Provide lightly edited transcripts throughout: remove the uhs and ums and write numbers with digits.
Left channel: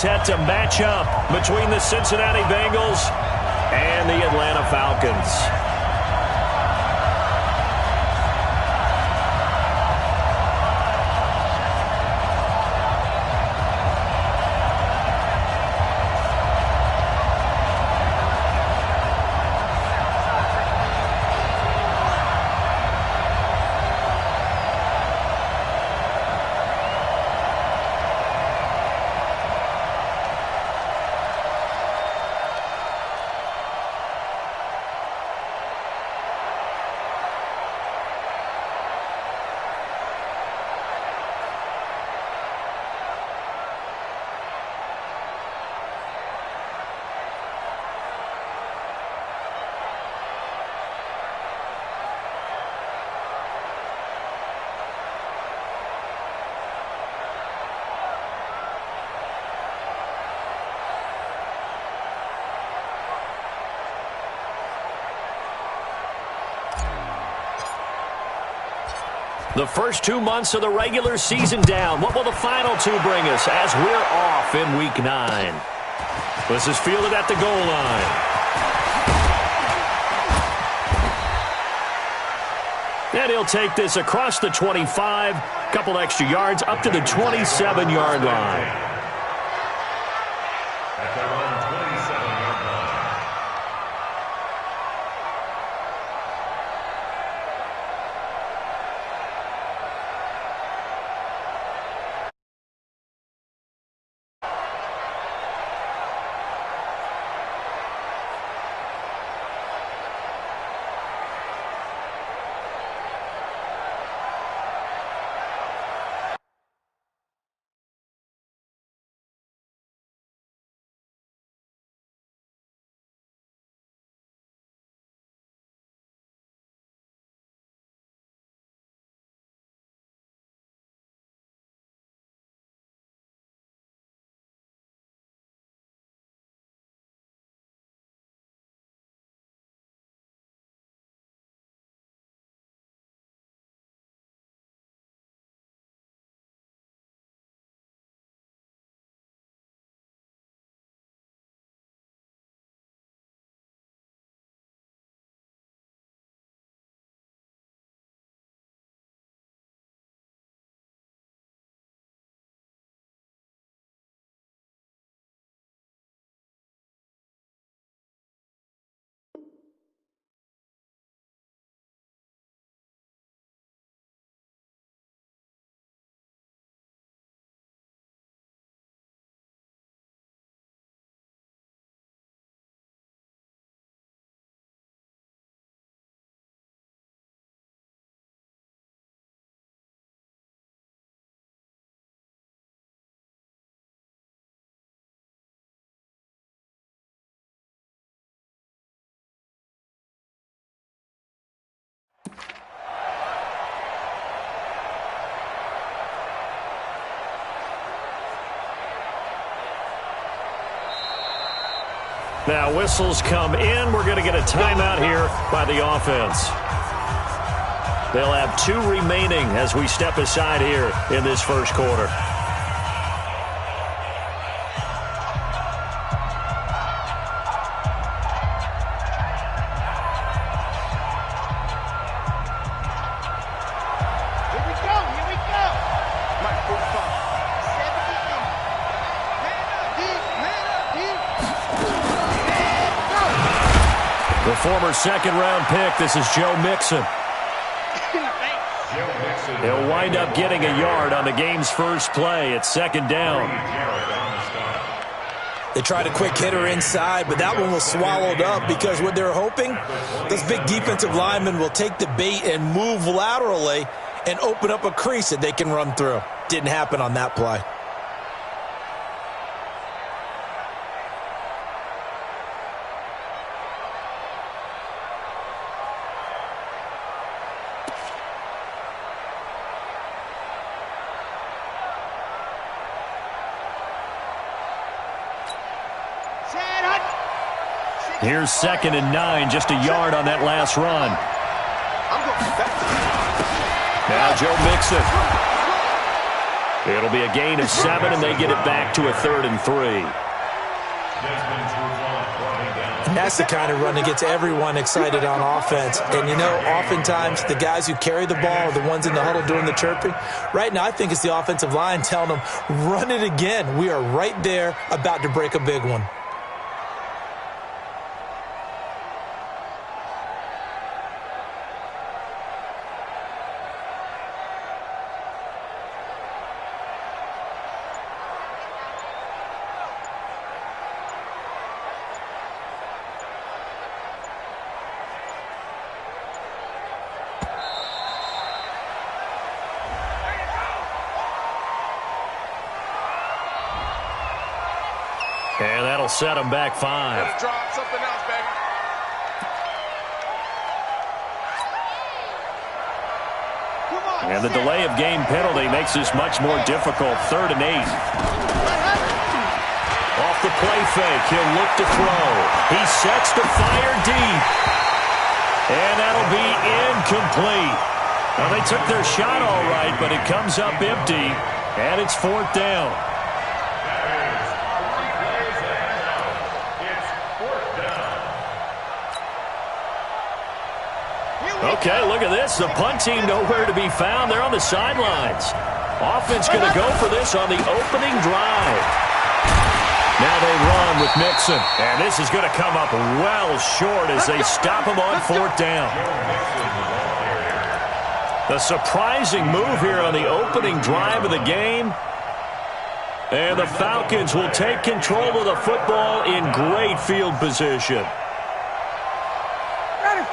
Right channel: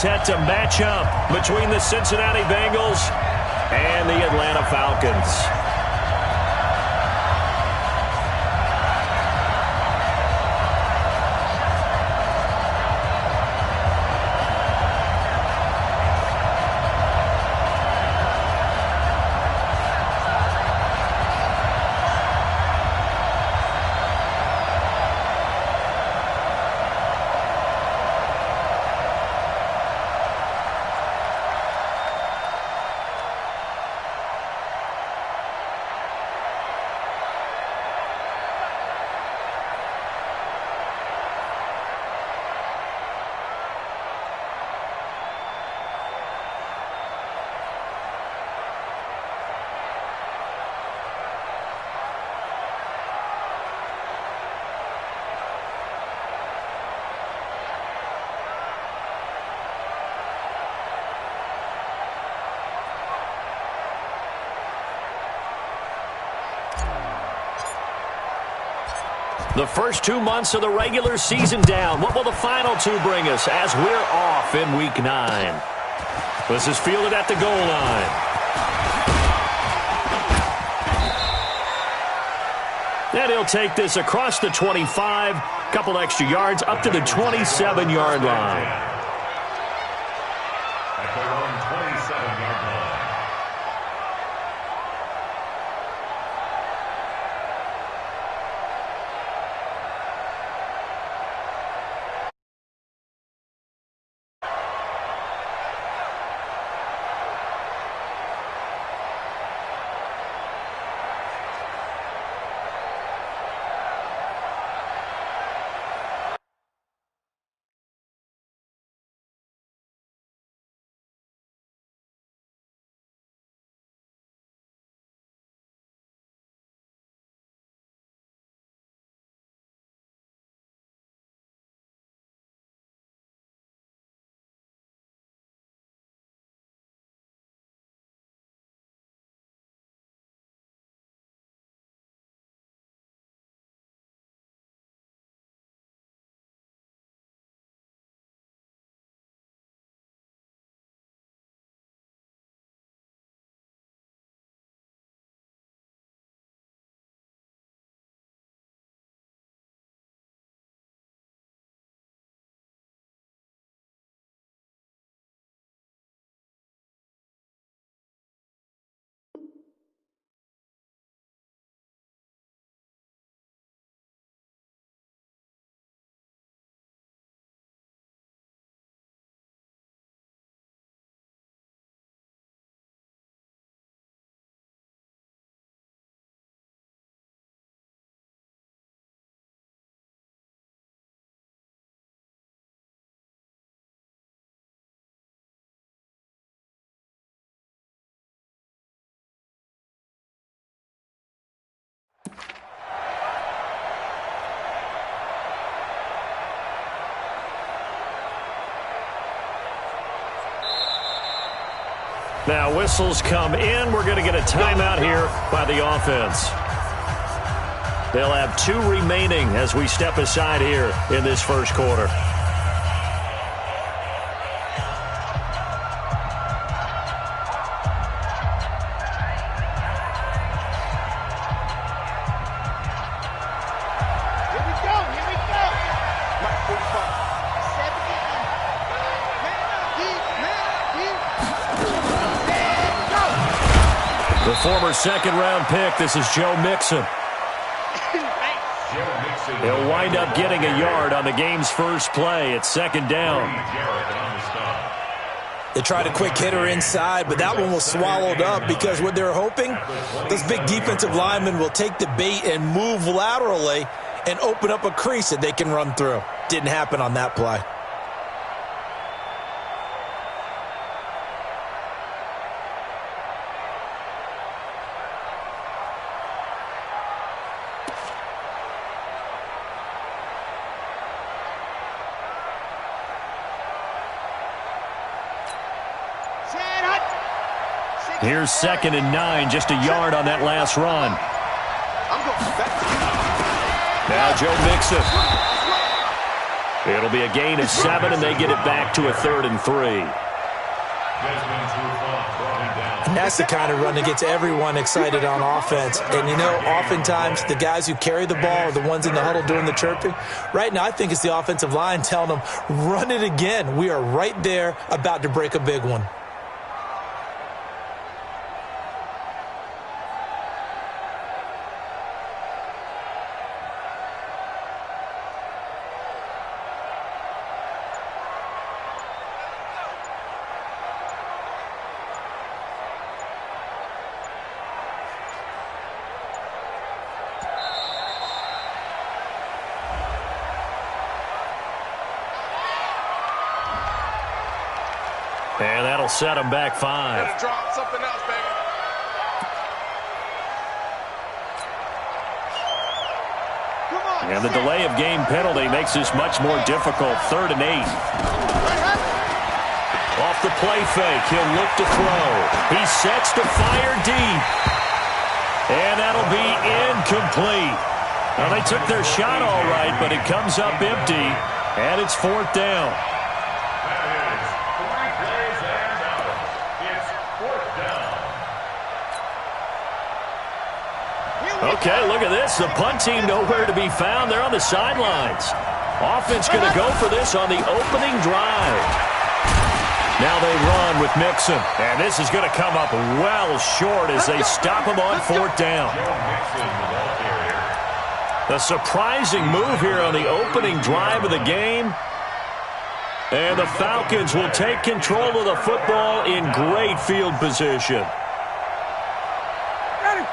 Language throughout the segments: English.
set to match up between the Cincinnati Bengals and the Atlanta Falcons. The first 2 months of the regular season down. What will the final 2 bring us as we're off in Week 9? This is fielded at the goal line. And he'll take this across the 25, couple extra yards up to the 27-yard line. At their own 27-yard line. Now whistles come in. We're going to get a timeout here by the offense. They'll have 2 remaining as we step aside here in this first quarter. Here we go. Mike 45. 70 in. Man up, deep. The former second-round pick, this is Joe Mixon. He'll wind up getting a yard on the game's first play. It's second down. They tried a quick hitter inside, but that one was swallowed up because what they're hoping, those big defensive linemen will take the bait and move laterally and open up a crease that they can run through. Didn't happen on that play. Here's 2nd and 9, just a yard on that last run. I'm going back. Now Joe Mixon. It'll be a gain of 7, and they get it back to a 3rd and 3. And that's the kind of run that gets everyone excited on offense. And, you know, oftentimes the guys who carry the ball are the ones in the huddle doing the chirping. Right now, I think it's the offensive line telling them, run it again. We are right there about to break a big one. And that'll set them back 5. Gotta drop something else, baby. Come on, And the delay of game penalty makes this much more difficult. 3rd and 8. Off the play fake, he'll look to throw. He sets to fire deep. And that'll be incomplete. Now, they took their shot all right, but it comes up empty. And it's 4th down. Okay, look at this. The punt team nowhere to be found. They're on the sidelines. Offense going to go for this on the opening drive. Now they run with Mixon. And this is going to come up well short as they stop him on 4th down. A surprising move here on the opening drive of the game. And the Falcons will take control of the football in great field position.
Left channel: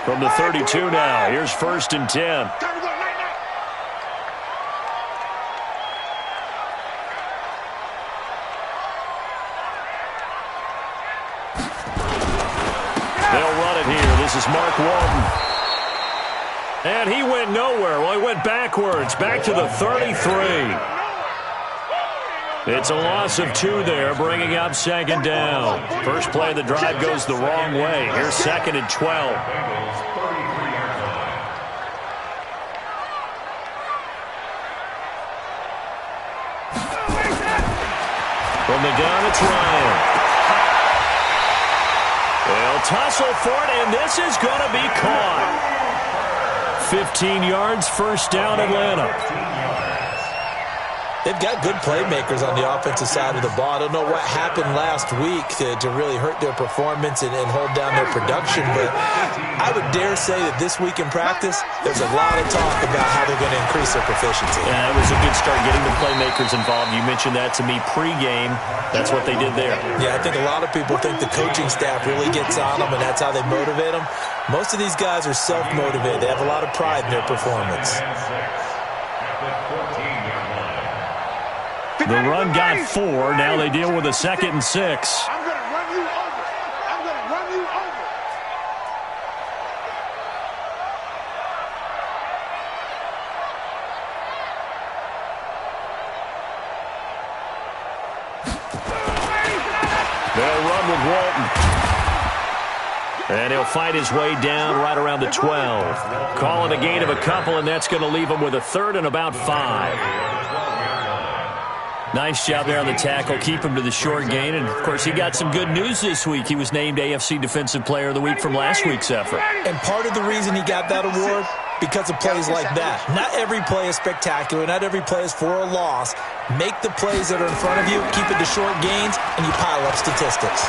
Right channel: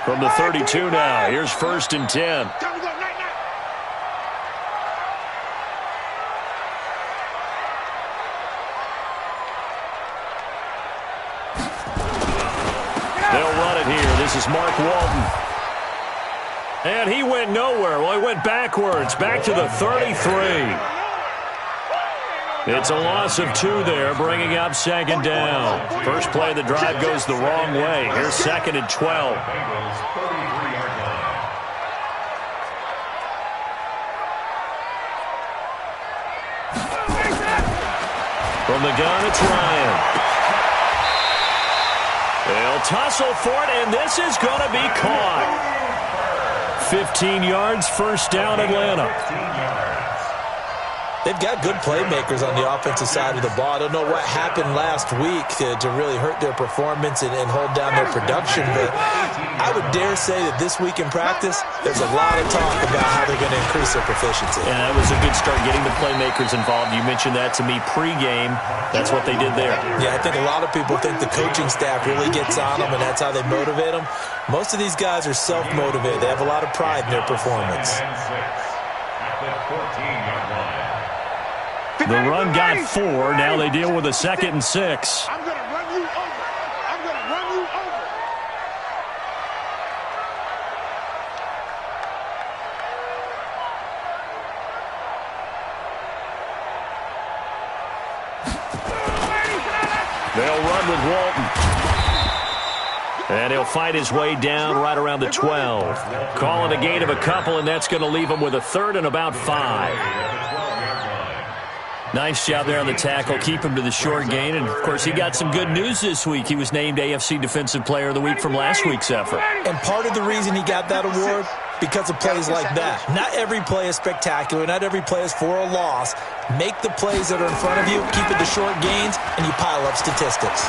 From the 32 now, here's 1st and 10. They'll run it here. This is Mark Walton. And he went nowhere. Well, he went backwards, back to the 33. It's a loss of 2 there, bringing up 2nd down. First play of the drive goes the wrong way. Here's 2nd and 12. From the gun, it's Ryan. They'll tussle for it, and this is going to be caught. 15 yards, 1st down, Atlanta. They've got good playmakers on the offensive side of the ball. I don't know what happened last week to really hurt their performance and hold down their production, but I would dare say that this week in practice, there's a lot of talk about how they're going to increase their proficiency. Yeah, that was a good start getting the playmakers involved. You mentioned that to me pregame. That's what they did there. Yeah, I think a lot of people think the coaching staff really gets on them, and that's how they motivate them. Most of these guys are self-motivated. They have a lot of pride in their performance. The run got 4. Now they deal with a 2nd and 6. I'm going to run you over. I'm going to run you over. They'll run with Walton. And he'll fight his way down right around the 12. Calling a gain of a couple, and that's going to leave him with a 3rd and about 5. Nice job there on the tackle. Keep him to the short gain. And, of course, he got some good news this week. He was named AFC Defensive Player of the Week from last week's effort. And part of the reason he got that award, because of plays like that. Not every play is spectacular. Not every play is for a loss. Make the plays that are in front of you, keep it to short gains, and you pile up statistics.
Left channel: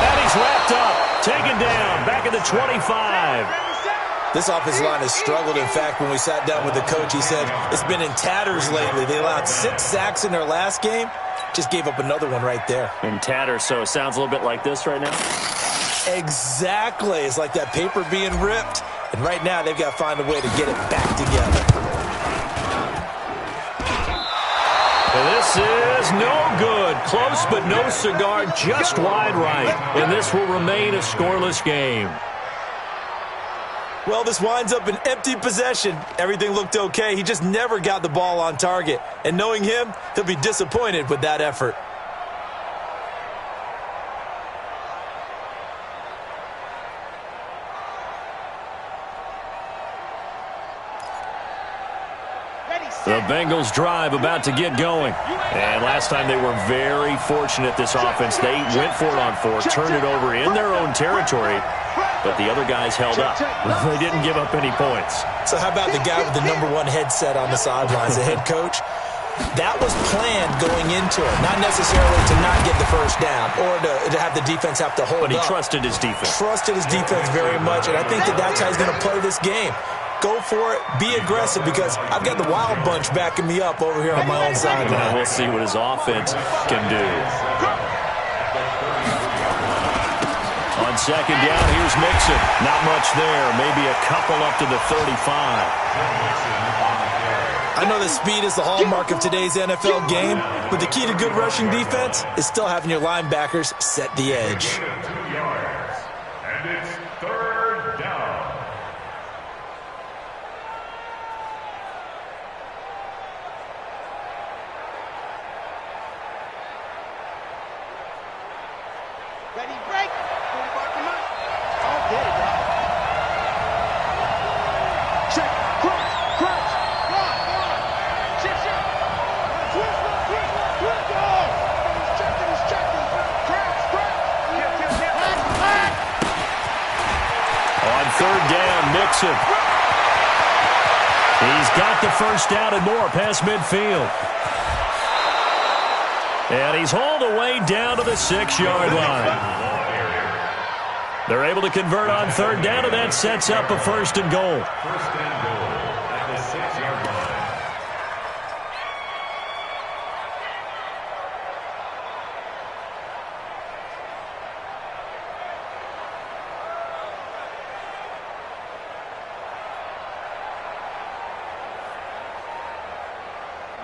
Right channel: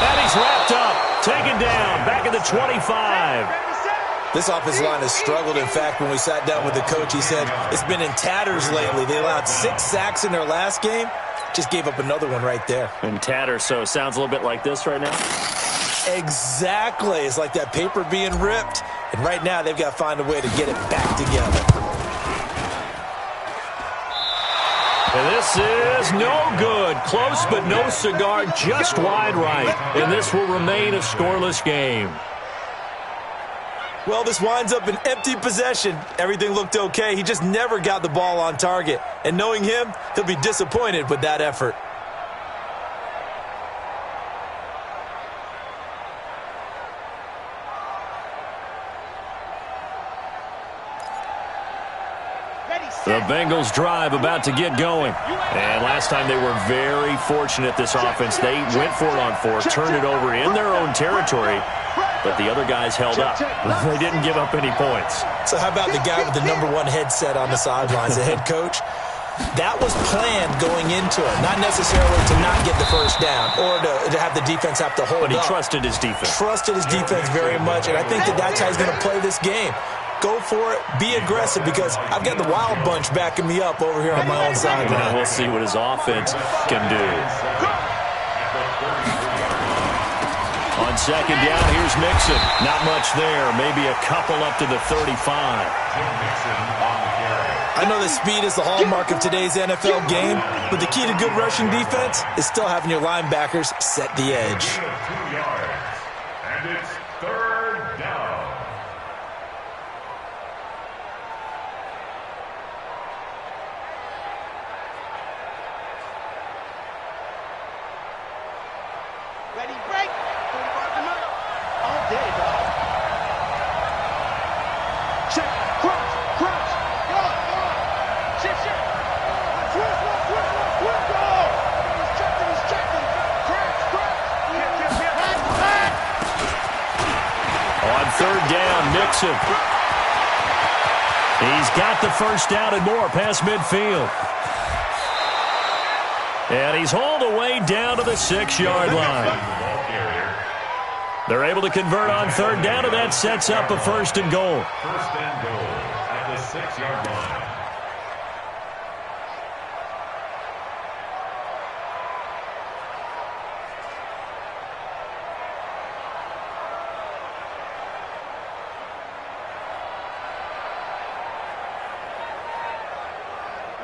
And he's wrapped up. Taken down. Back at the 25. This offensive line has struggled. In fact, when we sat down with the coach, he said it's been in tatters lately. They allowed 6 sacks in their last game. Just gave up another one right there. In tatters, so it sounds a little bit like this right now? Exactly. It's like that paper being ripped. And right now, they've got to find a way to get it back together. And this is no good. Close, but no cigar, just wide right. And this will remain a scoreless game. Well, this winds up an empty possession. Everything looked okay. He just never got the ball on target. And knowing him, he'll be disappointed with that effort. Bengals drive about to get going. And last time they were very fortunate, this offense. They went for it on fourth, turned it over in their own territory, but the other guys held up. They didn't give up any points. So how about the guy with the #1 headset on the sidelines, the head coach? That was planned going into it, not necessarily to not get the first down or to have the defense have to hold up. But he trusted his defense. Trusted his defense very much, and I think that's how he's going to play this game. Go for it. Be aggressive, because I've got the wild bunch backing me up over here on my own sideline. We'll see what his offense can do. On second down, here's Mixon. Not much there. Maybe a couple up to the 35. I know that speed is the hallmark of today's NFL game, but the key to good rushing defense is still having your linebackers set the edge. 2 yards, and it's 3rd down. Ready, break. 45 to Mike. All day, dog. Check. Crunch. Crunch. Go on. Shift. Twist. Oh! He's checking. Crunch. Hack. On 3rd down, Mixon. He's got the first down and more past midfield. And he's hauled away down to the 6-yard line. They're able to convert on 3rd down, and that sets up a 1st and goal. 1st and goal at the 6-yard line.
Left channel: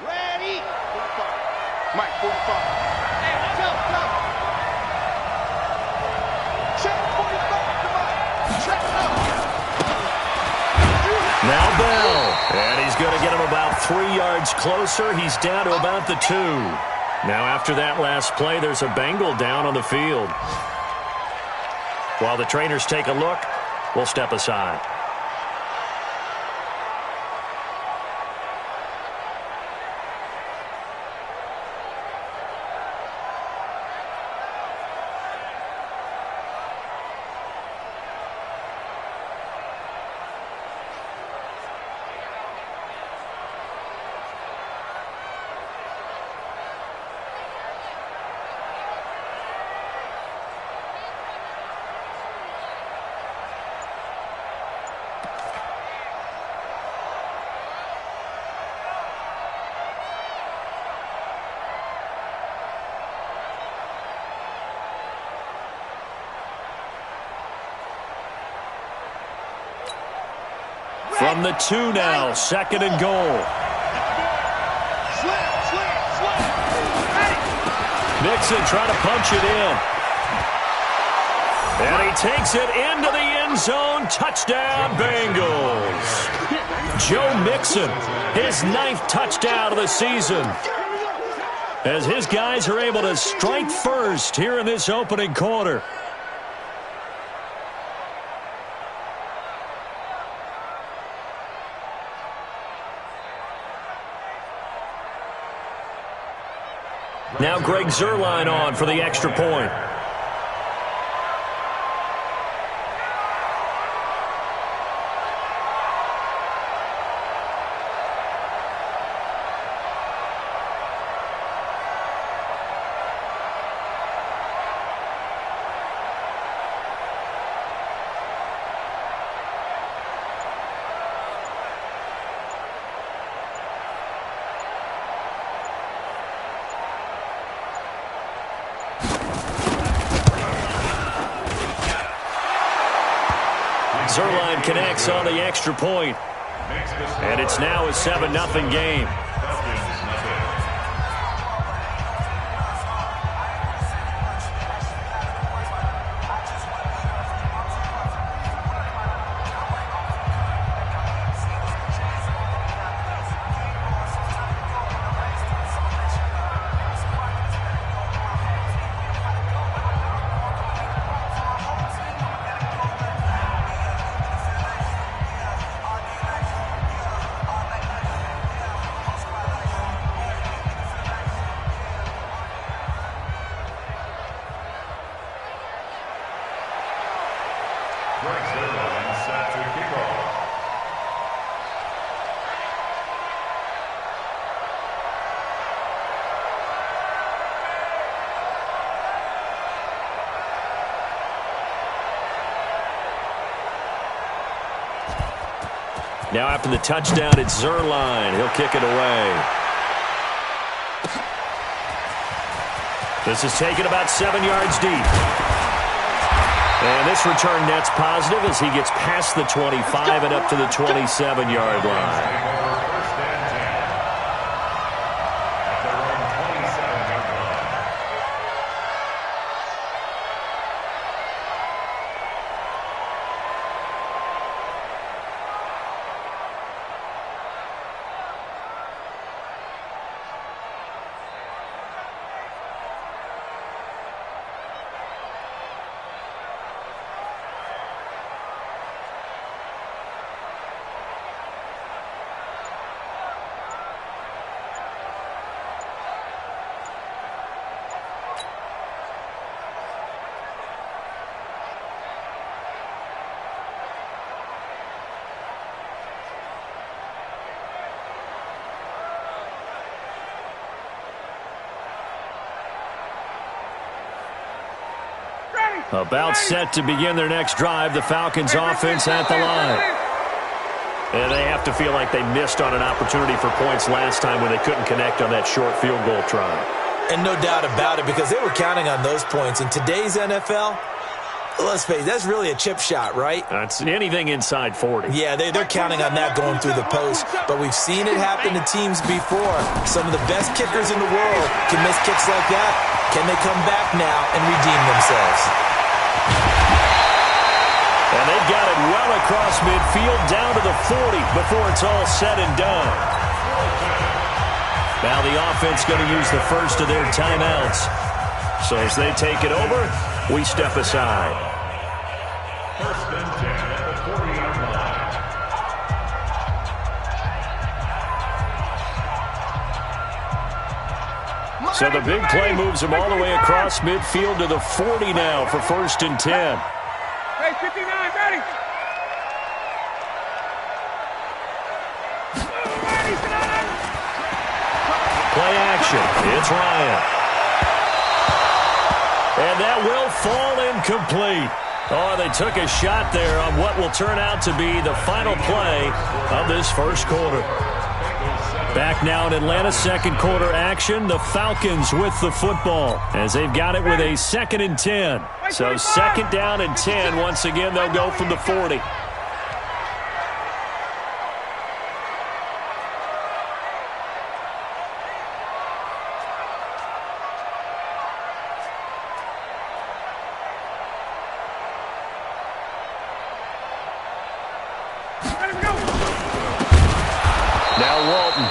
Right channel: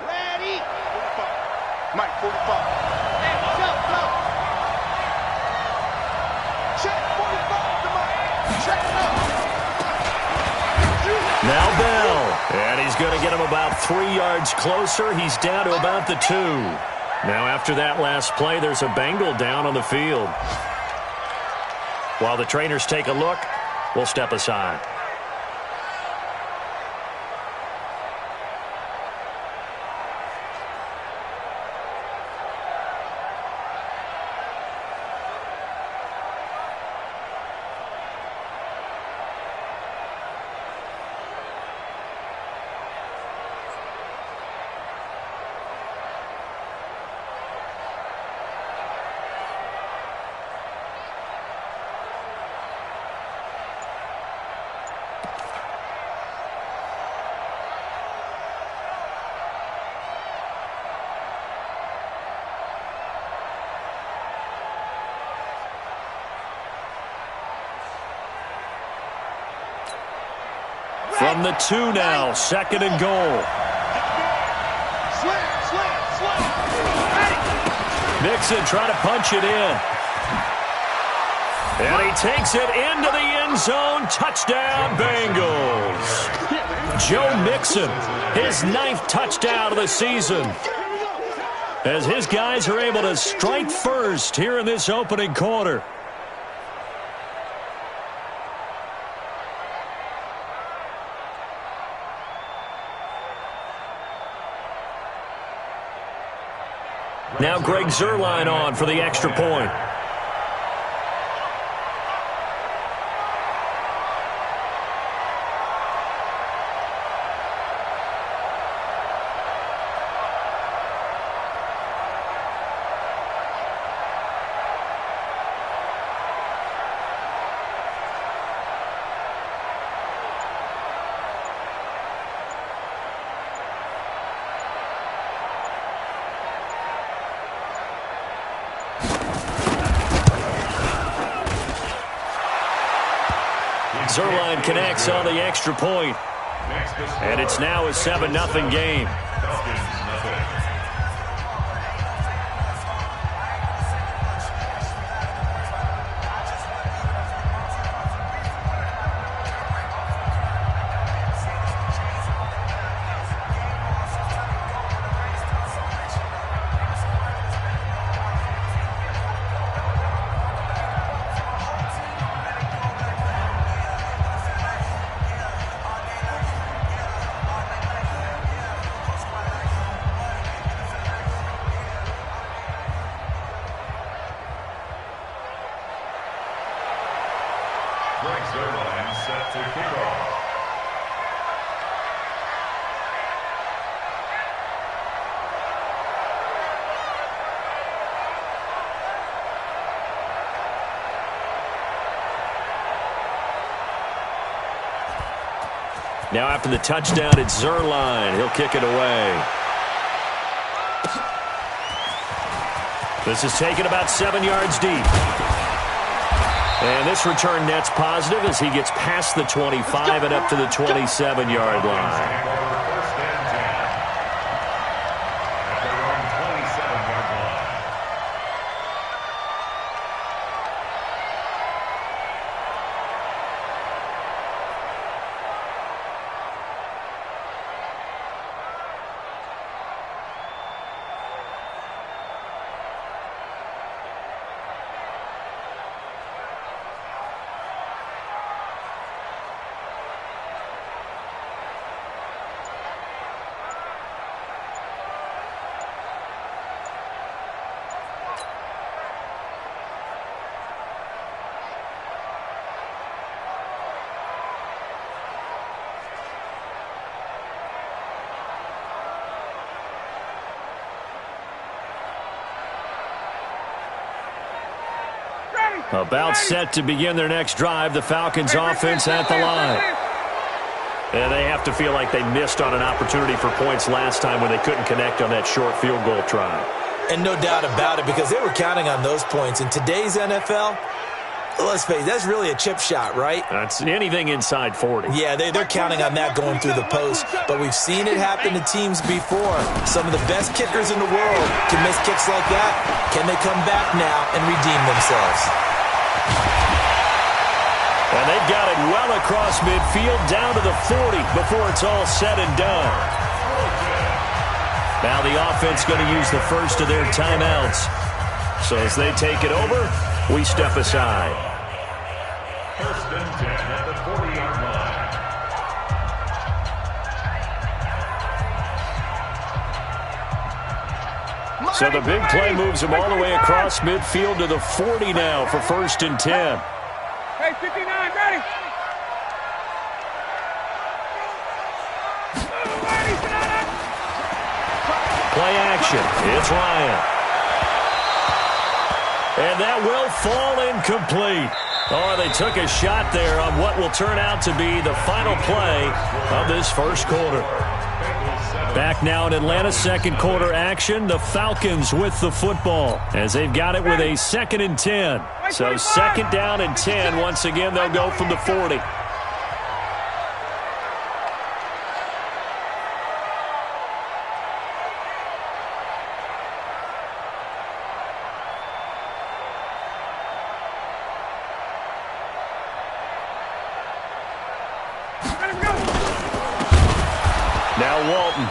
Ready. 45. Mike, 45. Hey, go. Check 45 to Mike. Check up. Now Bell. And he's going to get him about 3 yards closer. He's down to about the 2. Now after that last play, there's a Bengal down on the field. While the trainers take a look, we'll step aside. From the 2 now, 2nd and goal. Slam. Mixon trying to punch it in. And he takes it into the end zone. Touchdown, Bengals. Joe Mixon, his 9th touchdown of the season, as his guys are able to strike first here in this opening quarter. Now Greg Zuerlein on for the extra point. Zuerlein connects on the extra point. And it's now a 7-0 game. set to kick off. Now after the touchdown, it's Zerline. He'll kick it away. This is taken about 7 yards deep. And this return net's positive as he gets past the 25 and up to the 27-yard line. First and 10. At their own 27-yard line. About set to begin their next drive, the Falcons offense at the line. And they have to feel like they missed on an opportunity for points last time when they couldn't connect on that short field goal try. And no doubt about it, because they were counting on those points. In today's NFL, let's face it, that's really a chip shot, right? That's anything inside 40. Yeah, they're counting on that going through the post. But we've seen it happen to teams before. Some of the best kickers in the world can miss kicks like that. Can they come back now and redeem themselves? And they've got it well across midfield down to the 40 before it's all said and done. Now the offense going to use the first of their timeouts. So as they take it over, we step aside. First and 10 at the 40-yard line. So the big play moves them all the way across midfield to the 40 now for first and 10. Hey, 59, ready. Play action. It's Ryan. And that will fall incomplete. Oh, they took a shot there on what will turn out to be the final play of this first quarter. Back now in Atlanta, second quarter action. The Falcons with the football as they've got it with a second and 10. So second down and 10. Once again, they'll go from the 40. Now Walton.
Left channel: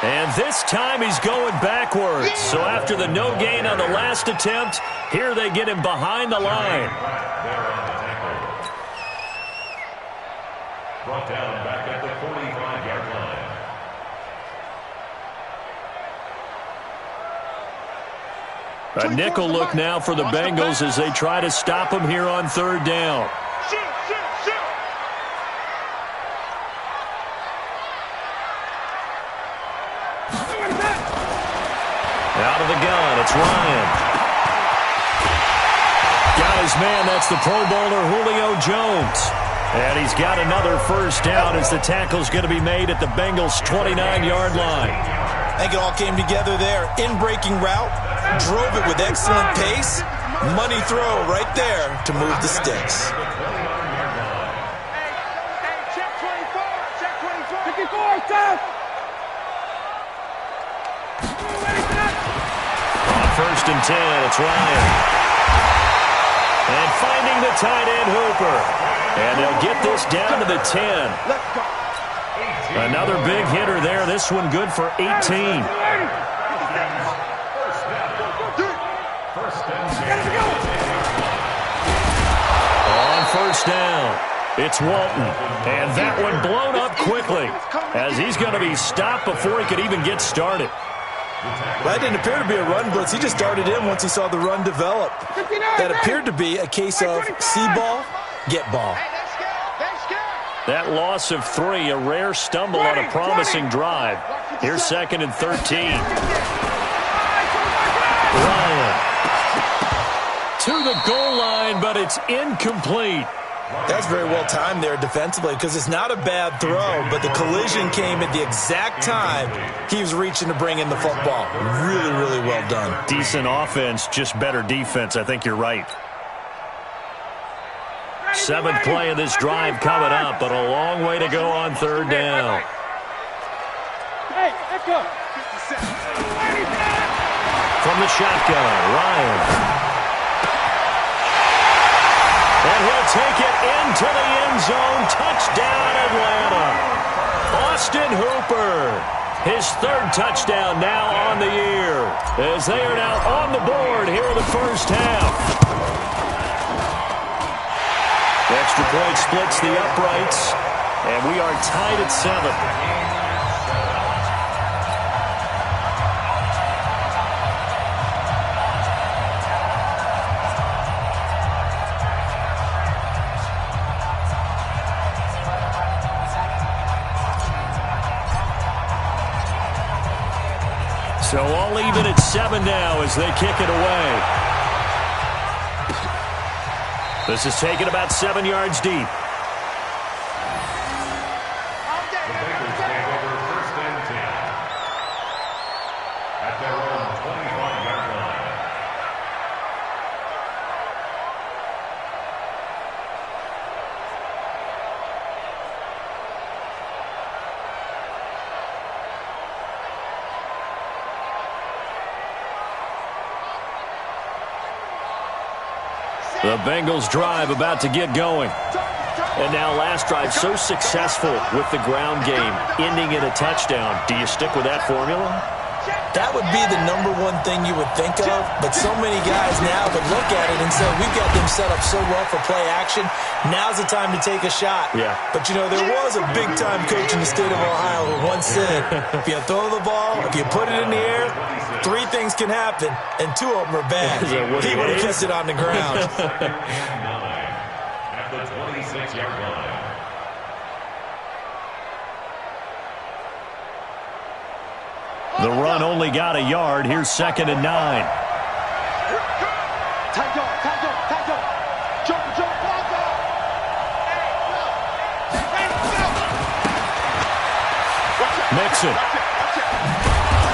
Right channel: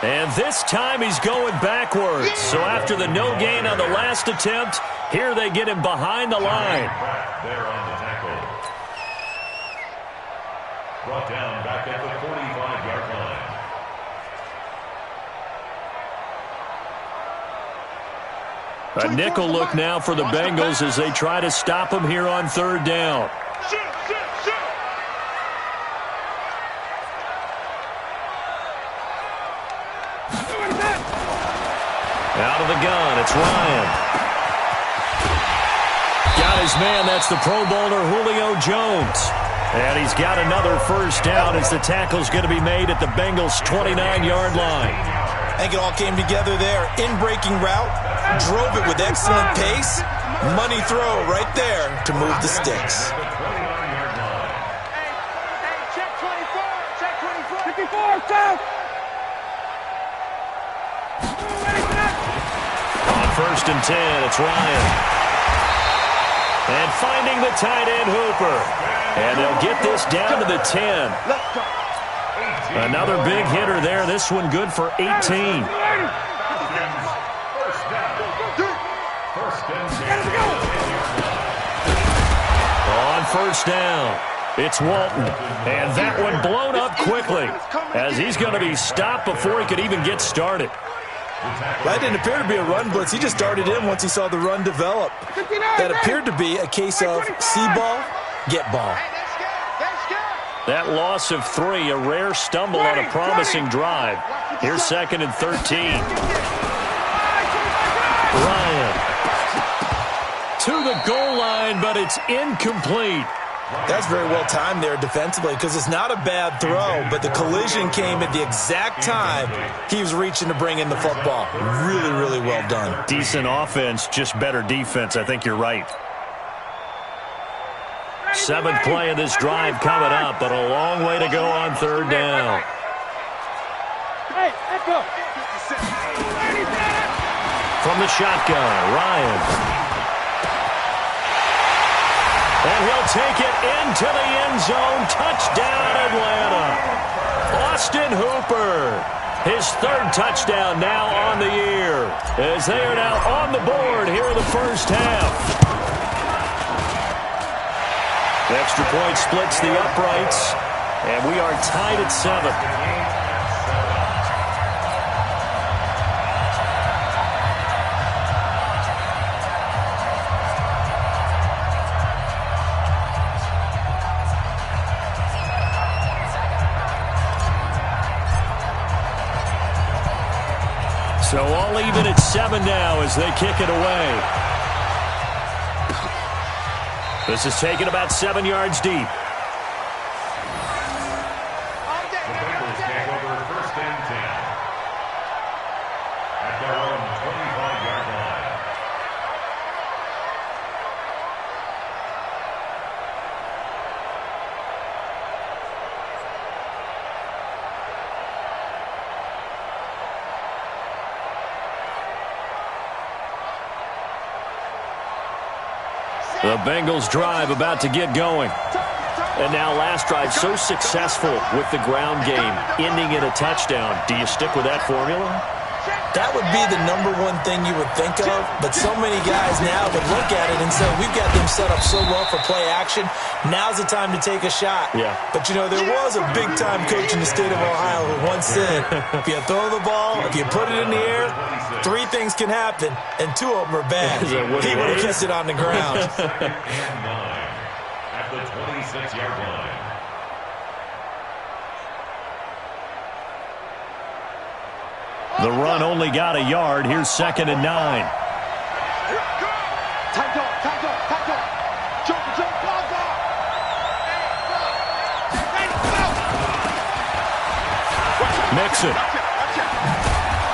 And this time he's going backwards. So after the no gain on the last attempt, here they get him behind the line. There on the tackle. Brought down back at the 45-yard line. A nickel look now for the Bengals as they try to stop him here on third down. Out of the gun, it's Ryan. Got his man, that's the Pro Bowler Julio Jones. And he's got another first down as the tackle's going to be made at the Bengals' 29-yard line. I think it all came together there. In-breaking route, drove it with excellent pace. Money throw right there to move the sticks. Hey, check 24, check 24. 54, stop. On first and 10, it's Ryan. And finding the tight end Hooper. And they'll get this down to the 10. Let's go. Another big hitter there. This one good for 18. First and 10. On first down, it's Walton. And that one blown up quickly as he's going to be stopped before he could even get started. That didn't appear to be a run blitz. He just darted in once he saw the run develop. That appeared to be a case of see ball, get ball. Hey, that's That loss of 3, a rare stumble on a promising drive. Here's 2nd and 13. Ryan to the goal line, but it's incomplete. That's very well timed there defensively because it's not a bad throw, but the collision came at the exact time he was reaching to bring in the football. Really, really well done. Decent offense, just better defense. I think you're right. 7th play of this drive coming up, but a long way to go on 3rd down. Hey, Echo. From the shotgun, Ryan. And he'll take it into the end zone. Touchdown, Atlanta. Austin Hooper. His 3rd touchdown now on the year, as they are now on the board here in the first half. The extra point splits the uprights, and we are tied at 7. So all even at 7 now as they kick it away. This is taken about 7 yards deep. The Bengals take over 1st and 10 at their own 25-yard line. The Bengals drive about to get going. And now last drive so successful with the ground game, ending in a touchdown. Do you stick with that formula? That would be the #1 thing you would think of, but so many guys now would look at it and say, we've got them set up so well for play action. Now's the time to take a shot. Yeah. But, you know, there was a big-time coach in the state of Ohio who once said, if you throw the ball, if you put it in the air, 3 things can happen, and 2 of them are bad. He would have kept it on the ground. 2nd and 9 at the 26-yard line. The run only got a yard. Here's 2nd and 9. Mixon.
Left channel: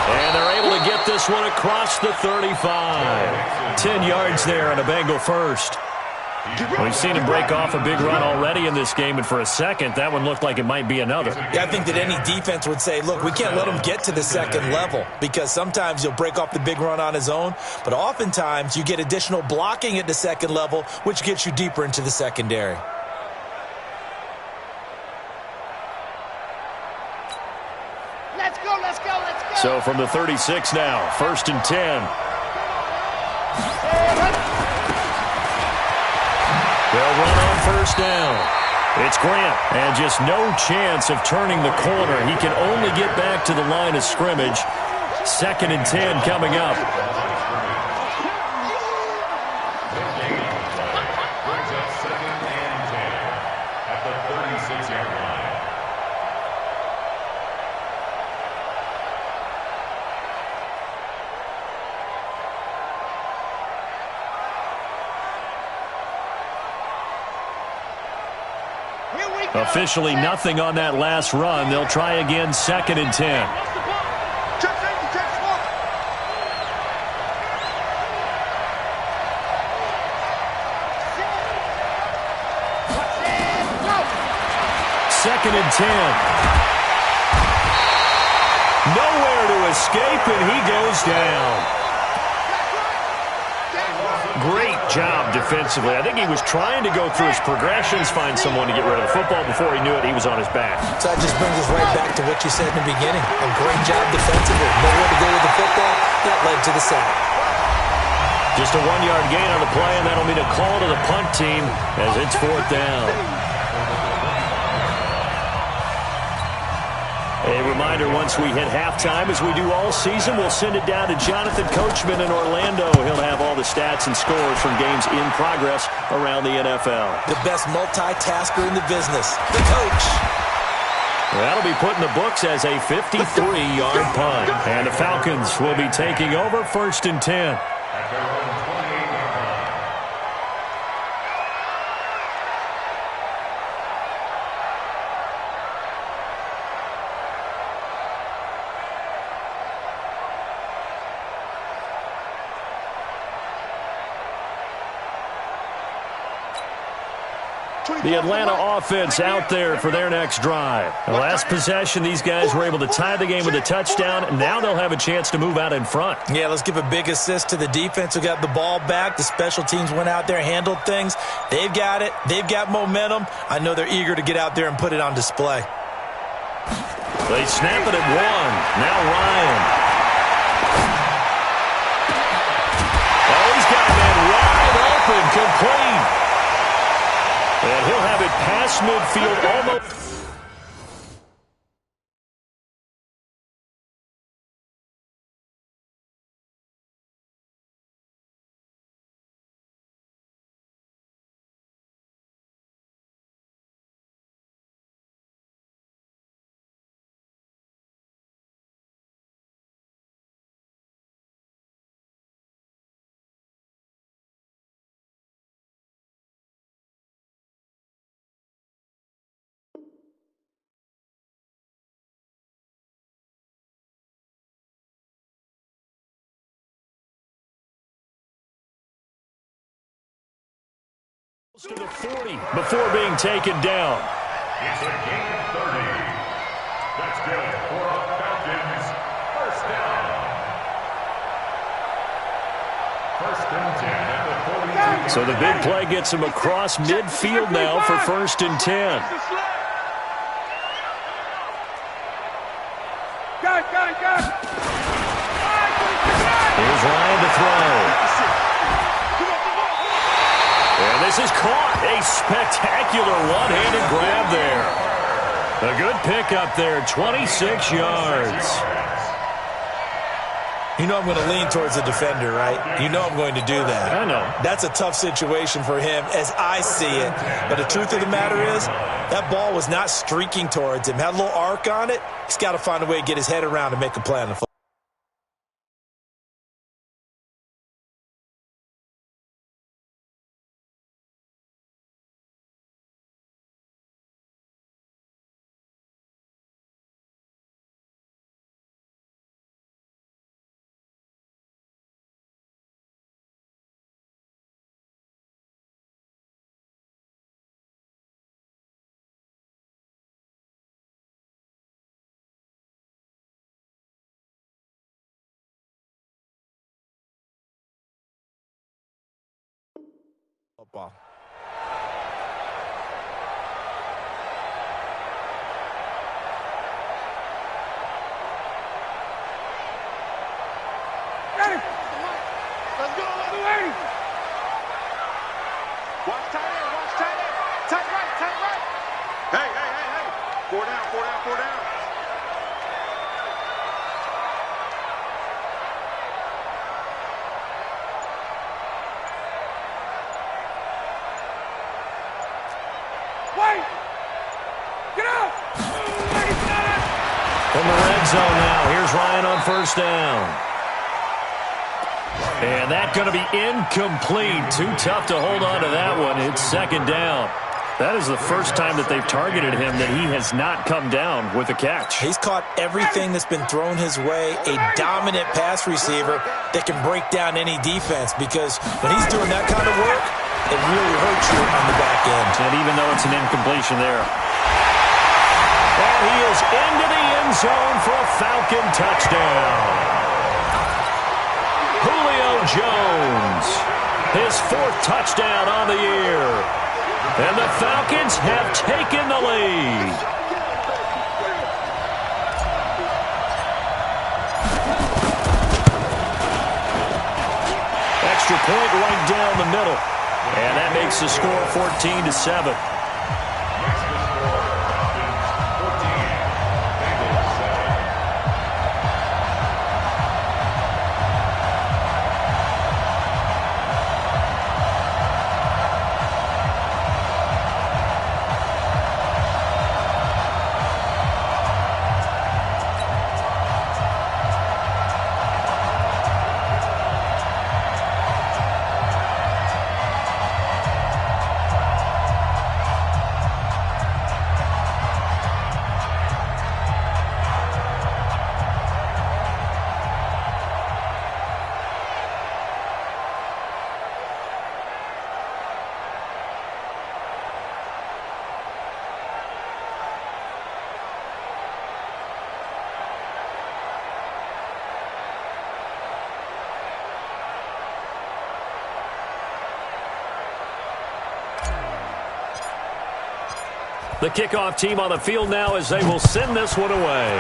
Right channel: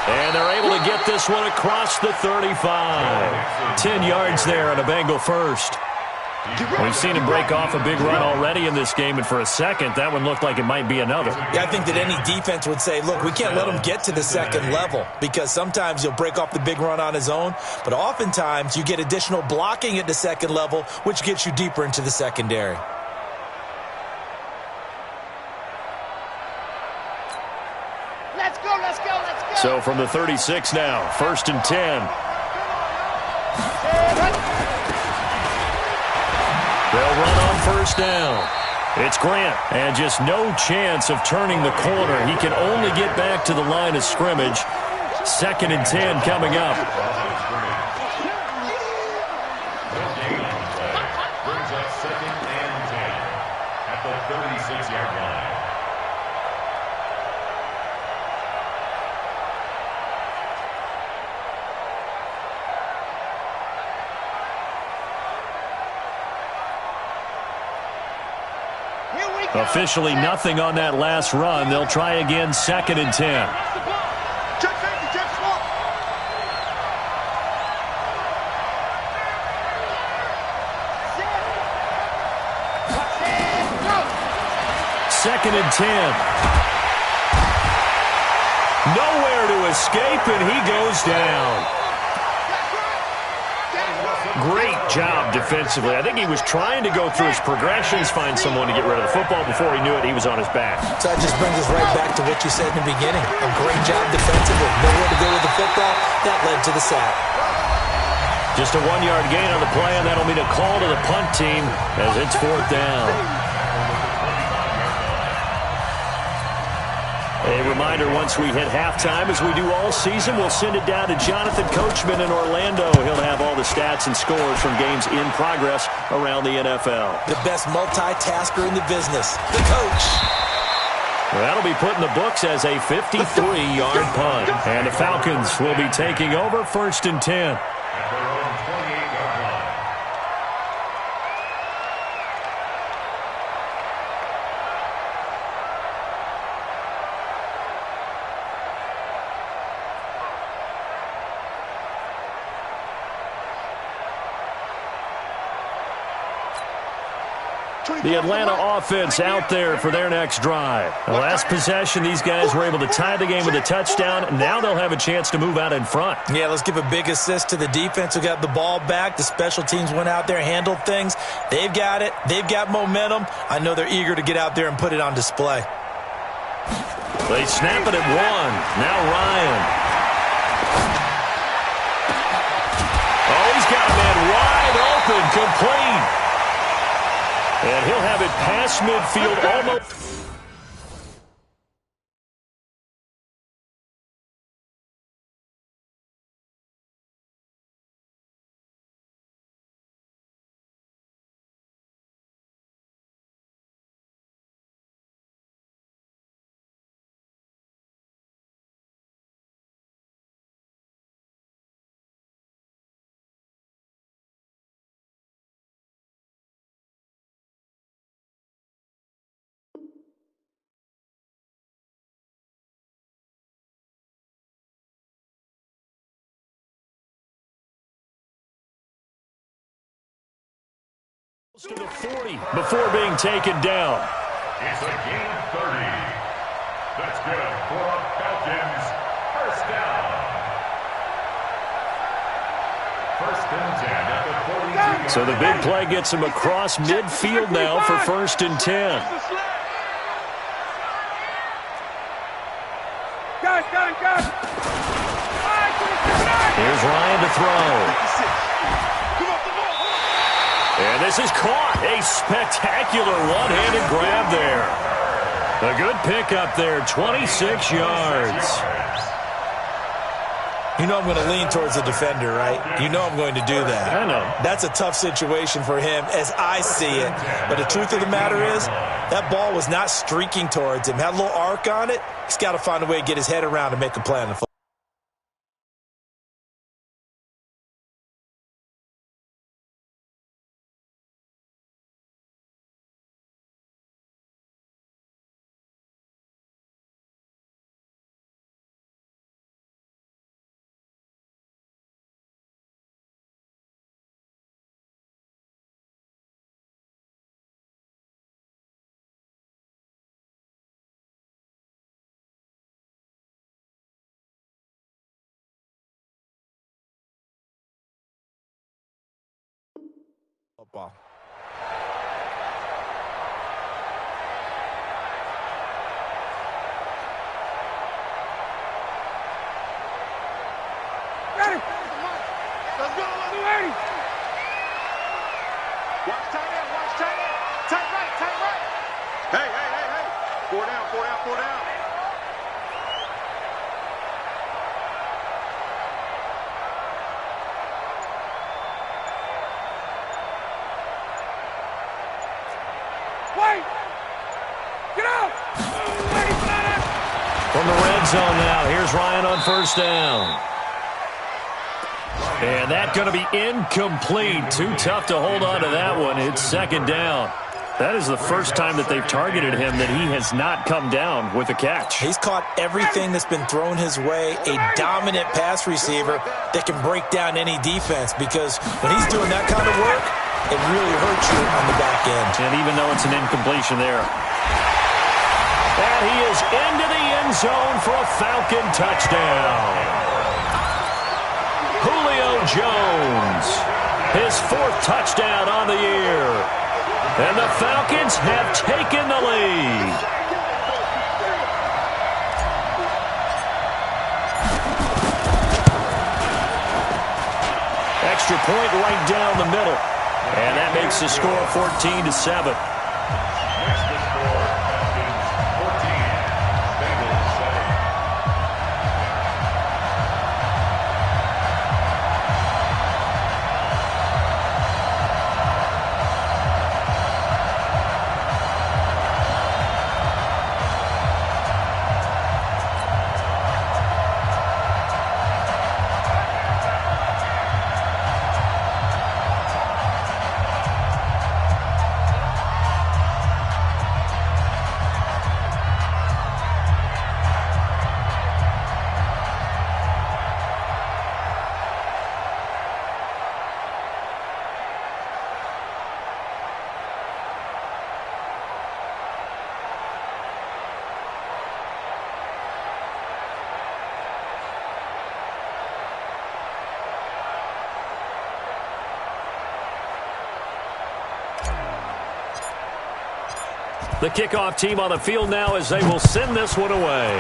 And they're able to get this one across the 35. 10 yards there and a Bengal first. We've seen him break off a big run already in this game, and for a second, that one looked like it might be another. Yeah, I think that any defense would say, look, we can't let him get to the 2nd level because sometimes he'll break off the big run on his own, but oftentimes you get additional blocking at the 2nd level, which gets you deeper into the secondary. Let's go, let's go, let's go. So from the 36 now, 1st and 10. They'll run on 1st down. It's Grant, and just no chance of turning the corner. He can only get back to the line of scrimmage. 2nd and 10 coming up. Brings up 2nd and 10 at the 36-yard line. Officially nothing on that last run. They'll try again, 2nd and 10. Second and 10. Nowhere to escape, and he goes down. Great job defensively. I think he was trying to go through his progressions, find someone to get rid of the football. Before he knew it, he was on his back. So that just brings us right back to what you said in the beginning. A great job defensively. Nowhere to go with the football. That led to the sack. Just a 1-yard gain on the play, and that'll mean a call to the punt team as it's 4th down. A reminder, once we hit halftime, as we do all season, we'll send it down to Jonathan Coachman in Orlando. He'll have all the stats and scores from games in progress around the NFL. The best multitasker in the business, the coach. That'll be put in the books as a 53-yard punt. And the Falcons will be taking over 1st and 10. At their own 28-yard line. The Atlanta offense out there for their next drive. The last possession, these guys were able to tie the game with a touchdown. Now they'll have a chance to move out in front. Yeah, let's give a big assist to the defense who got the ball back. The special teams went out there, handled things. They've got it. They've got momentum. I know they're eager to get out there and put it on display. They snap it at 1. Now Ryan. Oh, he's got a man wide open, complete. And he'll have it past midfield almost. To the 40 before being taken down. It's a gain of 30. That's good for our Falcons. First down. 1st and 10 at the 42. So the big play gets him across midfield now for 1st and 10. Here's Ryan to throw. And this is caught. A spectacular one-handed grab there. A good pickup there, 26 yards. You know I'm going to lean towards the defender, right? You know I'm going to do that. I know. That's a tough situation for him as I see it. But the truth of the matter is, that ball was not streaking towards him. Had a little arc on it. He's got to find a way to get his head around and make a play on the football. Football. Ready? Let's go, let's do it. Watch tight end, watch tight end. Tight right, tight right. Hey, hey, hey, hey. 4 down, 4 down, 4 down. Wait! Get out! From the red zone now, here's Ryan on 1st down. And that's going to be incomplete. Too tough to hold on to that one. It's 2nd down. That is the first time that they've targeted him that he has not come down with a catch. He's caught everything that's been thrown his way. A dominant pass receiver that can break down any defense, because when he's doing that kind of work, it really hurts you on the back end. And even though it's an incompletion there. And he is into the end zone for a Falcon touchdown. Julio Jones, his 4th touchdown on the year. And the Falcons have taken the lead. Extra point right down the middle. And that makes the score 14-7. Next to score, Falcons 14, Bengals The kickoff team on the field now as they will send this one away.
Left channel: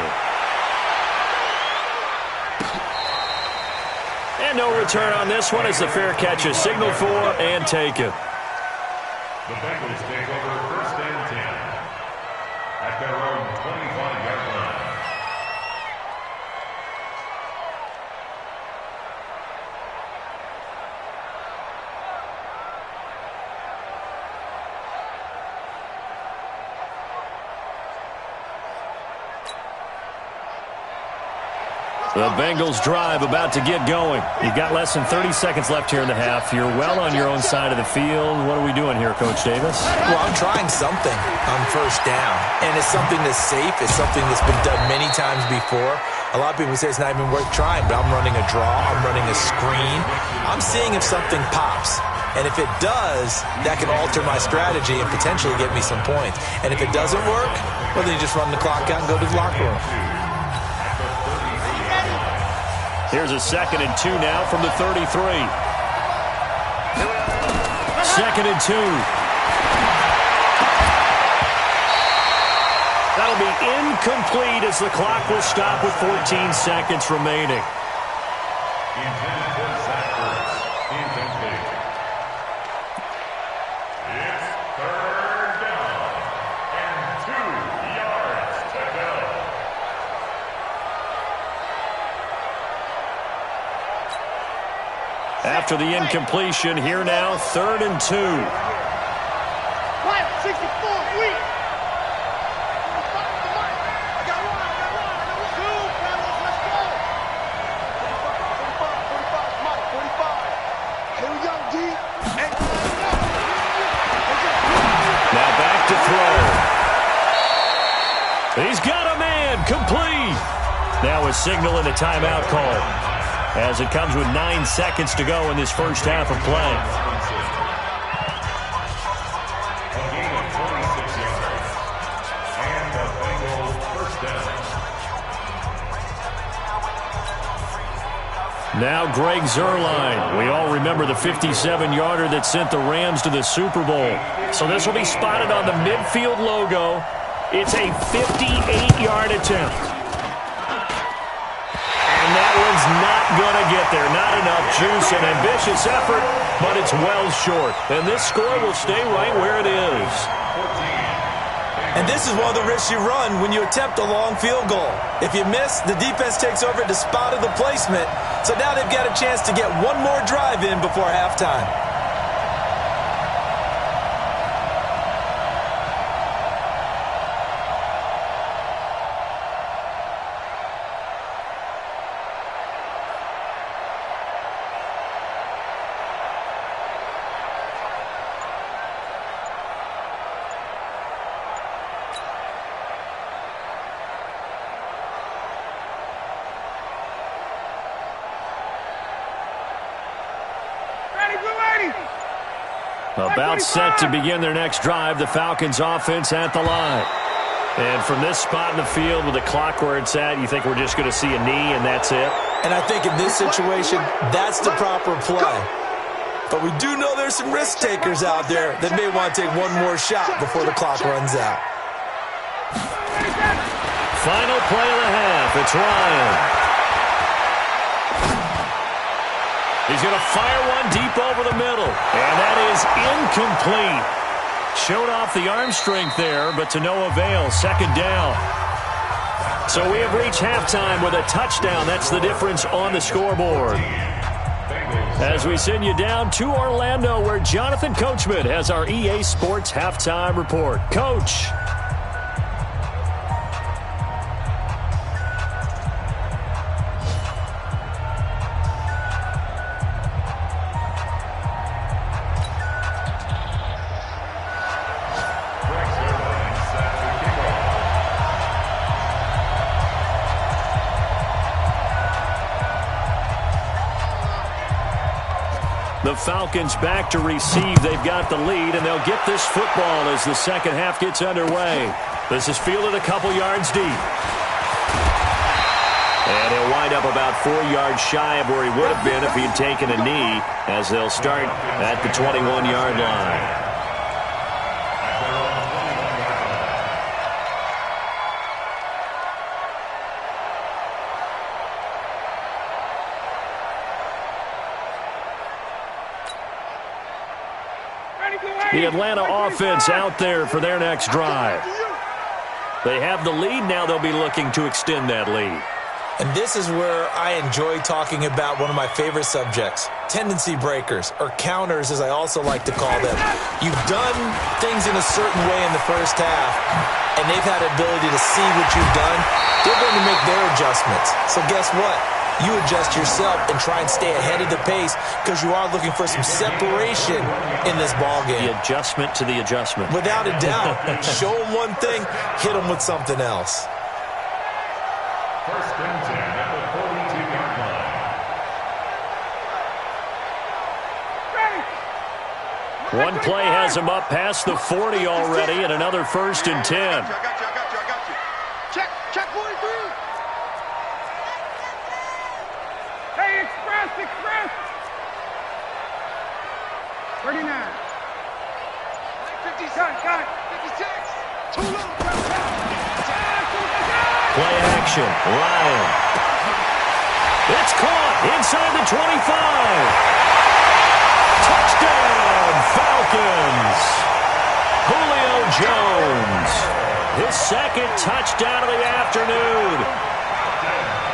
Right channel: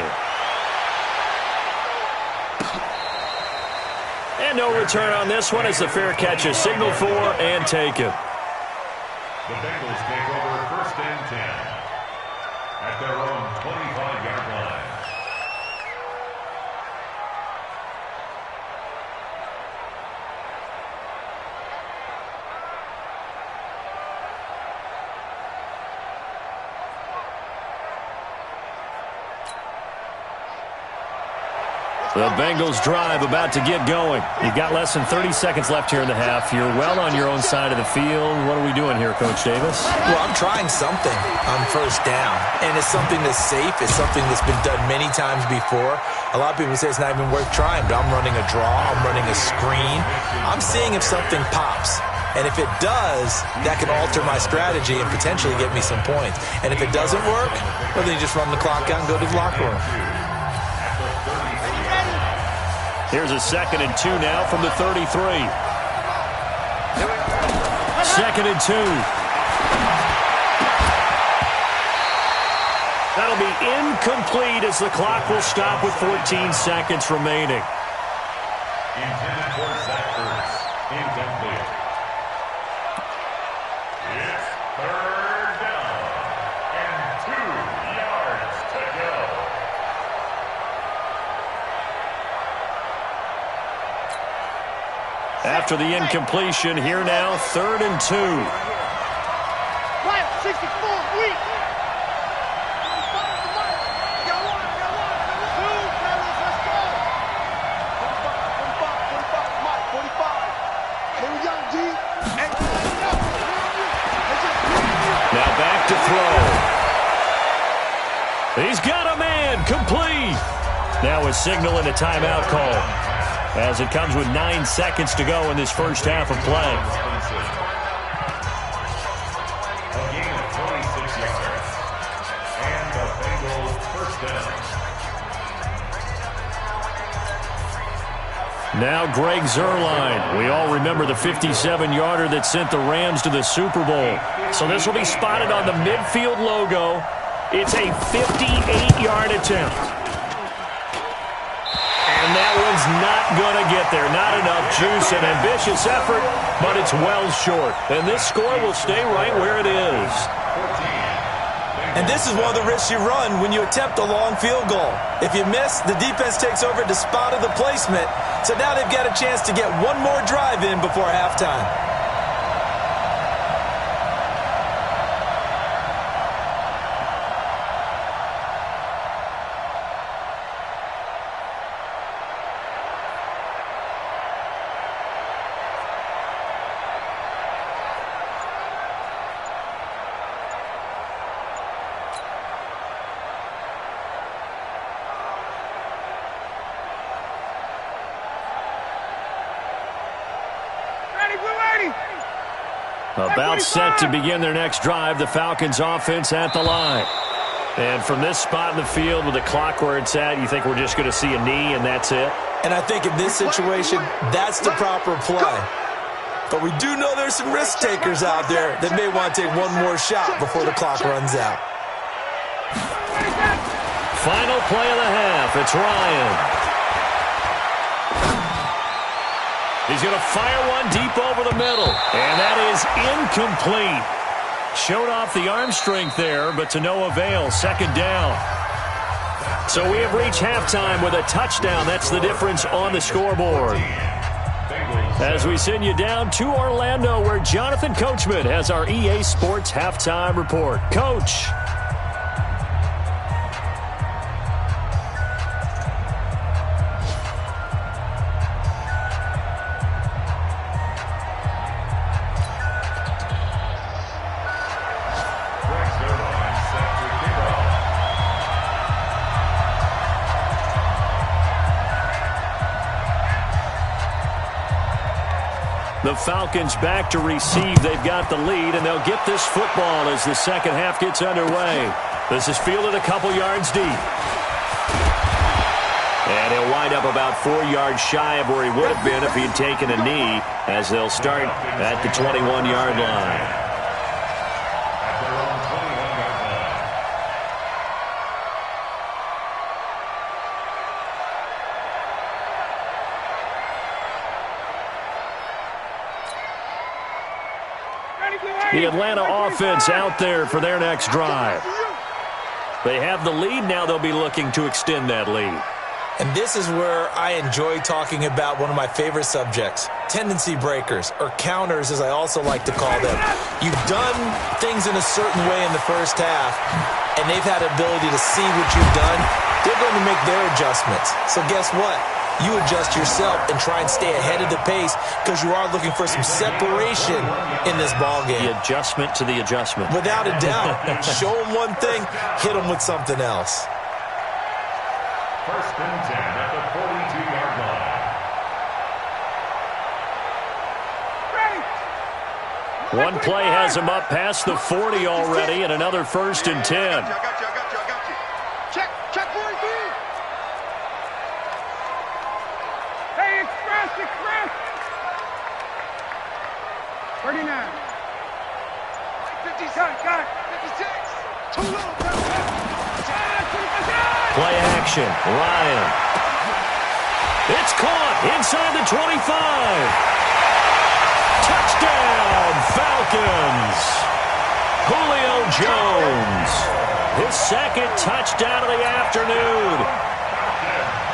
And no return on this one as the fair catch is signaled for and taken. The Bengals take over 1st and 10 at their own 25-yard line. The Bengals drive about to get going. You've got less than 30 seconds left here in the half. You're well on your own side of the field. What are we doing here, Coach Davis? Well, I'm trying something on 1st down, and it's something that's safe. It's something that's been done many times before. A lot of people say it's not even worth trying, but I'm running a draw. I'm running a screen. I'm seeing if something pops. And if it does, that can alter my strategy and potentially get me some points. And if it doesn't work, well, then you just run the clock out and go to the locker room. Here's a 2nd and 2 now from the 33. 2nd and 2. That'll be incomplete as the clock will stop with 14 seconds remaining. Intended for Zach Ertz. Incomplete. It's 3rd down and 2 yards to go. After the incompletion, here now, 3rd and 2. Right, 64, weak. I got one. Two, fellas, let's go. 45, Mike, 45. Here we go, G. Hey, Now back to throw. He's got a man, complete. Now a signal and a timeout call, as it comes with 9 seconds to go in this first half of play. A gain of 26 yards. And the Bengals 1st down. Now Greg Zuerlein. We all remember the 57-yarder that sent the Rams to the Super Bowl. So this will be spotted on the midfield logo. It's a 58-yard attempt. And that one's not going to get there. Not enough juice. An ambitious effort, but it's well short. And this score will stay right where it is. And this is one of the risks you run when you attempt a long field goal. If you miss, the defense takes over at the spot of the placement. So now they've got a chance to get one more drive in before halftime. About set to begin their next drive, the Falcons offense at the line. And from this spot in the field with the clock where it's at, you think we're just going to see a knee and that's it? And I think in this situation, that's the proper play. But we do know there's some risk takers out there that may want to take one more shot before the clock runs out. Final play of the half. It's Ryan. He's going to fire one deep over the middle. And that is incomplete. Showed off the arm strength there, but to no avail. 2nd down. So we have reached halftime with a touchdown. That's the difference on the scoreboard. As we send you down to Orlando, where Jonathan Coachman has our EA Sports halftime report. Coach. The Falcons back to receive. They've got the lead, and they'll get this football as the second half gets underway. This is fielded a couple yards deep. And he'll wind up about 4 yards shy of where he would have been if he had taken a knee, as they'll start at the 21-yard line. The Atlanta offense out there for their next drive. They have the lead. Now they'll be looking to extend that lead. And this is where I enjoy talking about one of my favorite subjects, tendency breakers, or counters as I also like to call them. You've done things in a certain way in the first half, and they've had the ability to see what you've done. They're going to make their adjustments. So guess what? You adjust yourself and try and stay ahead of the pace because you are looking for some separation in this ballgame. The adjustment to the adjustment. Without a doubt. Show them one thing, hit them with something else. First and 10 at the 42-yard line. One play has him up past the 40 already, and another first and 10. I got you. Check 43. Hey, express. 39. 56. 2 little. Play action, Ryan. It's caught inside the 25. Touchdown, Falcons. Julio Jones. His second touchdown of the afternoon.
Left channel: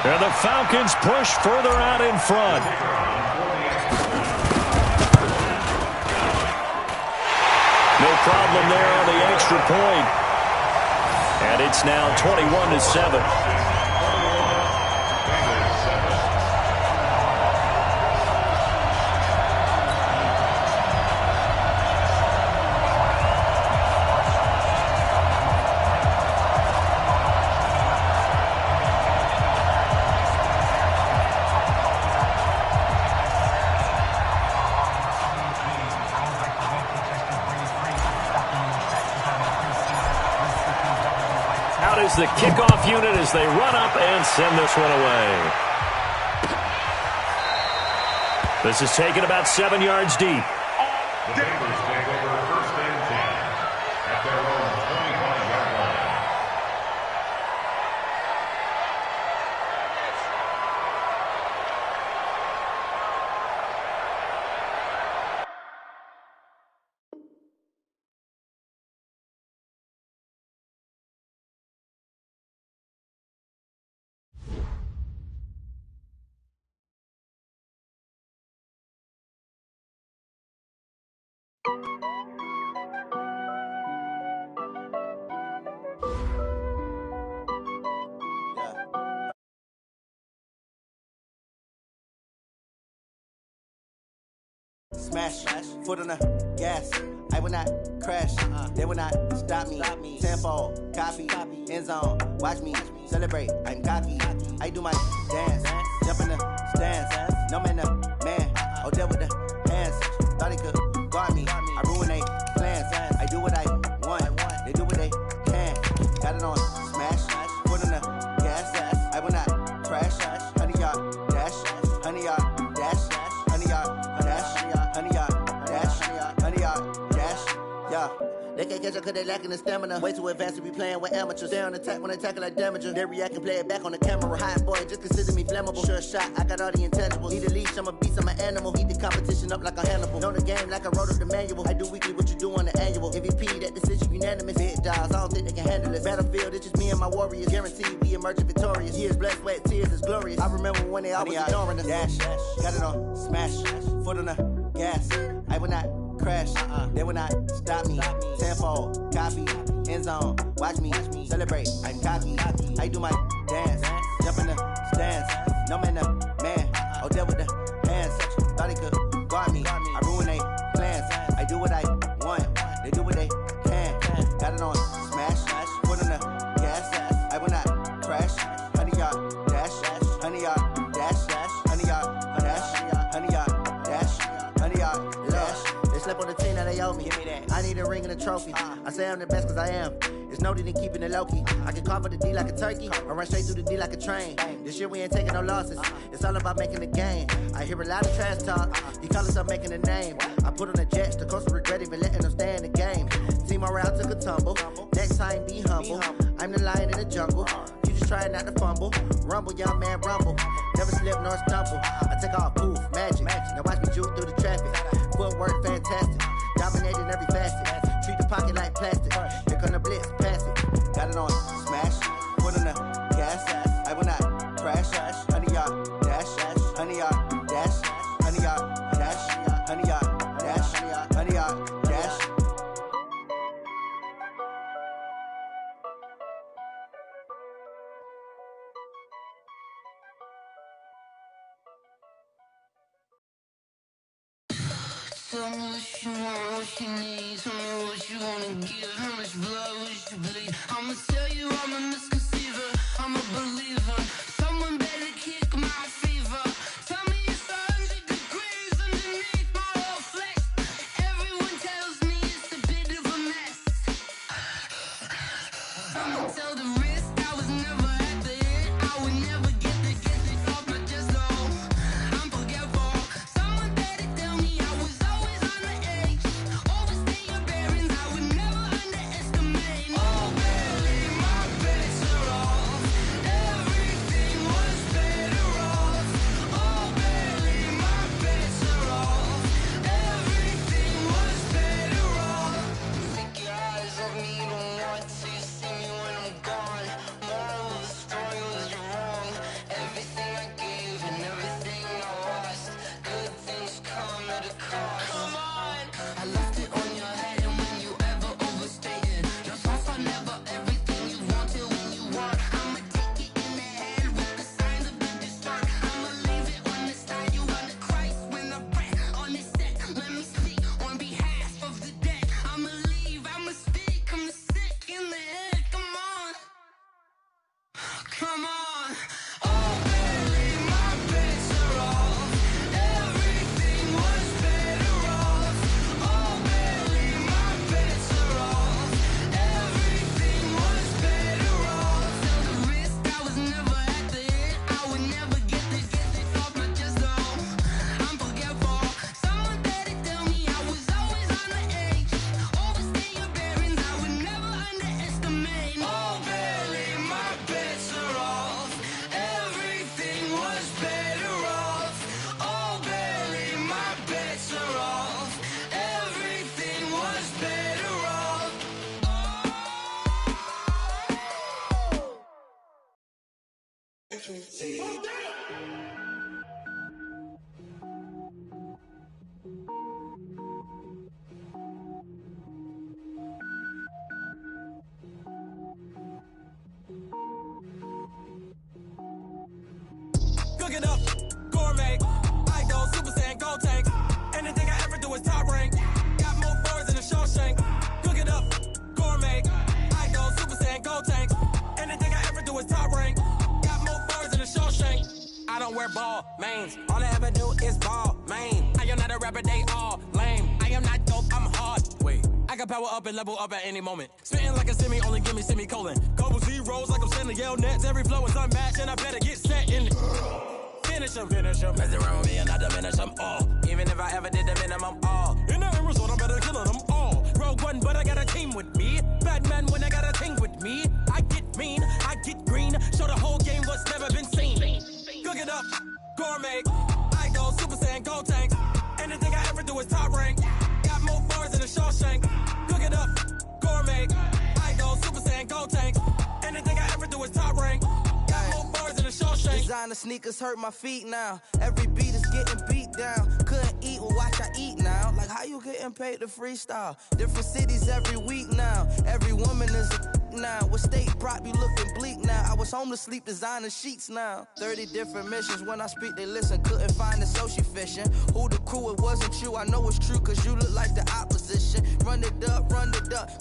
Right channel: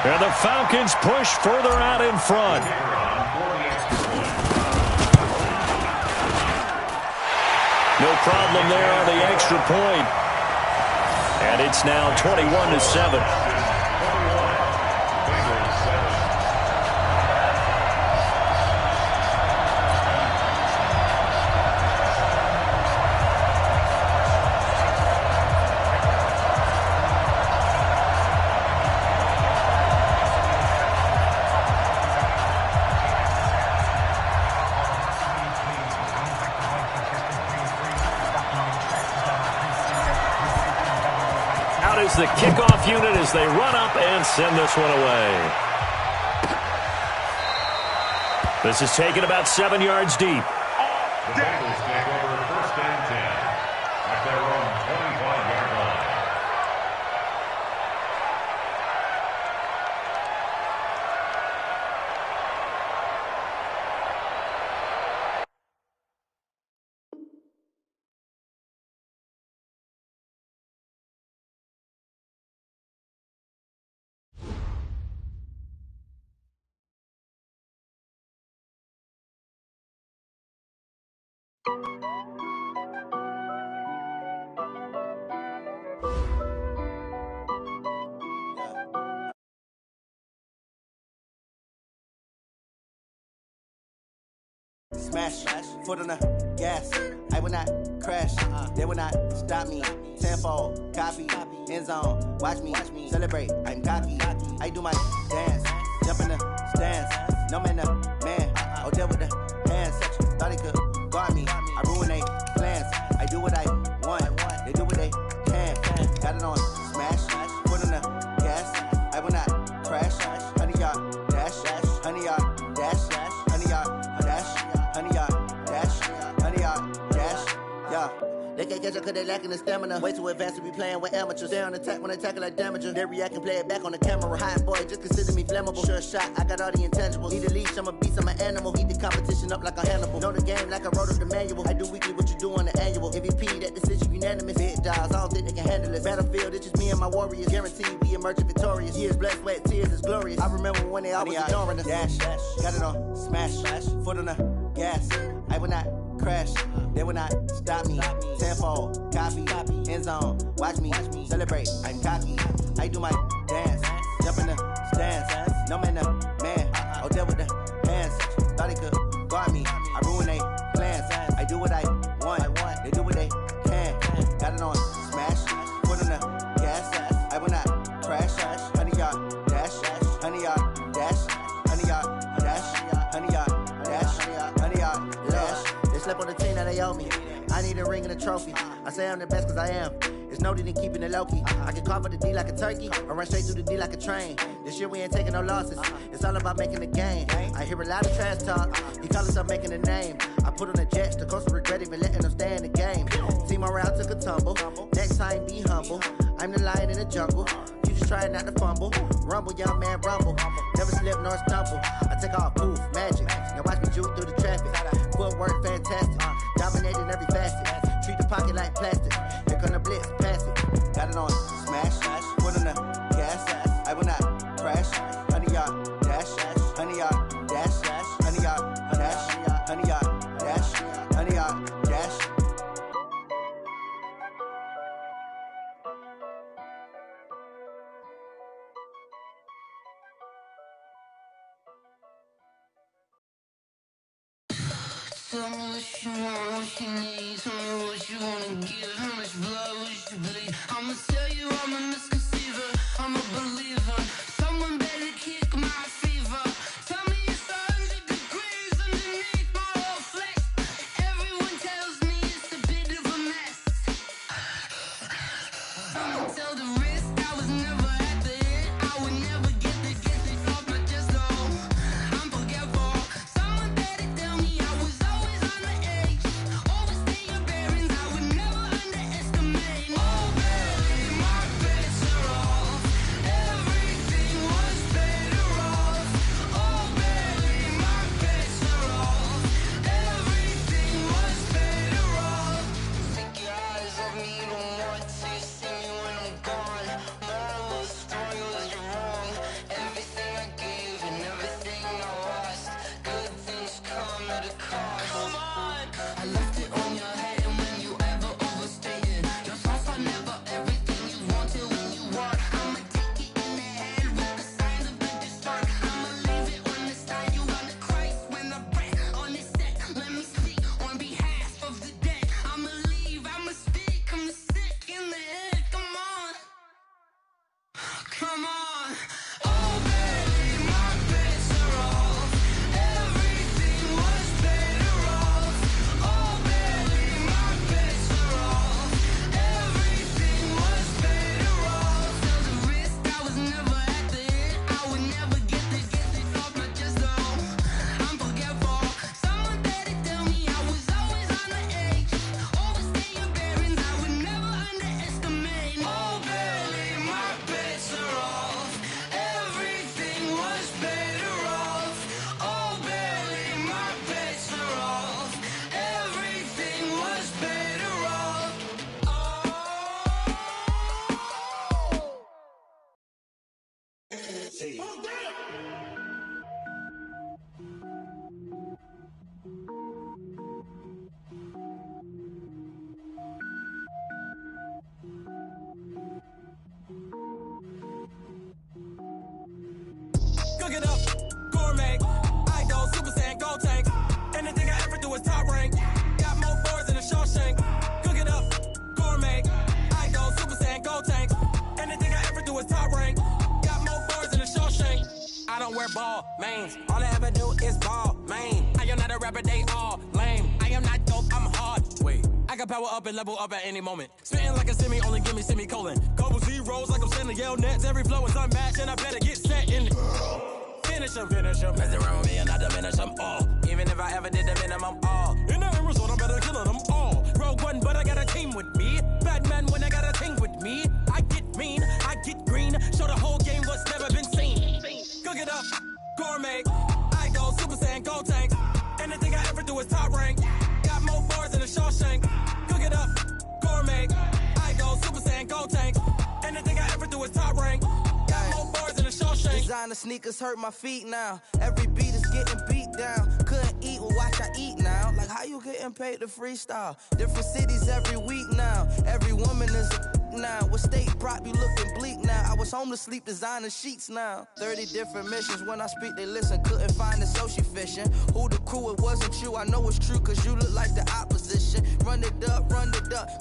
And the Falcons push further out in front. No problem there on the extra point. And it's now 21-7. Is the kickoff unit as they run up and send this one away. This is taken about 7 yards deep. The Bengals take over first and 10 at their own 25-yard line. Smash, foot on the gas. I will not crash. They will not stop me. Tenfold, copy, end zone. Watch me celebrate. I'm cocky. I do my dance. Jump in the stands. No man, man. Oh, there with the hands. Thought he could guard me. I ruin they plans. I do what I want. They do what they can. Got it on smash. Foot on the gas. I will not crash. 100-yard dash. 100-yard dash. 100-yard dash. 100-yard dash, 100-yard dash, yeah. They can't catch up cause they lacking the stamina. Way too advanced to be playing with amateurs. Stay on attack when they tackle like damager. They react and play it back on the camera. Hot boy, just consider me flammable. Sure shot, I got all the intangibles. Need a leash, I'm a beast, I'm an animal. Eat the competition up like a Hannibal. Know the game like I wrote up the manual. I do weekly what you do on the annual. MVP, that decision unanimous. Big dogs, I don't think they can handle it. Battlefield, it's just me and my warriors. Guaranteed we emerge victorious. Years, blood, sweat, tears, is glorious. I remember when they always ignoring us. Dash, got it on smash. Foot on the gas. I will not crash. They will not stop me. Tenfold, copy, end zone. Watch me celebrate. I'm cocky. I do my dance. Jump in the stands. No man, man. Oh, there with the hands. Thought he could guard me. I ruin they plans. I do what I want. They do what they can. Got it on smash. Foot on the gas. I will not crash. 100-yard dash. 100-yard dash. 100-yard dash. 100-yard dash. 100-yard dash. They slept on the team that they owe me. I need a ring and a trophy. I say I'm the best cause I am. It's noted in keeping it low-key. I can carve up the D like a turkey or run straight through the D like a train. This year we ain't taking no losses. It's all about making the game. I hear a lot of trash talk. He call himself making a name. I put on the Jets. The coach will regret even letting them stay in the game. Team morale took a tumble. Next time be humble. I'm the lion in the jungle. You just trying not to fumble. Rumble, young man, rumble. Never slip nor stumble. I take off, poof, magic. Now watch me juke through the traffic. Footwork fantastic. Dominating every 100-yard dash, 100-yard dash. Tell me what you want, what you need. Tell me what you wanna give. How much blood would you bleed? I'ma tell you I'm a misconceiver. I'm a believer. Someone better kick my fever. Tell me it's 100 degrees underneath my whole flesh. Everyone tells me it's a bit of a mess. I'ma tell the risk I was never at the end. I would never get this off my chest though. I'm forgetful. Someone better tell me I was always on the edge. Overstay your bearings, I would never underestimate. Oh, barely my bets are off. Everything was better off. Oh, barely my bets are off. Everything was better off. Take your eyes off me, don't want to see me when I'm gone. Moral of the story was you're wrong. Everything I gave and everything I lost. Good things come at a cost. I left it on your head, and when you ever overstay it, your thoughts are never everything you wanted when you want. I'ma take it in the head with the signs of the distort. I'ma leave it on the side. You on the Christ when I pray on this set. Let me speak on behalf of the dead. I'ma leave, I'ma speak. I'm sick in the head. Come on, come on. Oh, barely my bets are off. Everything was better off. Oh, barely my bets are off. Everything was better off. Tell the risk I was never at the end. I would never get this off my chest though. I'm forgetful. Someone better tell me I was always on the edge. Overstay your bearings, I would never underestimate. Oh, barely my bets are off. Everything was better off. Oh, barely my bets are off. Everything was better off. Cook it up, gourmet. I go Super Saiyan, go tank. Anything I ever do is top rank. Got more boys than a Shawshank. Cook it up, gourmet. I go Super Saiyan, go tank. Anything I ever do is top rank. Got more boys than a Shawshank. I don't wear ball mains. All I ever do is ball main. I am not a rapper, they all lame. I am not dope, I'm hard. Wait, I can power up and level up at any moment. Spitting like a semi, only give me semicolon. Couple zeros like I'm sending yell nets. Every flow is unmatched, and I better get set in. Finish him. Mess around with me and I diminish them all. Even if I ever did the minimum, all. In the end result, I'm better killing them all. Rogue One, but I got a team with me. Batman when I got a team with me. I get mean, I get green. Show the whole game what's never been seen. Cook it up, gourmet. I go Super Saiyan, go tank. Anything I ever do is top rank. Got more boys than a Shawshank. Cook it up, gourmet. I go Super Saiyan, go tank. Anything I ever do is top rank. Got more boys than a Shawshank. Designer sneakers hurt my feet now. Every beat is getting beat down. Couldn't eat, well watch I eat now. Like how you getting paid to freestyle? Different cities every week now. Every woman is a now. What state prop you looking bleak now? I was home to sleep designer sheets now. 30 different missions. When I speak they listen. Couldn't find it so she fishing. Who the crew? It wasn't you. I know it's true cause you look like the opposition. Run it up.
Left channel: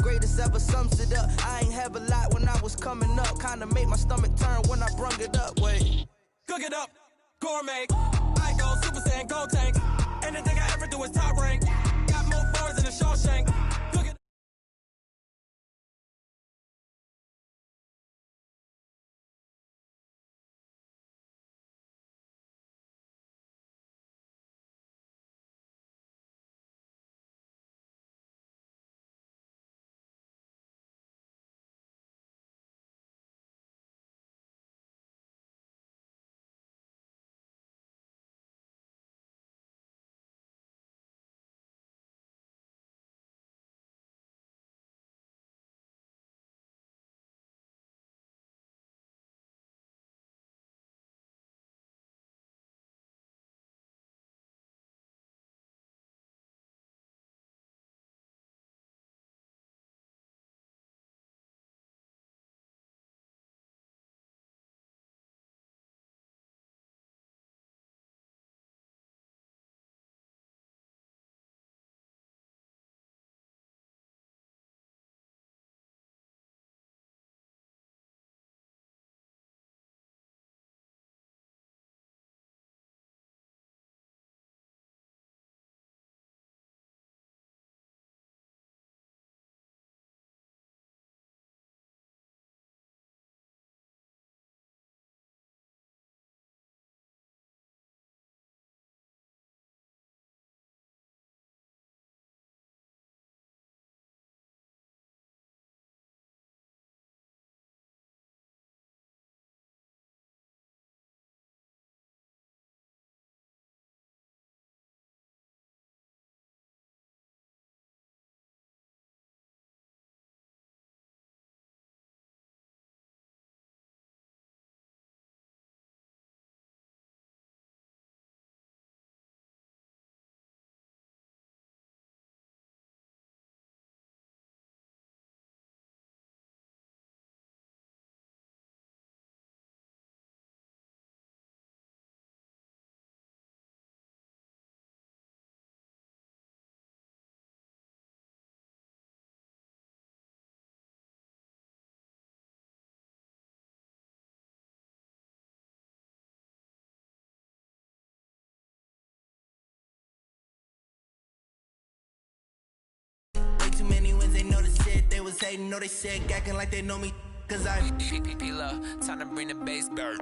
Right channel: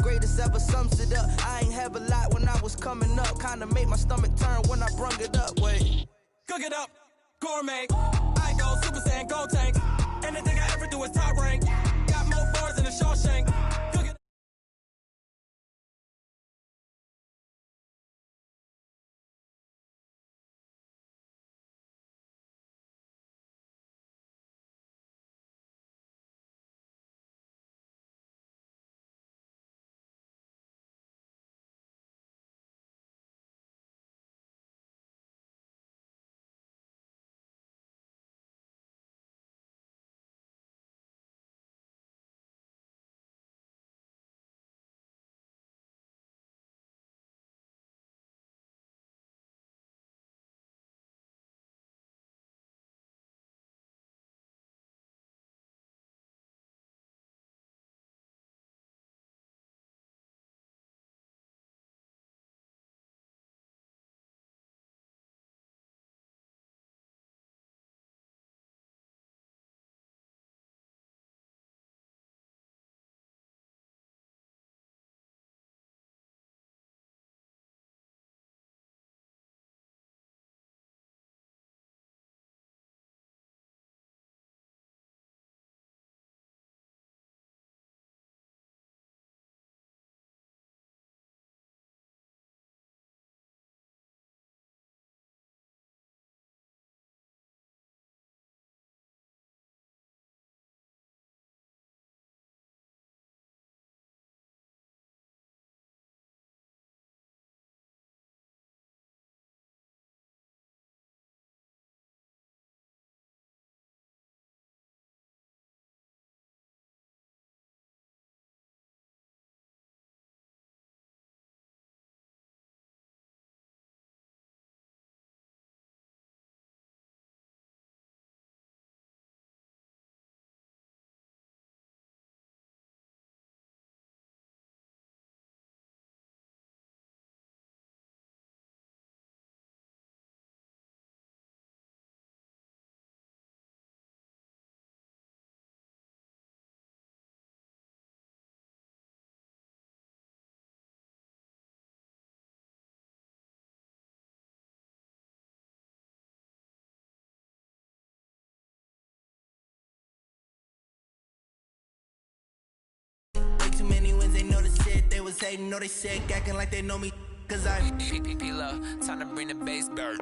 Greatest ever sums it up. I ain't have a lot when I was coming up. Kinda made my stomach turn when I brung it up. Wait. Cook it up, gourmet. I go Super Saiyan, go tank. Anything I ever do is top rank. Got more boys than a Shawshank. was hating, no, they said acting like they know me, cause I P-P-P-Love, time to bring the bass bird.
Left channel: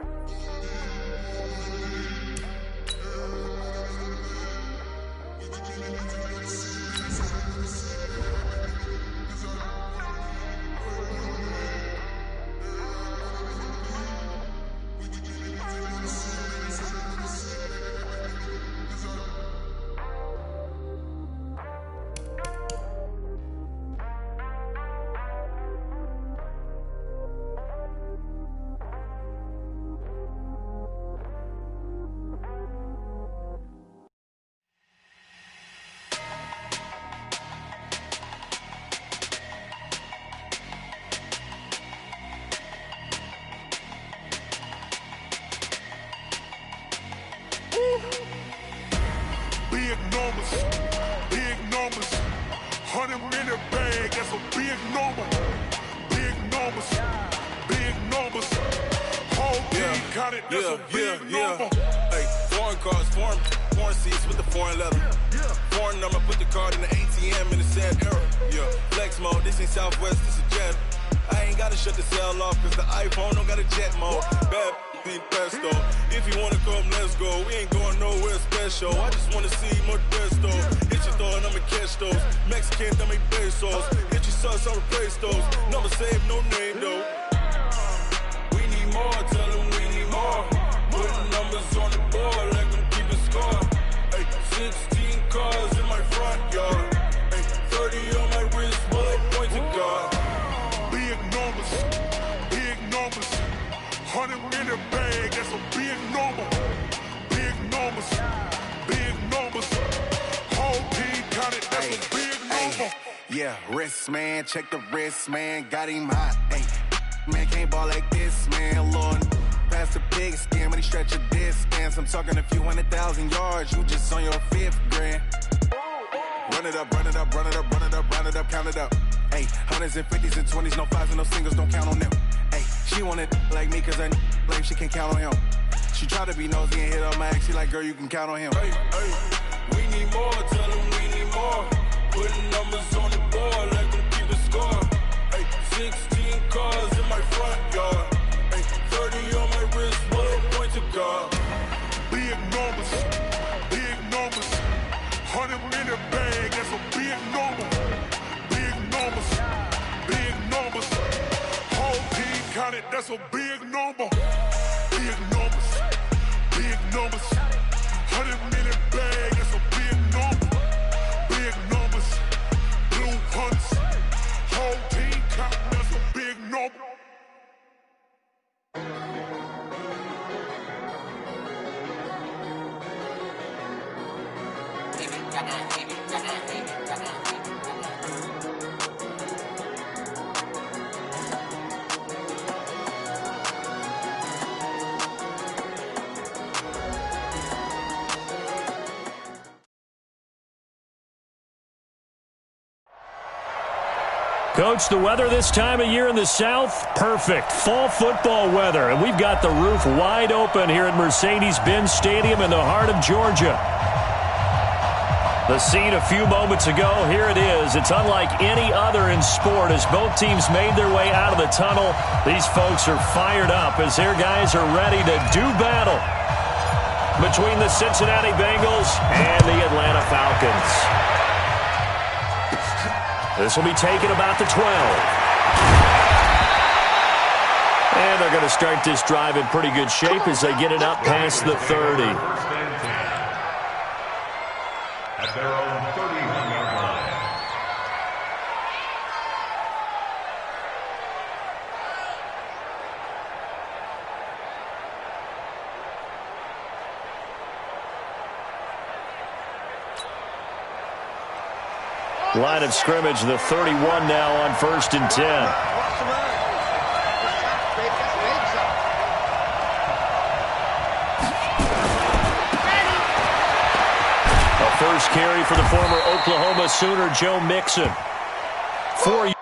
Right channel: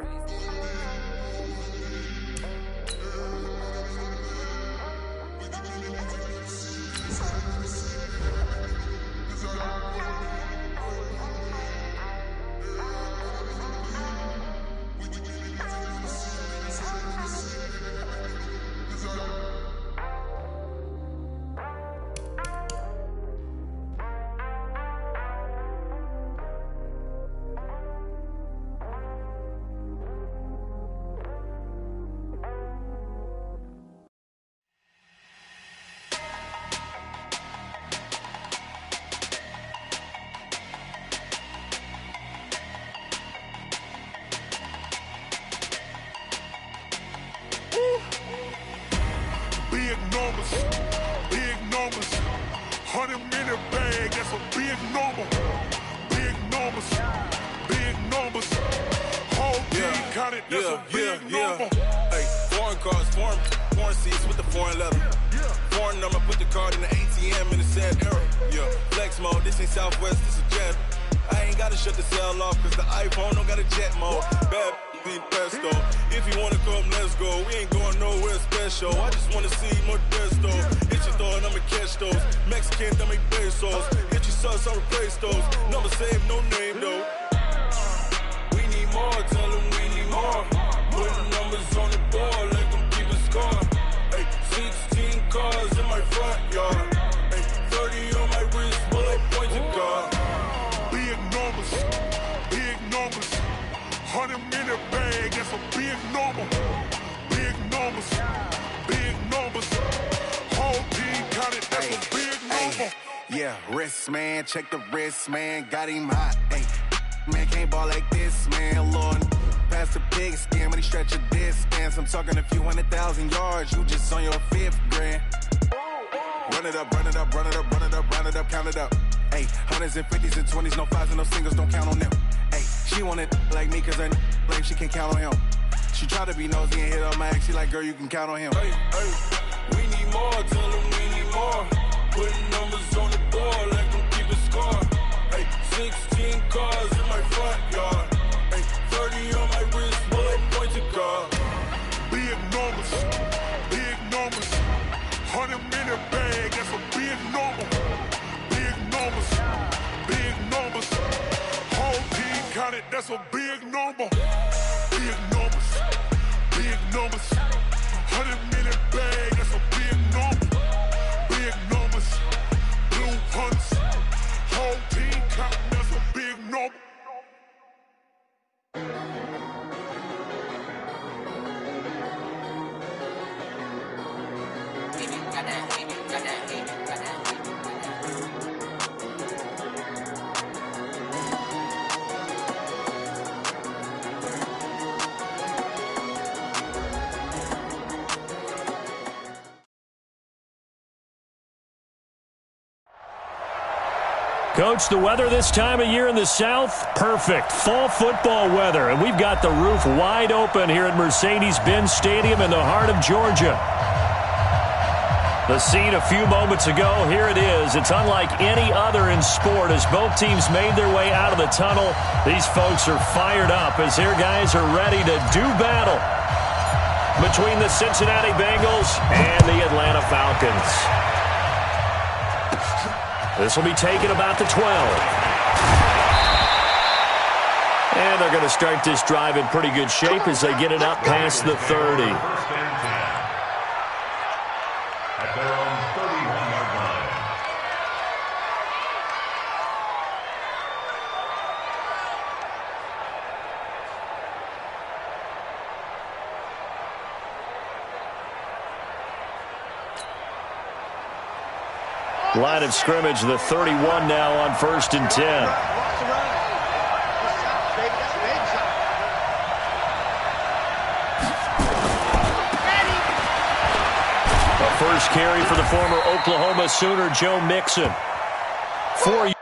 Big numbers, 100-minute bag, that's a big number. Big numbers, whole team counted, that's a big number. Hey, foreign cars, foreign seats with the foreign leather. Foreign number, put the card in the ATM in the sad era. Yeah, flex mode, this ain't Southwest, this a jet. I ain't gotta shut the cell off, cause the iPhone don't got a jet mode. Bad being pesto. If you wanna come, let's go. We ain't going nowhere special. I just wanna see more desto. Hit your thought, I'ma catch those. Mexican, dame pesos. Hit your sus, I'll replace those. Number saved, no name though. We need more, tell them we need more. Putting numbers on the board, like them keep a score. Hey, 16 cars in my front yard. Hey, 30 on my wrist, bullet point to God. Big numbers, 100-minute bag, that's a big number. Big numbers, whole team counted, that's a big number. Yeah, wrist, man, check the wrist, man, got him hot. Hey, man, can't ball like this, man, Lord. Past the pig skin, but he stretch a distance. I'm talking a few 100,000 yards, you just on your 5th grand. Run it up, count it up. Hey, hundreds and 50s and 20s, no 5s and no singles, don't count on them. Hey, she want it like me, cause her like she can count on him. She try to be nosy and hit on my ex, she like, girl, you can count on him. Hey, we need more, tell them we need more. Putting numbers on the board, like them keep a score. Hey, 16 cars in my front yard. Hey, 30 on my wrist, bullet point to God. Big numbers, 100-minute bag, that's a big number. Big numbers, whole team counted, that's a big number. Big numbers, 100-minute bag, that's a big number. Big numbers, blue hunts, whole team counting, that's a big number. Coach, the weather this time of year in the South, perfect. Fall football weather, and we've got the roof wide open here at Mercedes-Benz Stadium in the heart of Georgia. The scene a few moments ago, here it is. It's unlike any other in sport as both teams made their way out of the tunnel. These folks are fired up as their guys are ready to do battle between the Cincinnati Bengals and the Atlanta Falcons. This will be taken about the 12. And they're going to start this drive in pretty good shape as they get it up past the 30. At their own 31-yard line. Line of scrimmage, the 31 now on 1st and 10. A first carry for the former Oklahoma Sooner, Joe Mixon. 4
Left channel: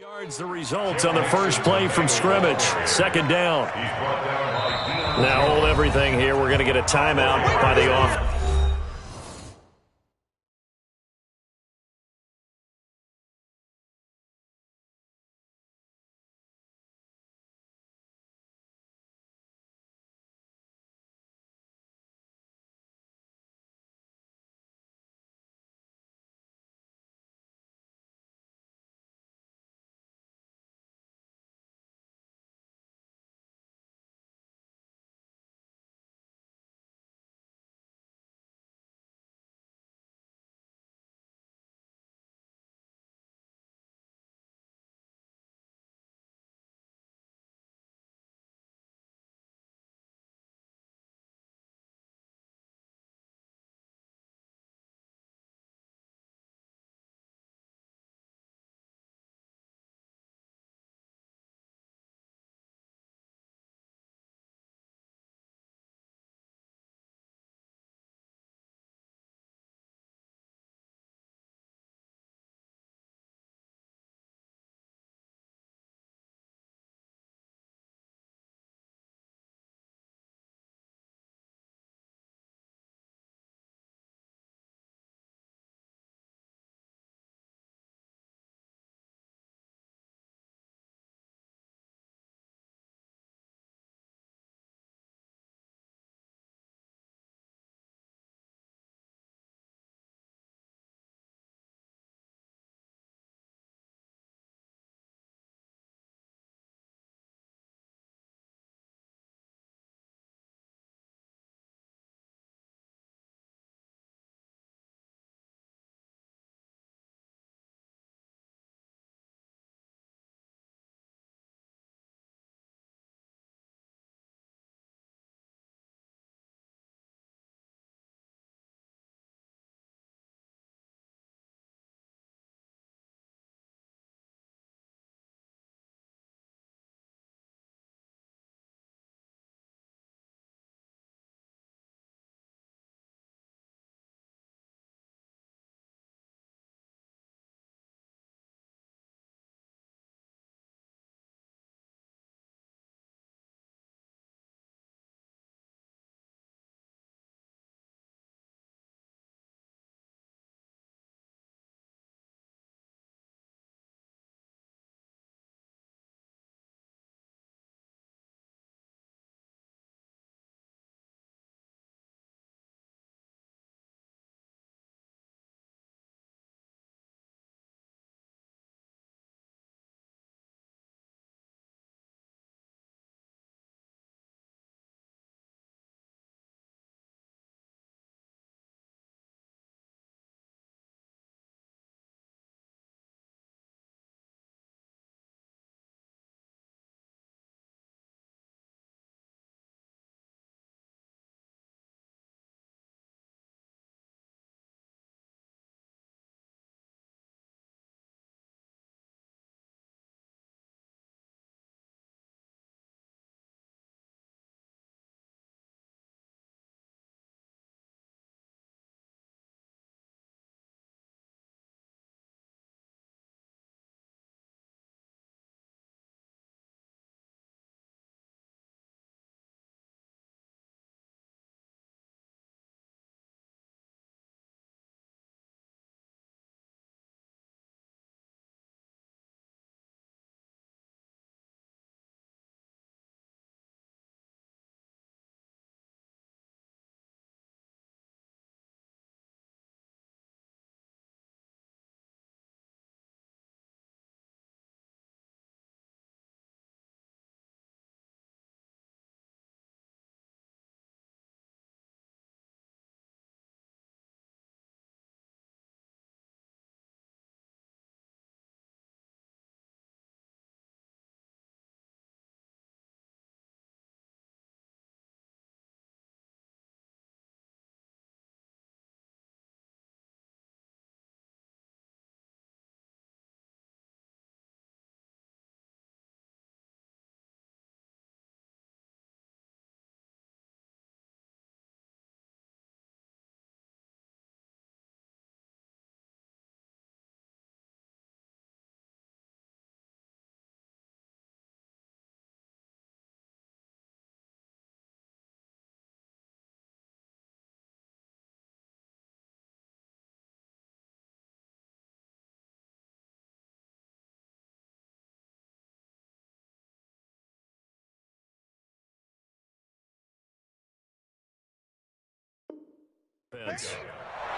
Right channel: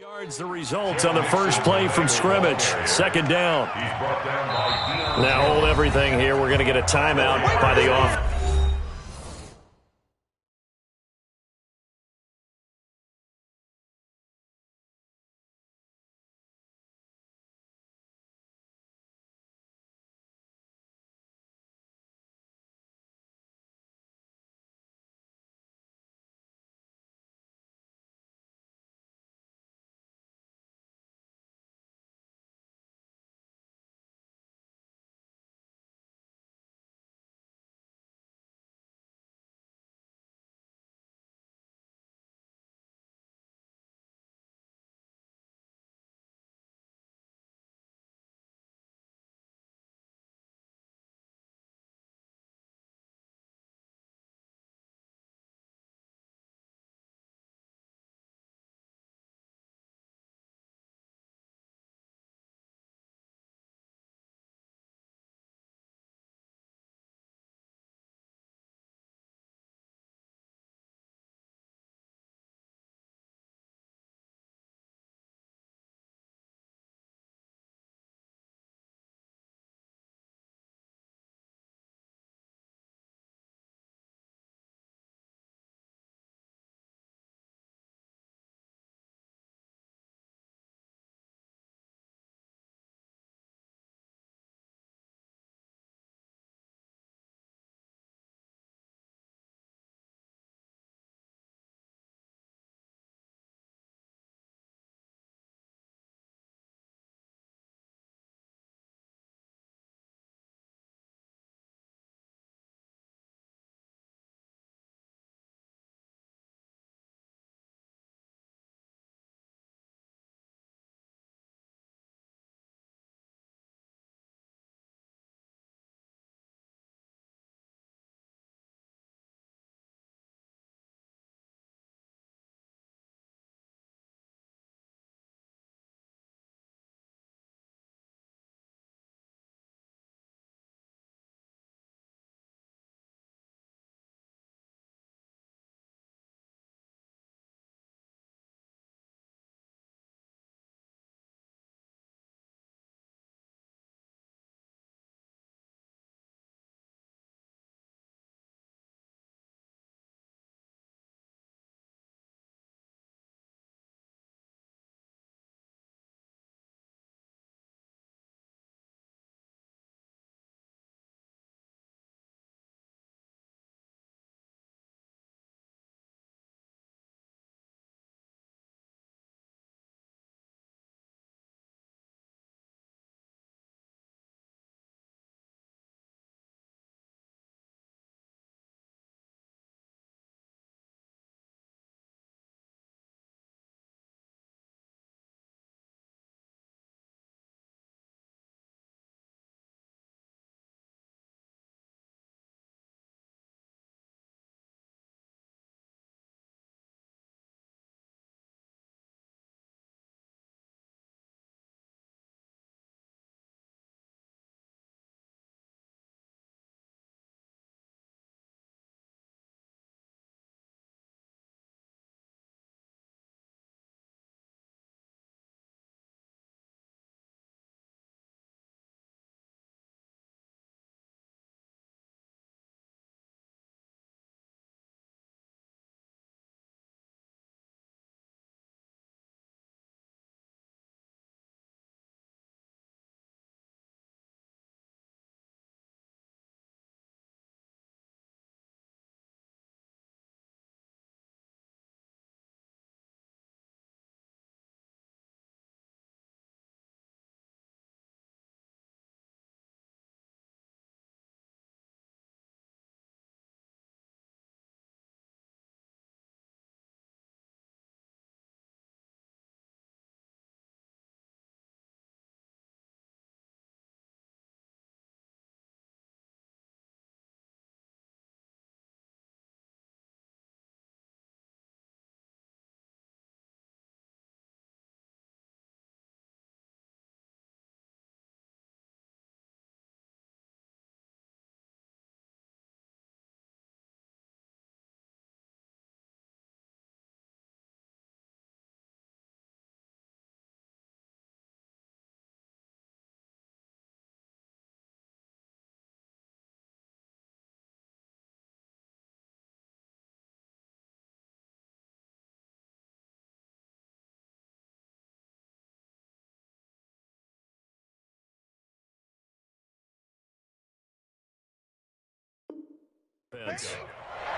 Yards the result on the first play from scrimmage. Second down. Now hold everything here. We're going to get a timeout by the offense.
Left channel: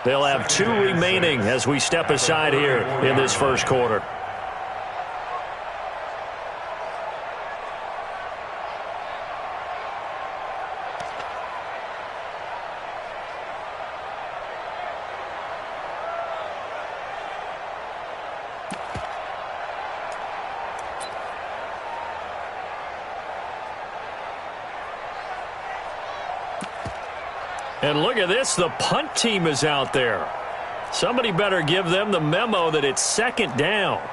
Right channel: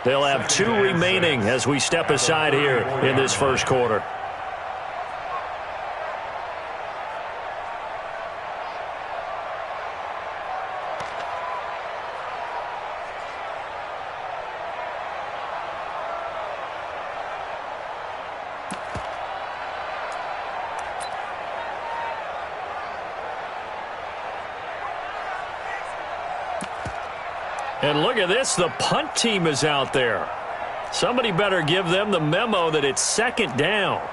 They'll have 2 remaining as we step aside here in this first quarter. And look at this, the punt team is out there. Somebody better give them the memo that it's second down.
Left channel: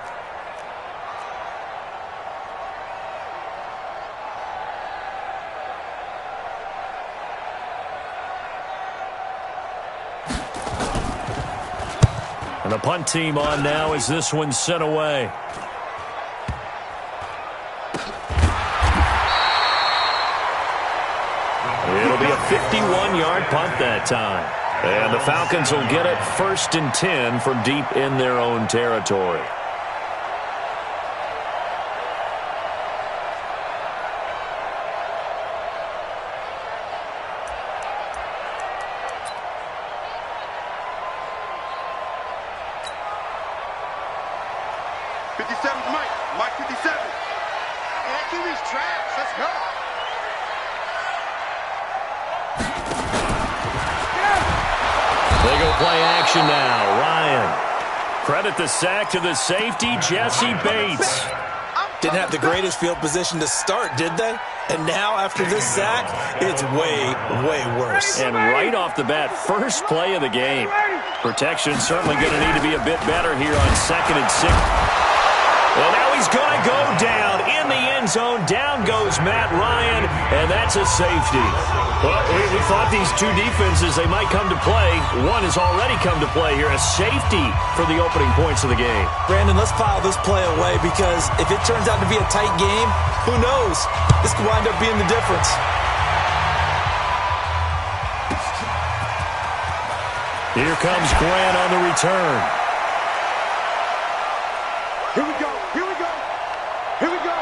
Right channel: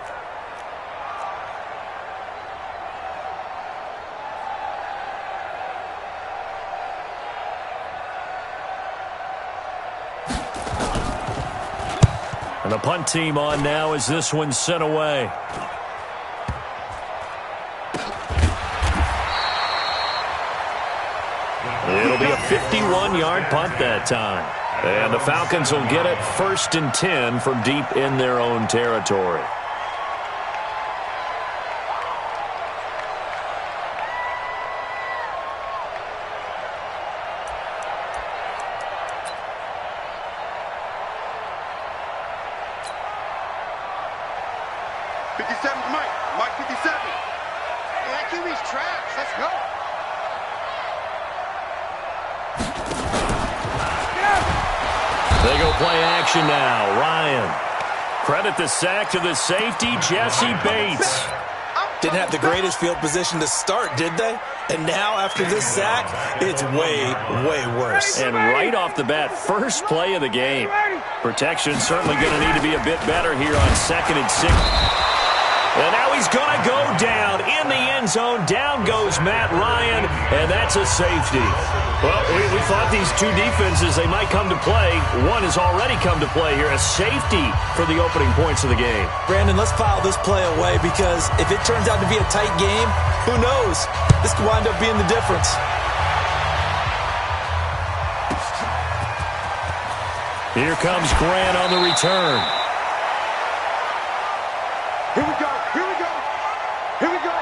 And the punt team on now as this one's sent away. It'll be a 51-yard punt that time. And the Falcons will get it 1st and 10 from deep in their own territory. Mike 57. And that QB's traps. Let's go. They go play action now. Ryan. Credit the sack to the safety, Jesse Bates. Didn't have the greatest field position to start, did they? And now after this sack, it's way, way worse. And right off the bat, first play of the game. Protection certainly going to need to be a bit better here on 2nd and 6. And now he's going to go down in the end zone. Down goes Matt Ryan, and that's a safety. Well, we thought these two defenses, they might come to play. One has already come to play here, a safety for the opening points of the game. Brandon, let's file this play away because if it turns out to be a tight game, who knows? This could wind up being the difference. Here comes Grant on the return. Here we go. Here we go. Here we go.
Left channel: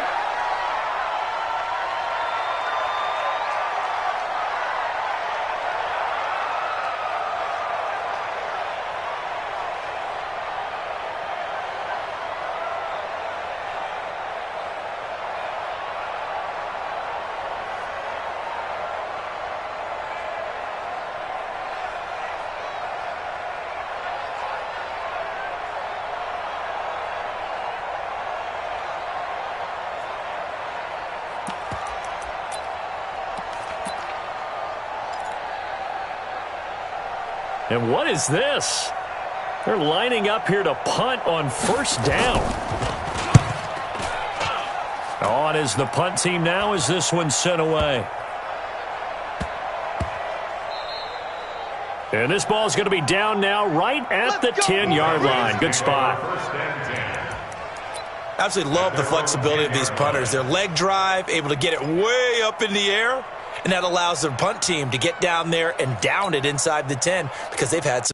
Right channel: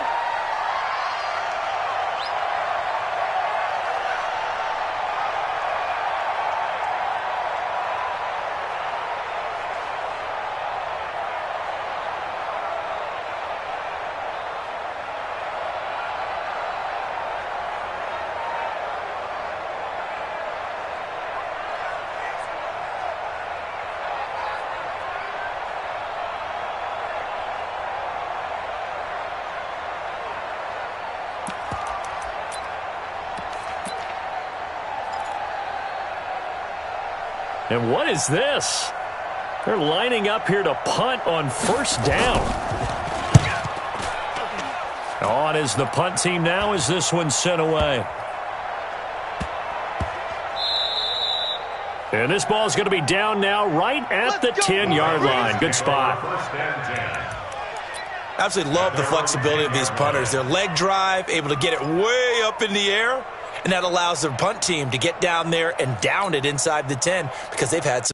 And what is this? They're lining up here to punt on 1st down. On is the punt team now as this one's sent away. And this ball is going to be down now right at the 10-yard line. Good spot. Absolutely love the flexibility of these punters. Their leg drive, able to get it way up in the air. And that allows the punt team to get down there and down it inside the 10 because they've had some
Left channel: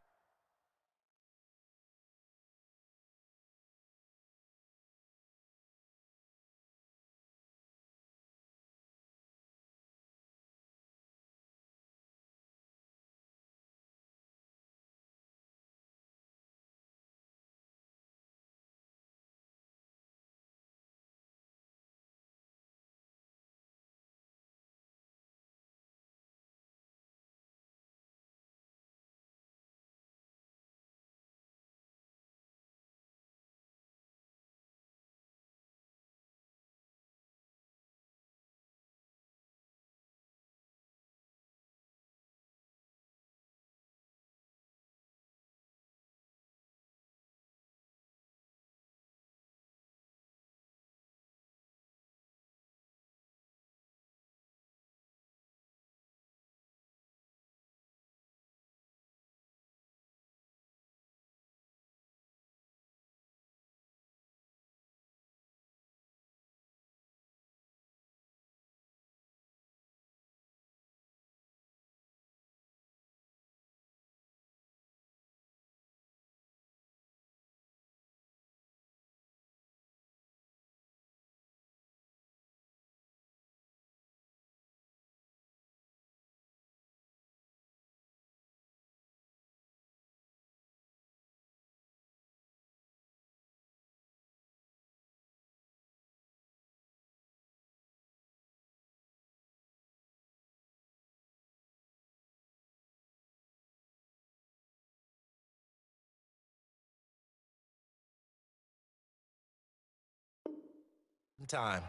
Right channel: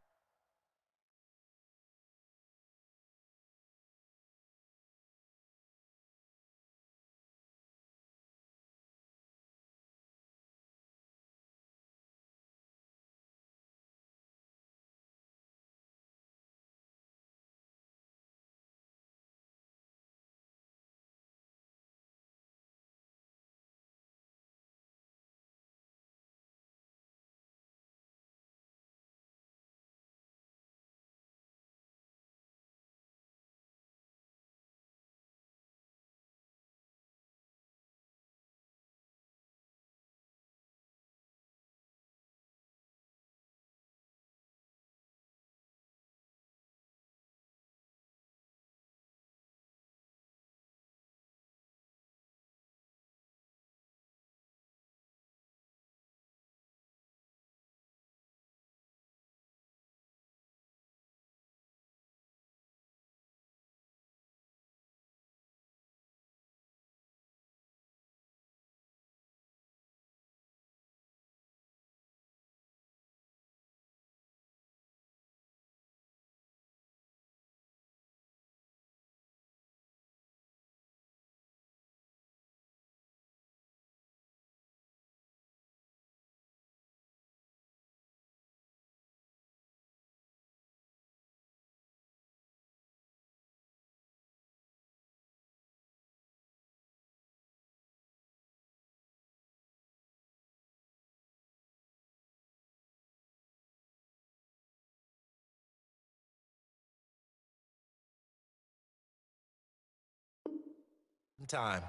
Time.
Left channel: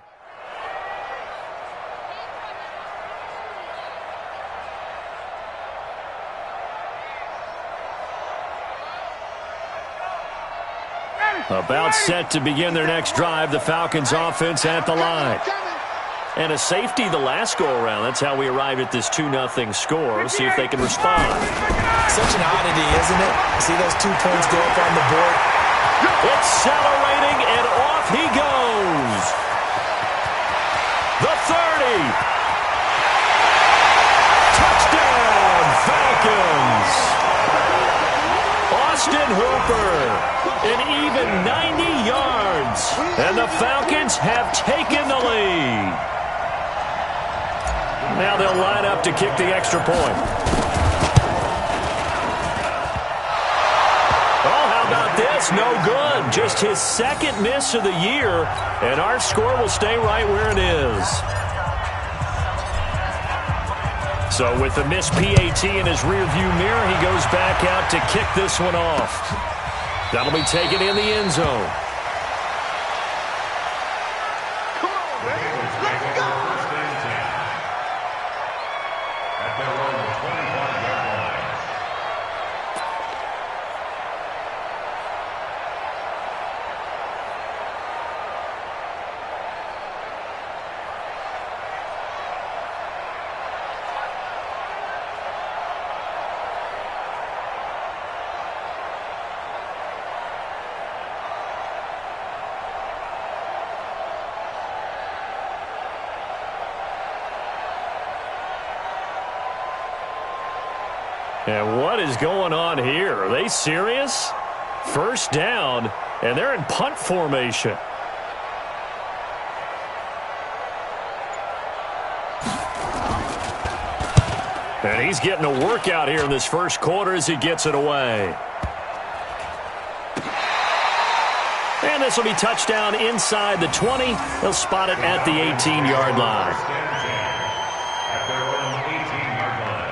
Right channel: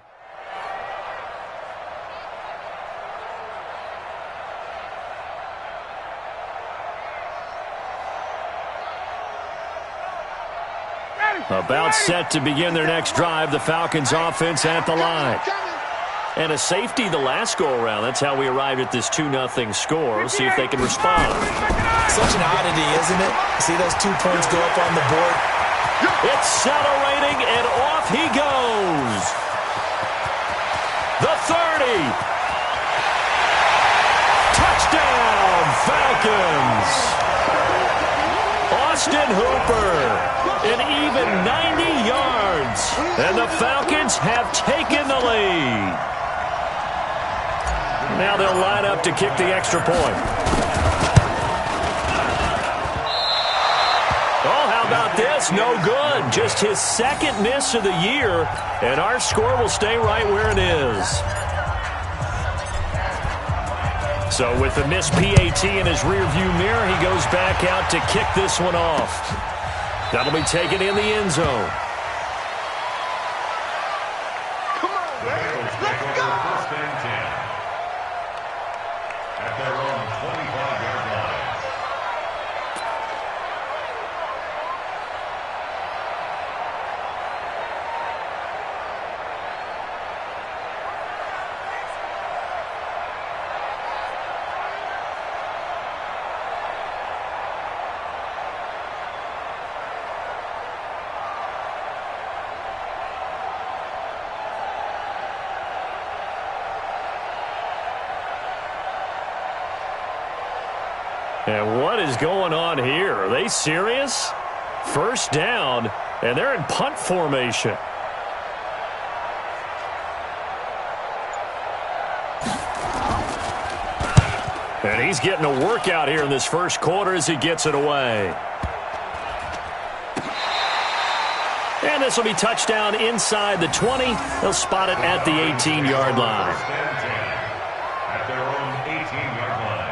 About set to begin their next drive, the Falcons offense at the line. And a safety the last go-around. That's how we arrived at this 2-0 score. See if they can respond. Such an oddity, isn't it? See those 2 points go up on the board? Accelerating, and off he goes. The 30. Touchdown, Falcons. Austin Hooper, an even 90 yards. And the Falcons have taken the lead. Now they'll line up to kick the extra point. Oh, how about this? No good. Just his second miss of the year, and our score will stay right where it is. So with the missed PAT in his rearview mirror, he goes back out to kick this one off. That'll be taken in the end zone. Come on, man. Let's go. First and 10. At their own 25-yard line. And what is going on here? Are they serious? First down, and they're in punt formation. And he's getting a workout here in this first quarter as he gets it away. And this will be touchdown inside the 20. They'll spot it at the 18-yard line. First and 10. At their own 18-yard line.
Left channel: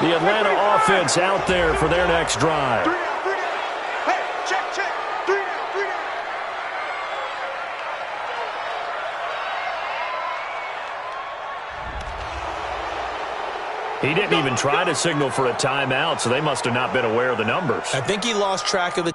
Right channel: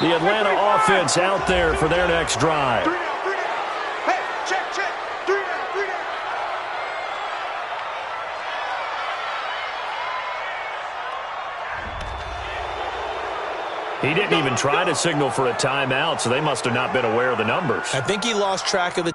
The Atlanta offense out there for their next drive. 3 down, 3 down. Hey, check, check. 3 down, 3 down. He didn't even try to signal for a timeout, so they must have not been aware of the numbers. I think he lost track of the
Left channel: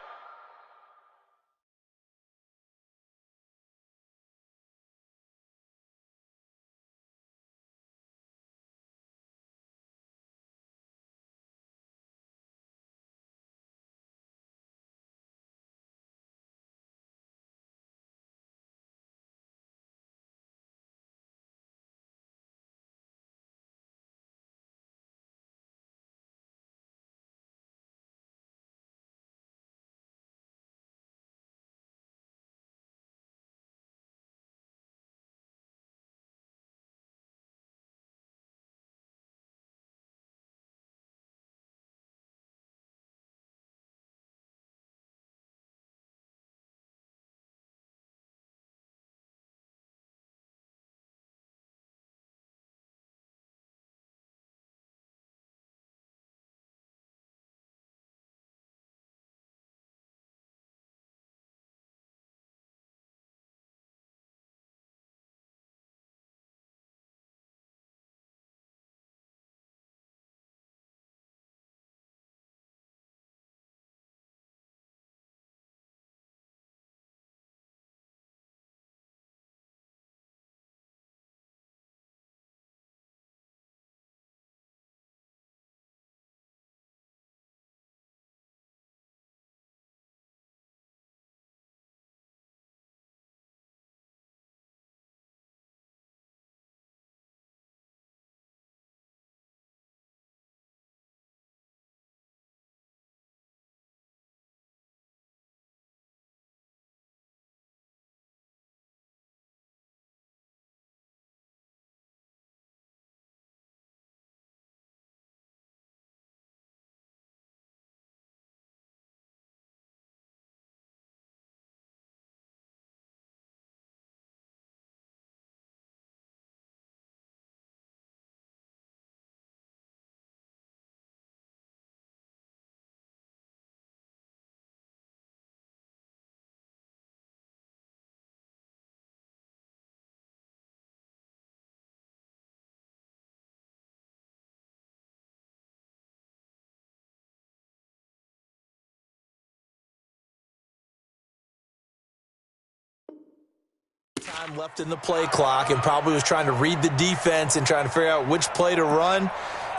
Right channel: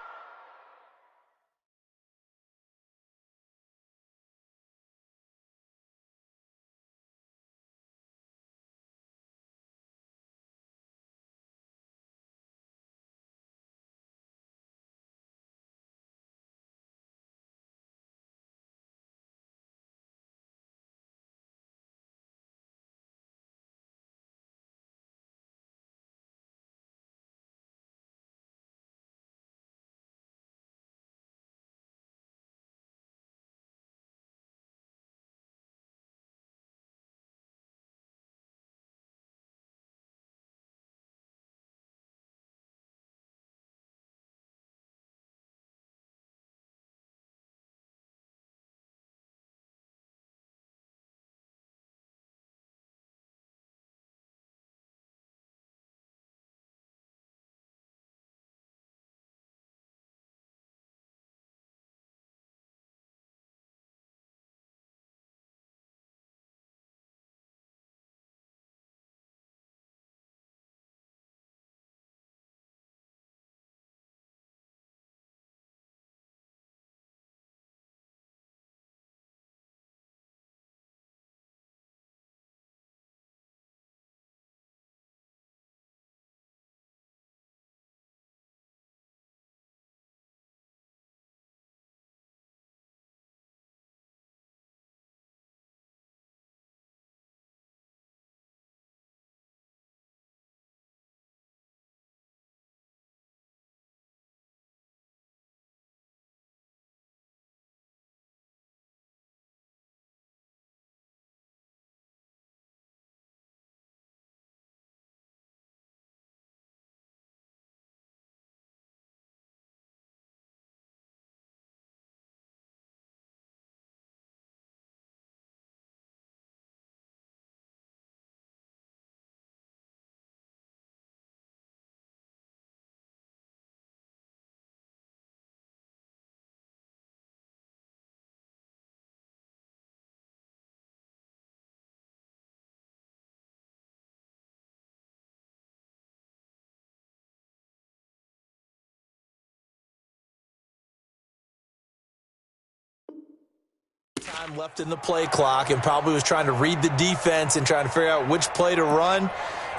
Time left in the play clock and probably was trying to read the defense and trying to figure out which play to run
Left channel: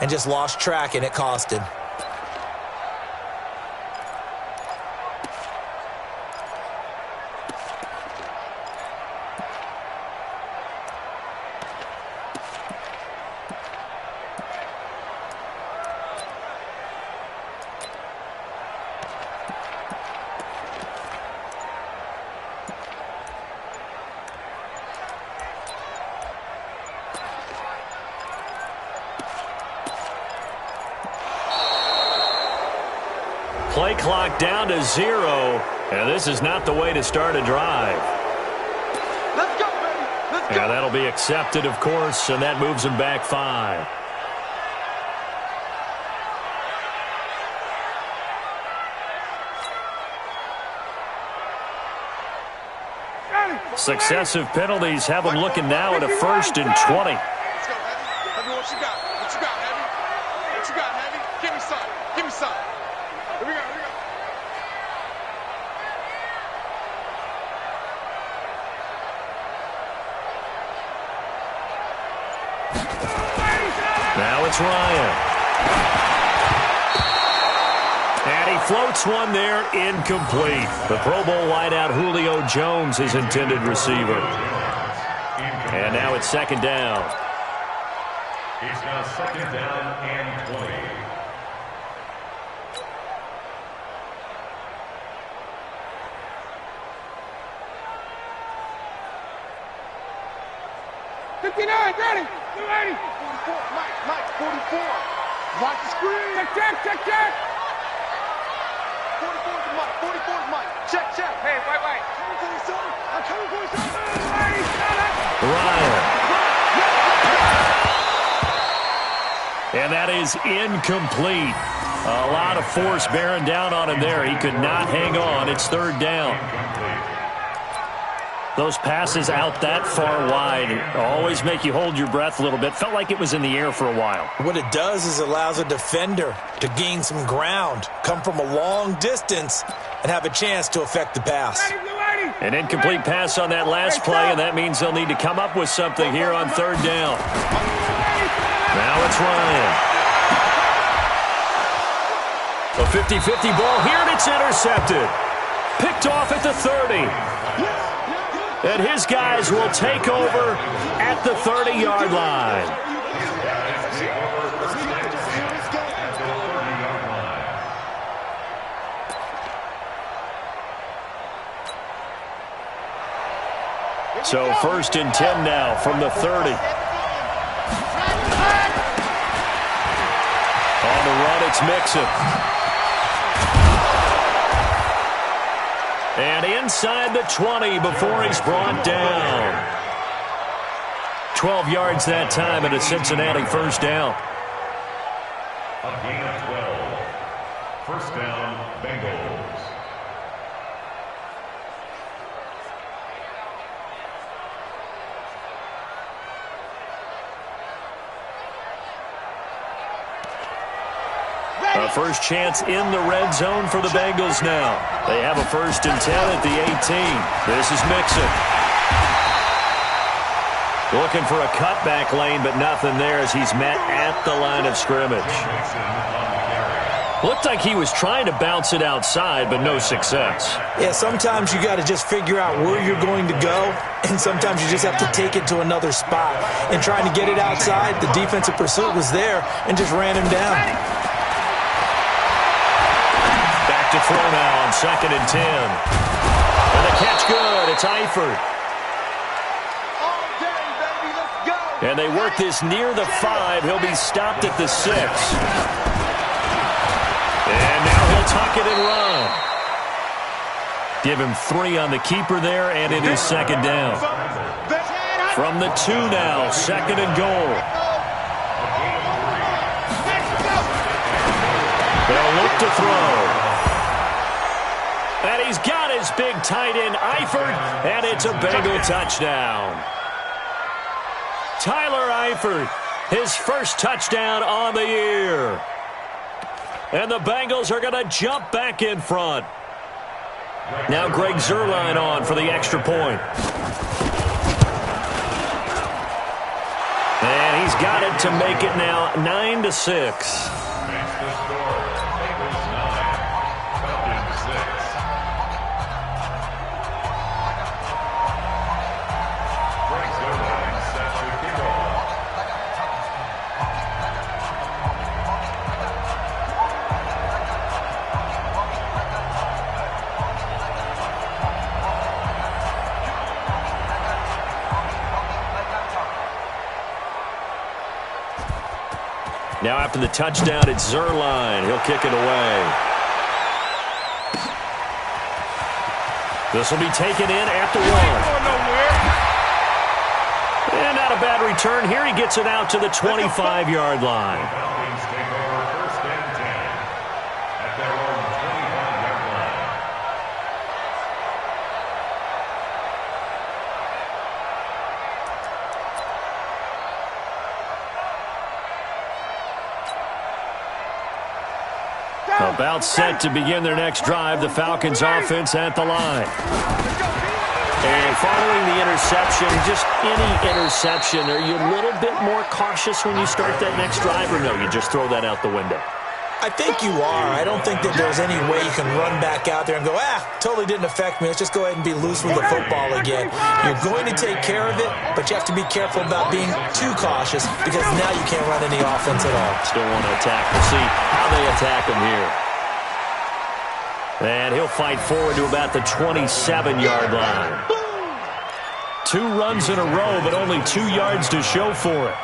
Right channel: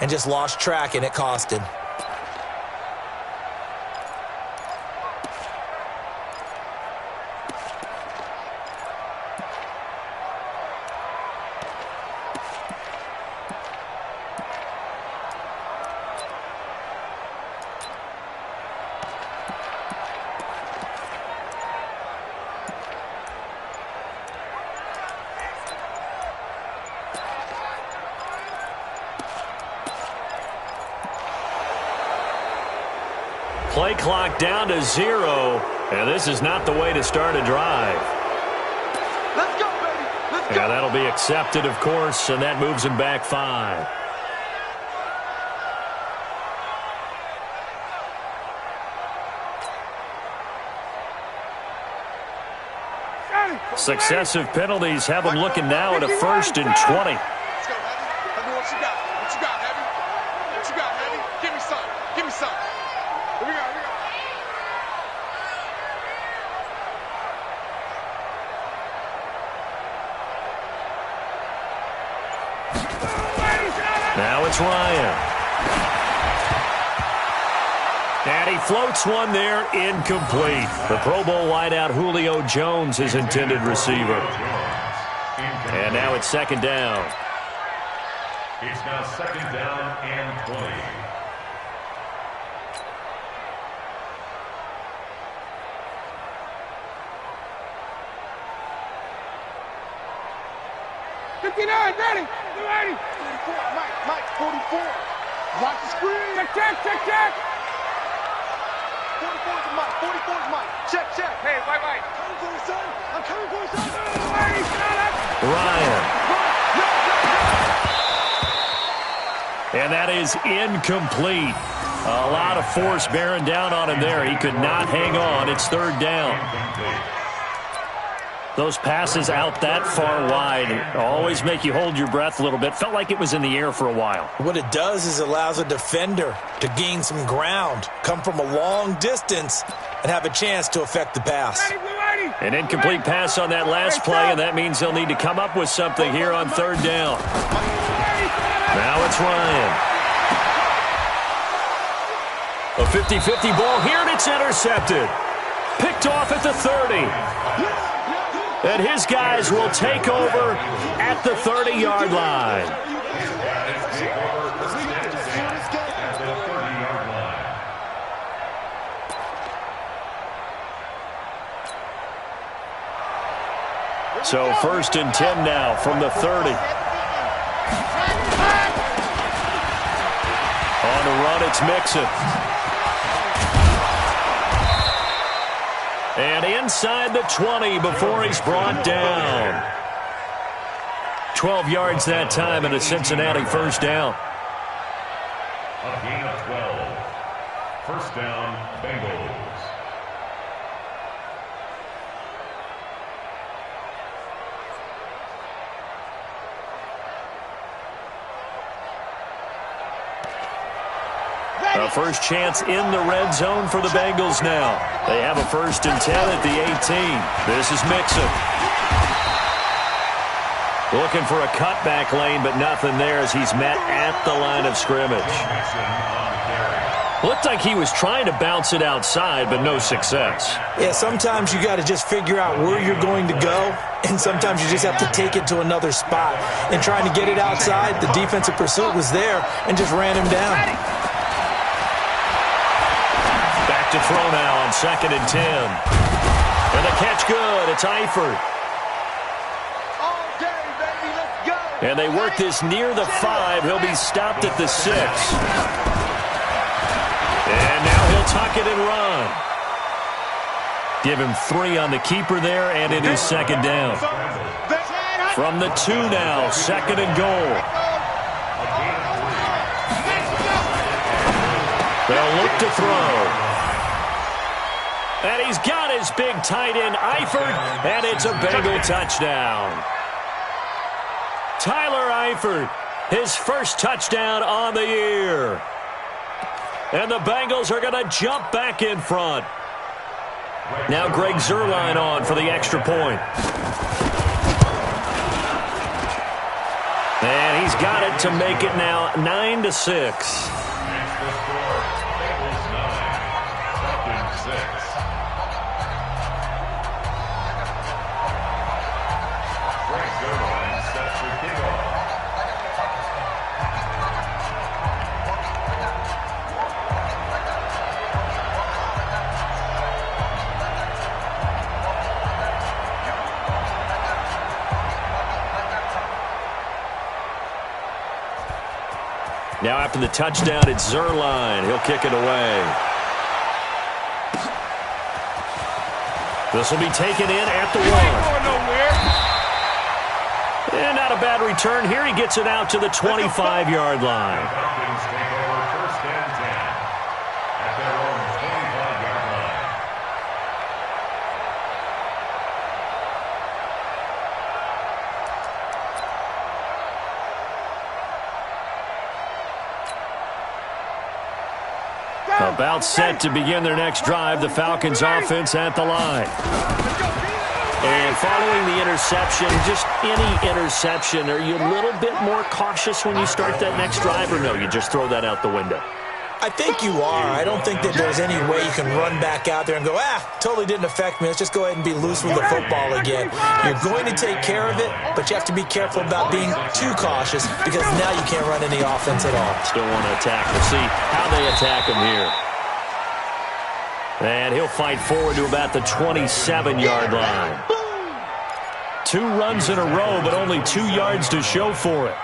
and just lost track, and it cost him. Play clock down to 0, and this is not the way to start a drive. Let's go, baby. Let's go. Yeah, that'll be accepted, of course, and that moves him back 5. Successive penalties have him looking now at a 1st and 20. Let's go, Heavy. Heavy, what you got? What you got, Heavy? What you got, Heavy? Give me some. Give me some. Here we go, here we go. Now it's Ryan. And he floats one there, incomplete. The Pro Bowl wideout Julio Jones, his intended receiver. And now it's 2nd down. It's now 2nd down and 20. Ready? 280. 44. Mike, 44. Watch the screen. Check. 44 is Mike. 44 is Mike. Check. Hey, wait. Coming for you, son. I'm coming for you, son. Ryan. And that is incomplete. A lot of force bearing down on him there. He could not hang on. It's 3rd down. Those passes out that far wide always make you hold your breath a little bit. Felt like it was in the air for a while. What it does is it allows a defender to gain some ground, come from a long distance, and have a chance to affect the pass. An incomplete pass on that last play, and that means they'll need to come up with something here on 3rd down. Now it's Ryan. A 50-50 ball here, and it's intercepted. Picked off at the 30. And his guys will take over at the 30-yard line. So 1st and 10 now from the 30. On the run, it's Mixon. And inside the 20 before he's brought down. 12 yards that time and a Cincinnati 1st down. A gain of 12. 1st down, Bengals. A first chance in the red zone for the Bengals now. They have a 1st and 10 at the 18. This is Mixon. Looking for a cutback lane, but nothing there as he's met at the line of scrimmage. Looked like he was trying to bounce it outside, but no success. Yeah, sometimes you got to just figure out where you're going to go, and sometimes you just have to take it to another spot. And trying to get it outside, the defensive pursuit was there and just ran him down. To throw now on 2nd and 10. And the catch good. It's Eifert. All day, baby. Let's go. And they work this near the 5. He'll be stopped at the 6. And now he'll tuck it and run. Give him 3 on the keeper there, and it is 2nd down. From the 2 now, 2nd and goal. They'll look to throw. And he's got his big tight end, Eifert, and it's a Bengal touchdown. Tyler Eifert, his 1st touchdown on the year. And the Bengals are going to jump back in front. Now Greg Zuerlein on for the extra point. And he's got it to make it now 9-6. Makes the score Bengals 9, Falcons 6. Breaks their line set to kick off. Now after the touchdown, it's Zerline. He'll kick it away. This will be taken in at the 1. And not a bad return here. He gets it out to the 25-yard line. Falcons take over 1st and 10 at their own 25-yard line. About set to begin their next drive, the Falcons offense at the line. And following the interception, just any interception, are you a little bit more cautious when you start that next drive, or no, you just throw that out the window? I think you are. I don't think that there's any way you can run back out there and go, totally didn't affect me. Let's just go ahead and be loose with the football again. You're going to take care of it, but you have to be careful about being too cautious because now you can't run any offense at all. Still want to attack. We'll see how they attack him here. And he'll fight forward to about the 27-yard line. 2 runs in a row, but only 2 yards to show for it.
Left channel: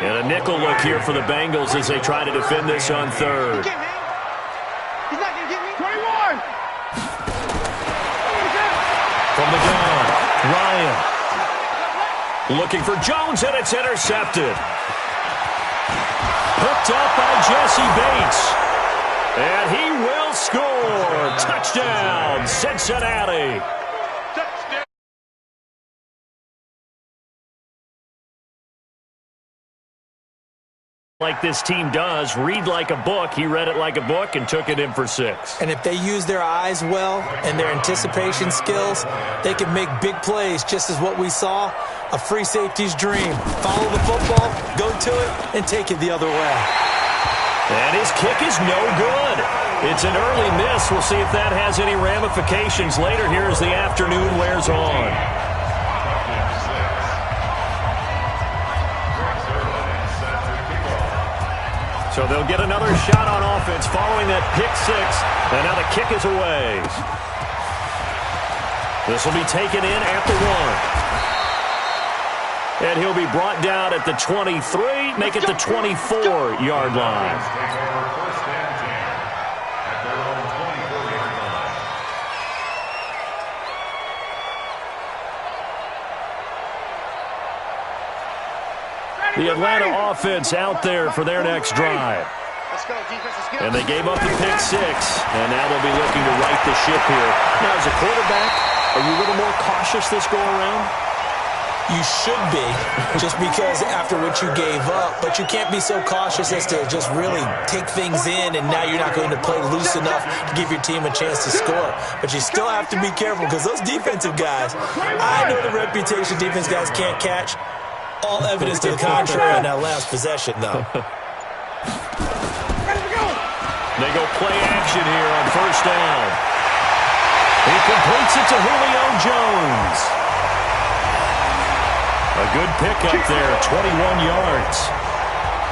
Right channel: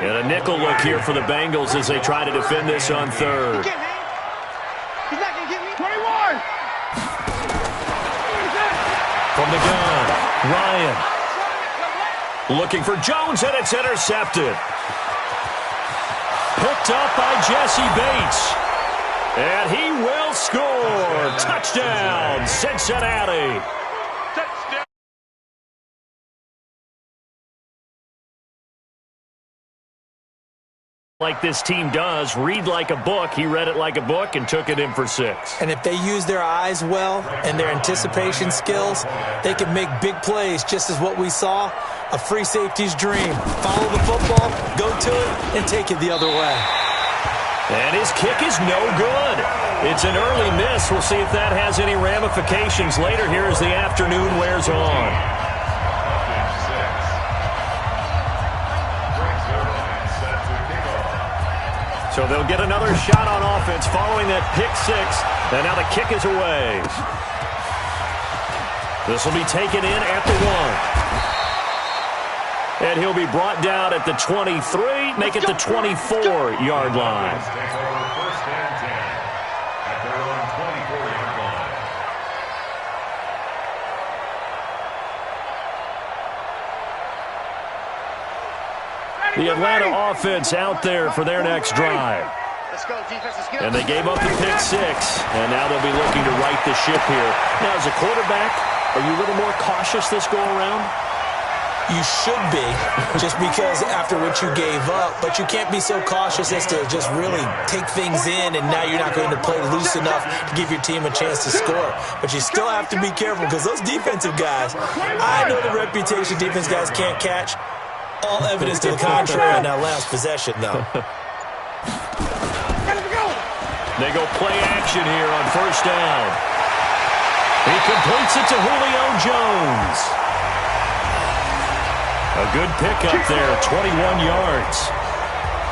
And a nickel look here for the Bengals as they try to defend this on 3rd. He's not going to get me. 21! From the gun, Ryan. Looking for Jones, and it's intercepted. Picked up by Jesse Bates. And he will score. Touchdown, Cincinnati. Touchdown. Like this team does, read like a book. He read it like a book and took it in for 6. And if they use their eyes well and their anticipation skills, they can make big plays, just as what we saw, a free safety's dream. Follow the football, go to it, and take it the other way. And his kick is no good. It's an early miss. We'll see if that has any ramifications later here as the afternoon wears on. So they'll get another shot on offense following that pick 6. And now the kick is away. This will be taken in at the 1. And he'll be brought down at the 23, make it the 24-yard line. Take over 1st and 10 at their own 24-yard line. The Atlanta offense out there for their next drive. Let's go, defense. Let's go. And they gave up the pick 6, and now they'll be looking to right the ship here. Now, as a quarterback, are you a little more cautious this go-around? You should be, just because after what you gave up, but you can't be so cautious as to just really take things in, and now you're not going to play loose enough to give your team a chance to score. But you still have to be careful because those defensive guys, I know the reputation defense guys can't catch. All evidence to the contrary on that last possession, though. They go play action here on 1st down. He completes it to Julio Jones. A good pickup there, 21 yards.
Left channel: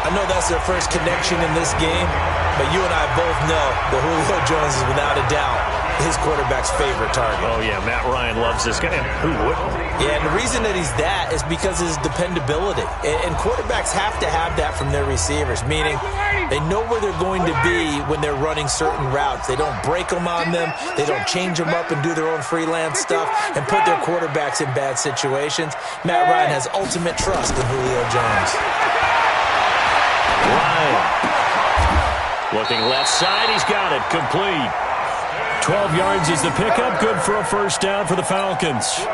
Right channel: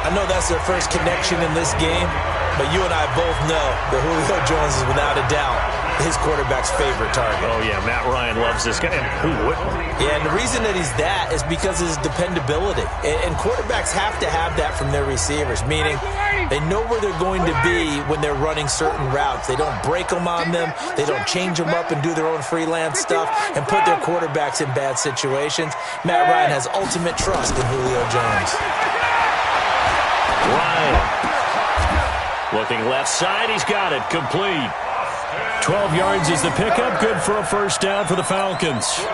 I know that's their first connection in this game, but you and I both know that Julio Jones is without a doubt his quarterback's favorite target. Oh, yeah, Matt Ryan loves this guy. And who wouldn't? Yeah, and the reason that he's that is because of his dependability. And quarterbacks have to have that from their receivers, meaning they know where they're going to be when they're running certain routes. They don't break them on them. They don't change them up and do their own freelance stuff and put their quarterbacks in bad situations. Matt Ryan has ultimate trust in Julio Jones. Ryan. Looking left side. He's got it. Complete. 12 yards is the pickup. Good for a 1st down for the Falcons.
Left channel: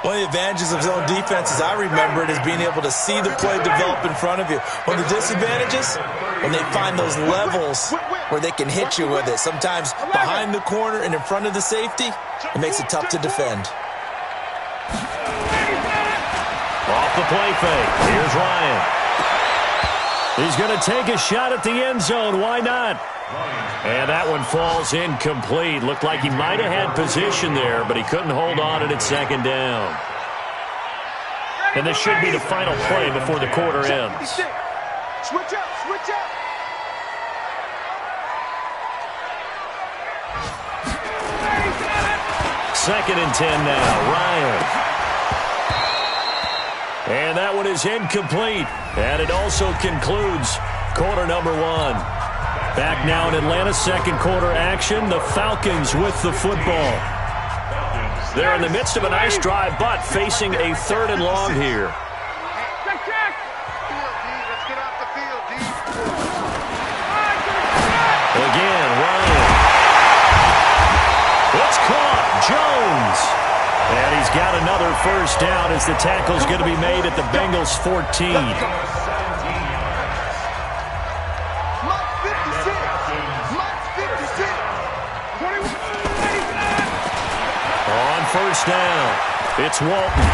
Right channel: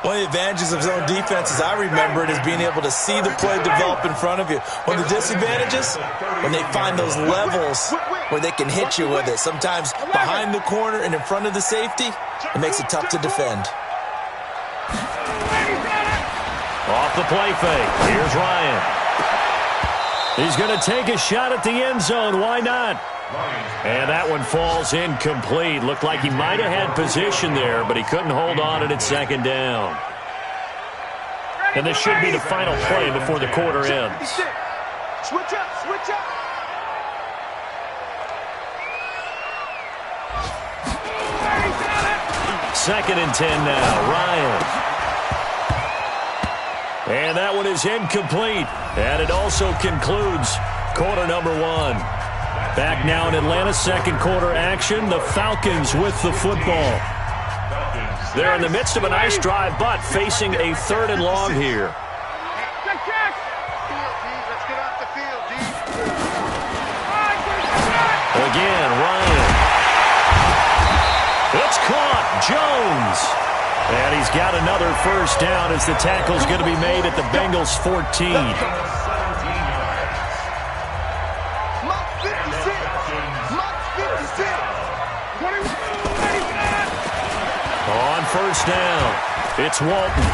One of the advantages of zone defense, as I remember it, is being able to see the play develop in front of you. One of the disadvantages, when they find those levels where they can hit you with it, sometimes behind the corner and in front of the safety, it makes it tough to defend. Off the play fake. Here's Ryan. He's going to take a shot at the end zone. Why not? And that one falls incomplete. Looked like he might have had position there, but he couldn't hold on at second down. And this should be the final play before the quarter ends. Switch up, switch up. Second and 10 now. Ryan. And that one is incomplete. And it also concludes quarter number one. Back now in Atlanta, second quarter action. The Falcons with the football. They're in the midst of a nice drive, but facing a third and long here. Check, check. Field, D. Let's get off the field, D. Again, Ryan. It's caught. Jones. And he's got another first down as the tackle's going to be made at the Bengals 14. On first down, it's Walton.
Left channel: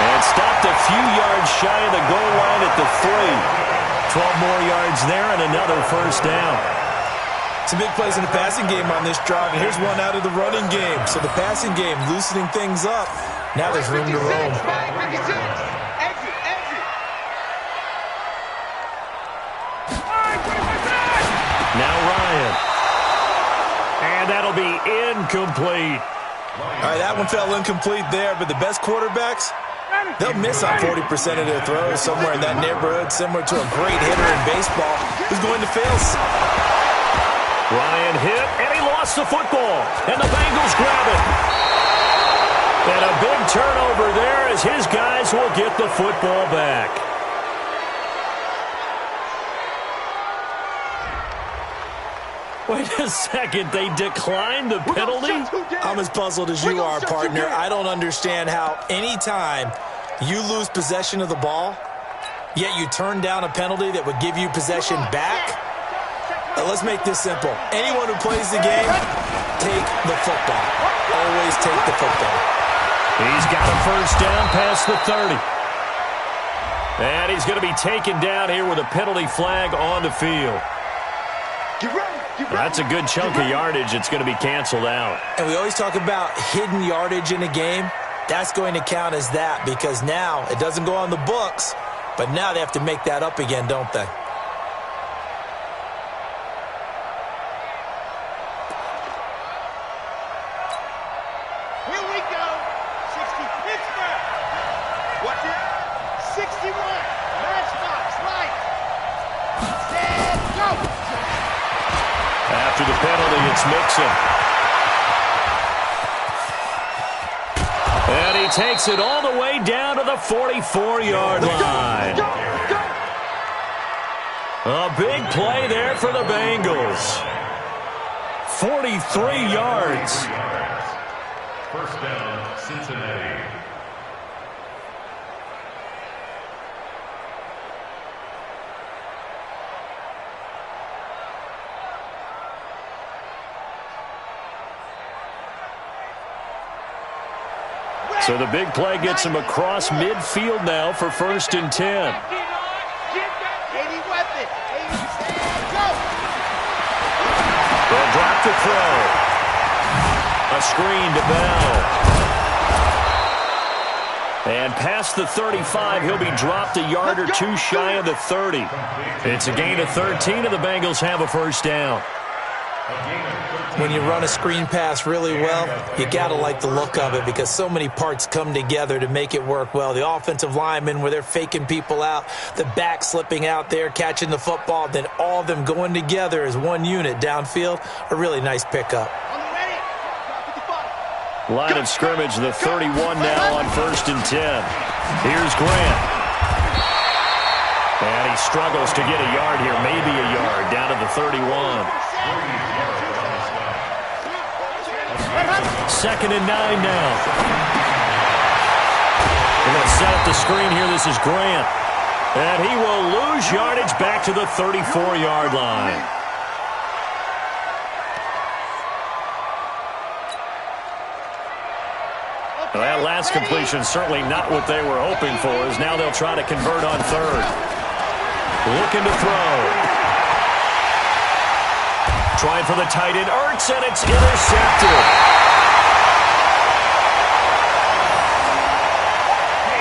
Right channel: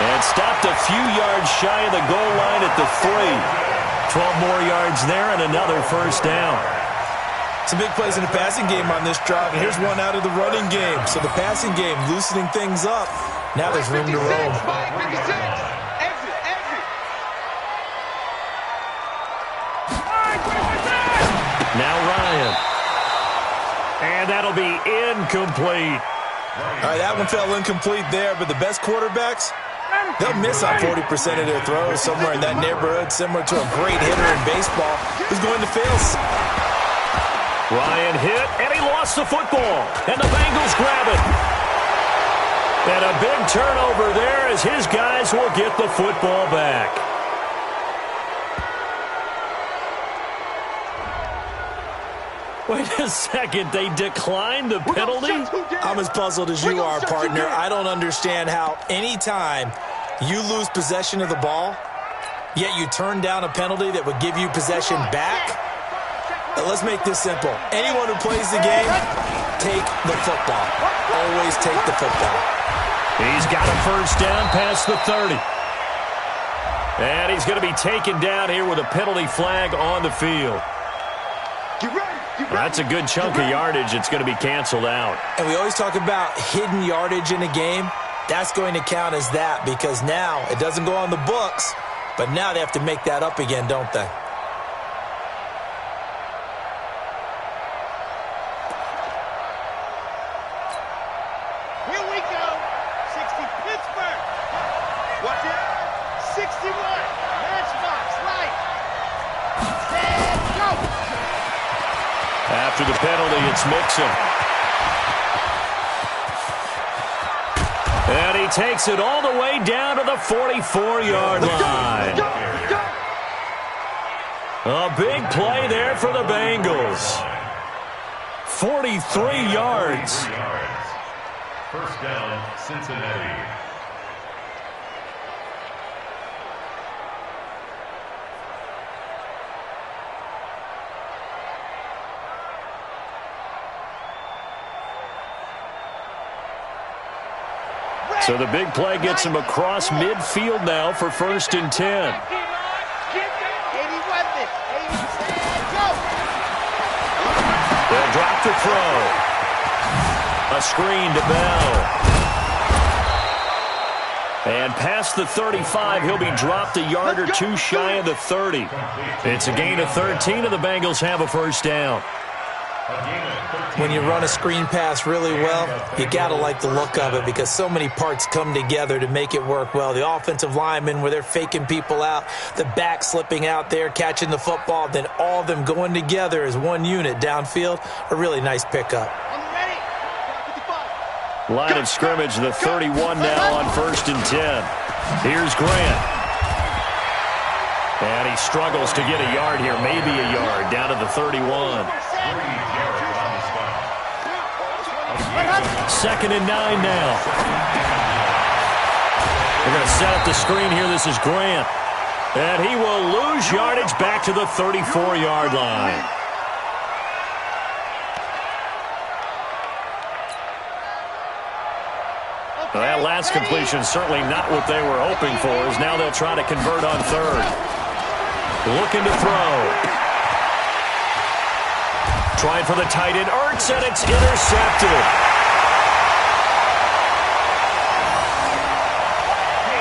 And stopped a few yards shy of the goal line at the 3. 12 more yards there and another first down. Some big plays in the passing game on this drive, and here's one out of the running game. So the passing game loosening things up. Now there's room to roam. Exit, exit. Now Ryan. And that'll be incomplete. All right, that one fell incomplete there, but the best quarterbacks, they'll miss on 40% of their throws somewhere in that neighborhood, similar to a great hitter in baseball who's going to fail. Ryan hit, and he lost the football. And the Bengals grab it. And a big turnover there as his guys will get the football back. Wait a second, they declined the penalty? I'm as puzzled as you are, partner. I don't understand how anytime you lose possession of the ball, yet you turn down a penalty that would give you possession back. Let's make this simple. Anyone who plays the game, take the football. Always take the football. He's got a first down past the 30. And he's going to be taken down here with a penalty flag on the field. Get ready. That's a good chunk of yardage. It's going to be canceled out. And we always talk about hidden yardage in a game. That's going to count as that because now it doesn't go on the books, but now they have to make that up again, don't they? Here we go. 60 Pittsburgh. Watch it. 61. Matchbox light. Set, go. After the penalty, it's Mixon. And he takes it all the way down to the 44-yard line. A big play there for the Bengals. 43 yards. First down, Cincinnati. So the big play gets him across midfield now for first and 10. They'll drop the throw. A screen to Bell. And past the 35, he'll be dropped a yard or two shy of the 30. It's a gain of 13, and the Bengals have a first down. When you run a screen pass really well, you got to like the look of it because so many parts come together to make it work well. The offensive linemen, where they're faking people out, the back slipping out there, catching the football, then all of them going together as one unit downfield, a really nice pickup. Line of scrimmage, the 31 now on first and 10. Here's Grant. And he struggles to get a yard here, maybe a yard, down to the 31. Second and 9 now. They're going to set up the screen here. This is Grant. And he will lose yardage back to the 34-yard line. Well, that last completion certainly not what they were hoping for, as now they'll try to convert on third. Looking to throw. Trying for the tight end, Ertz, and it's intercepted.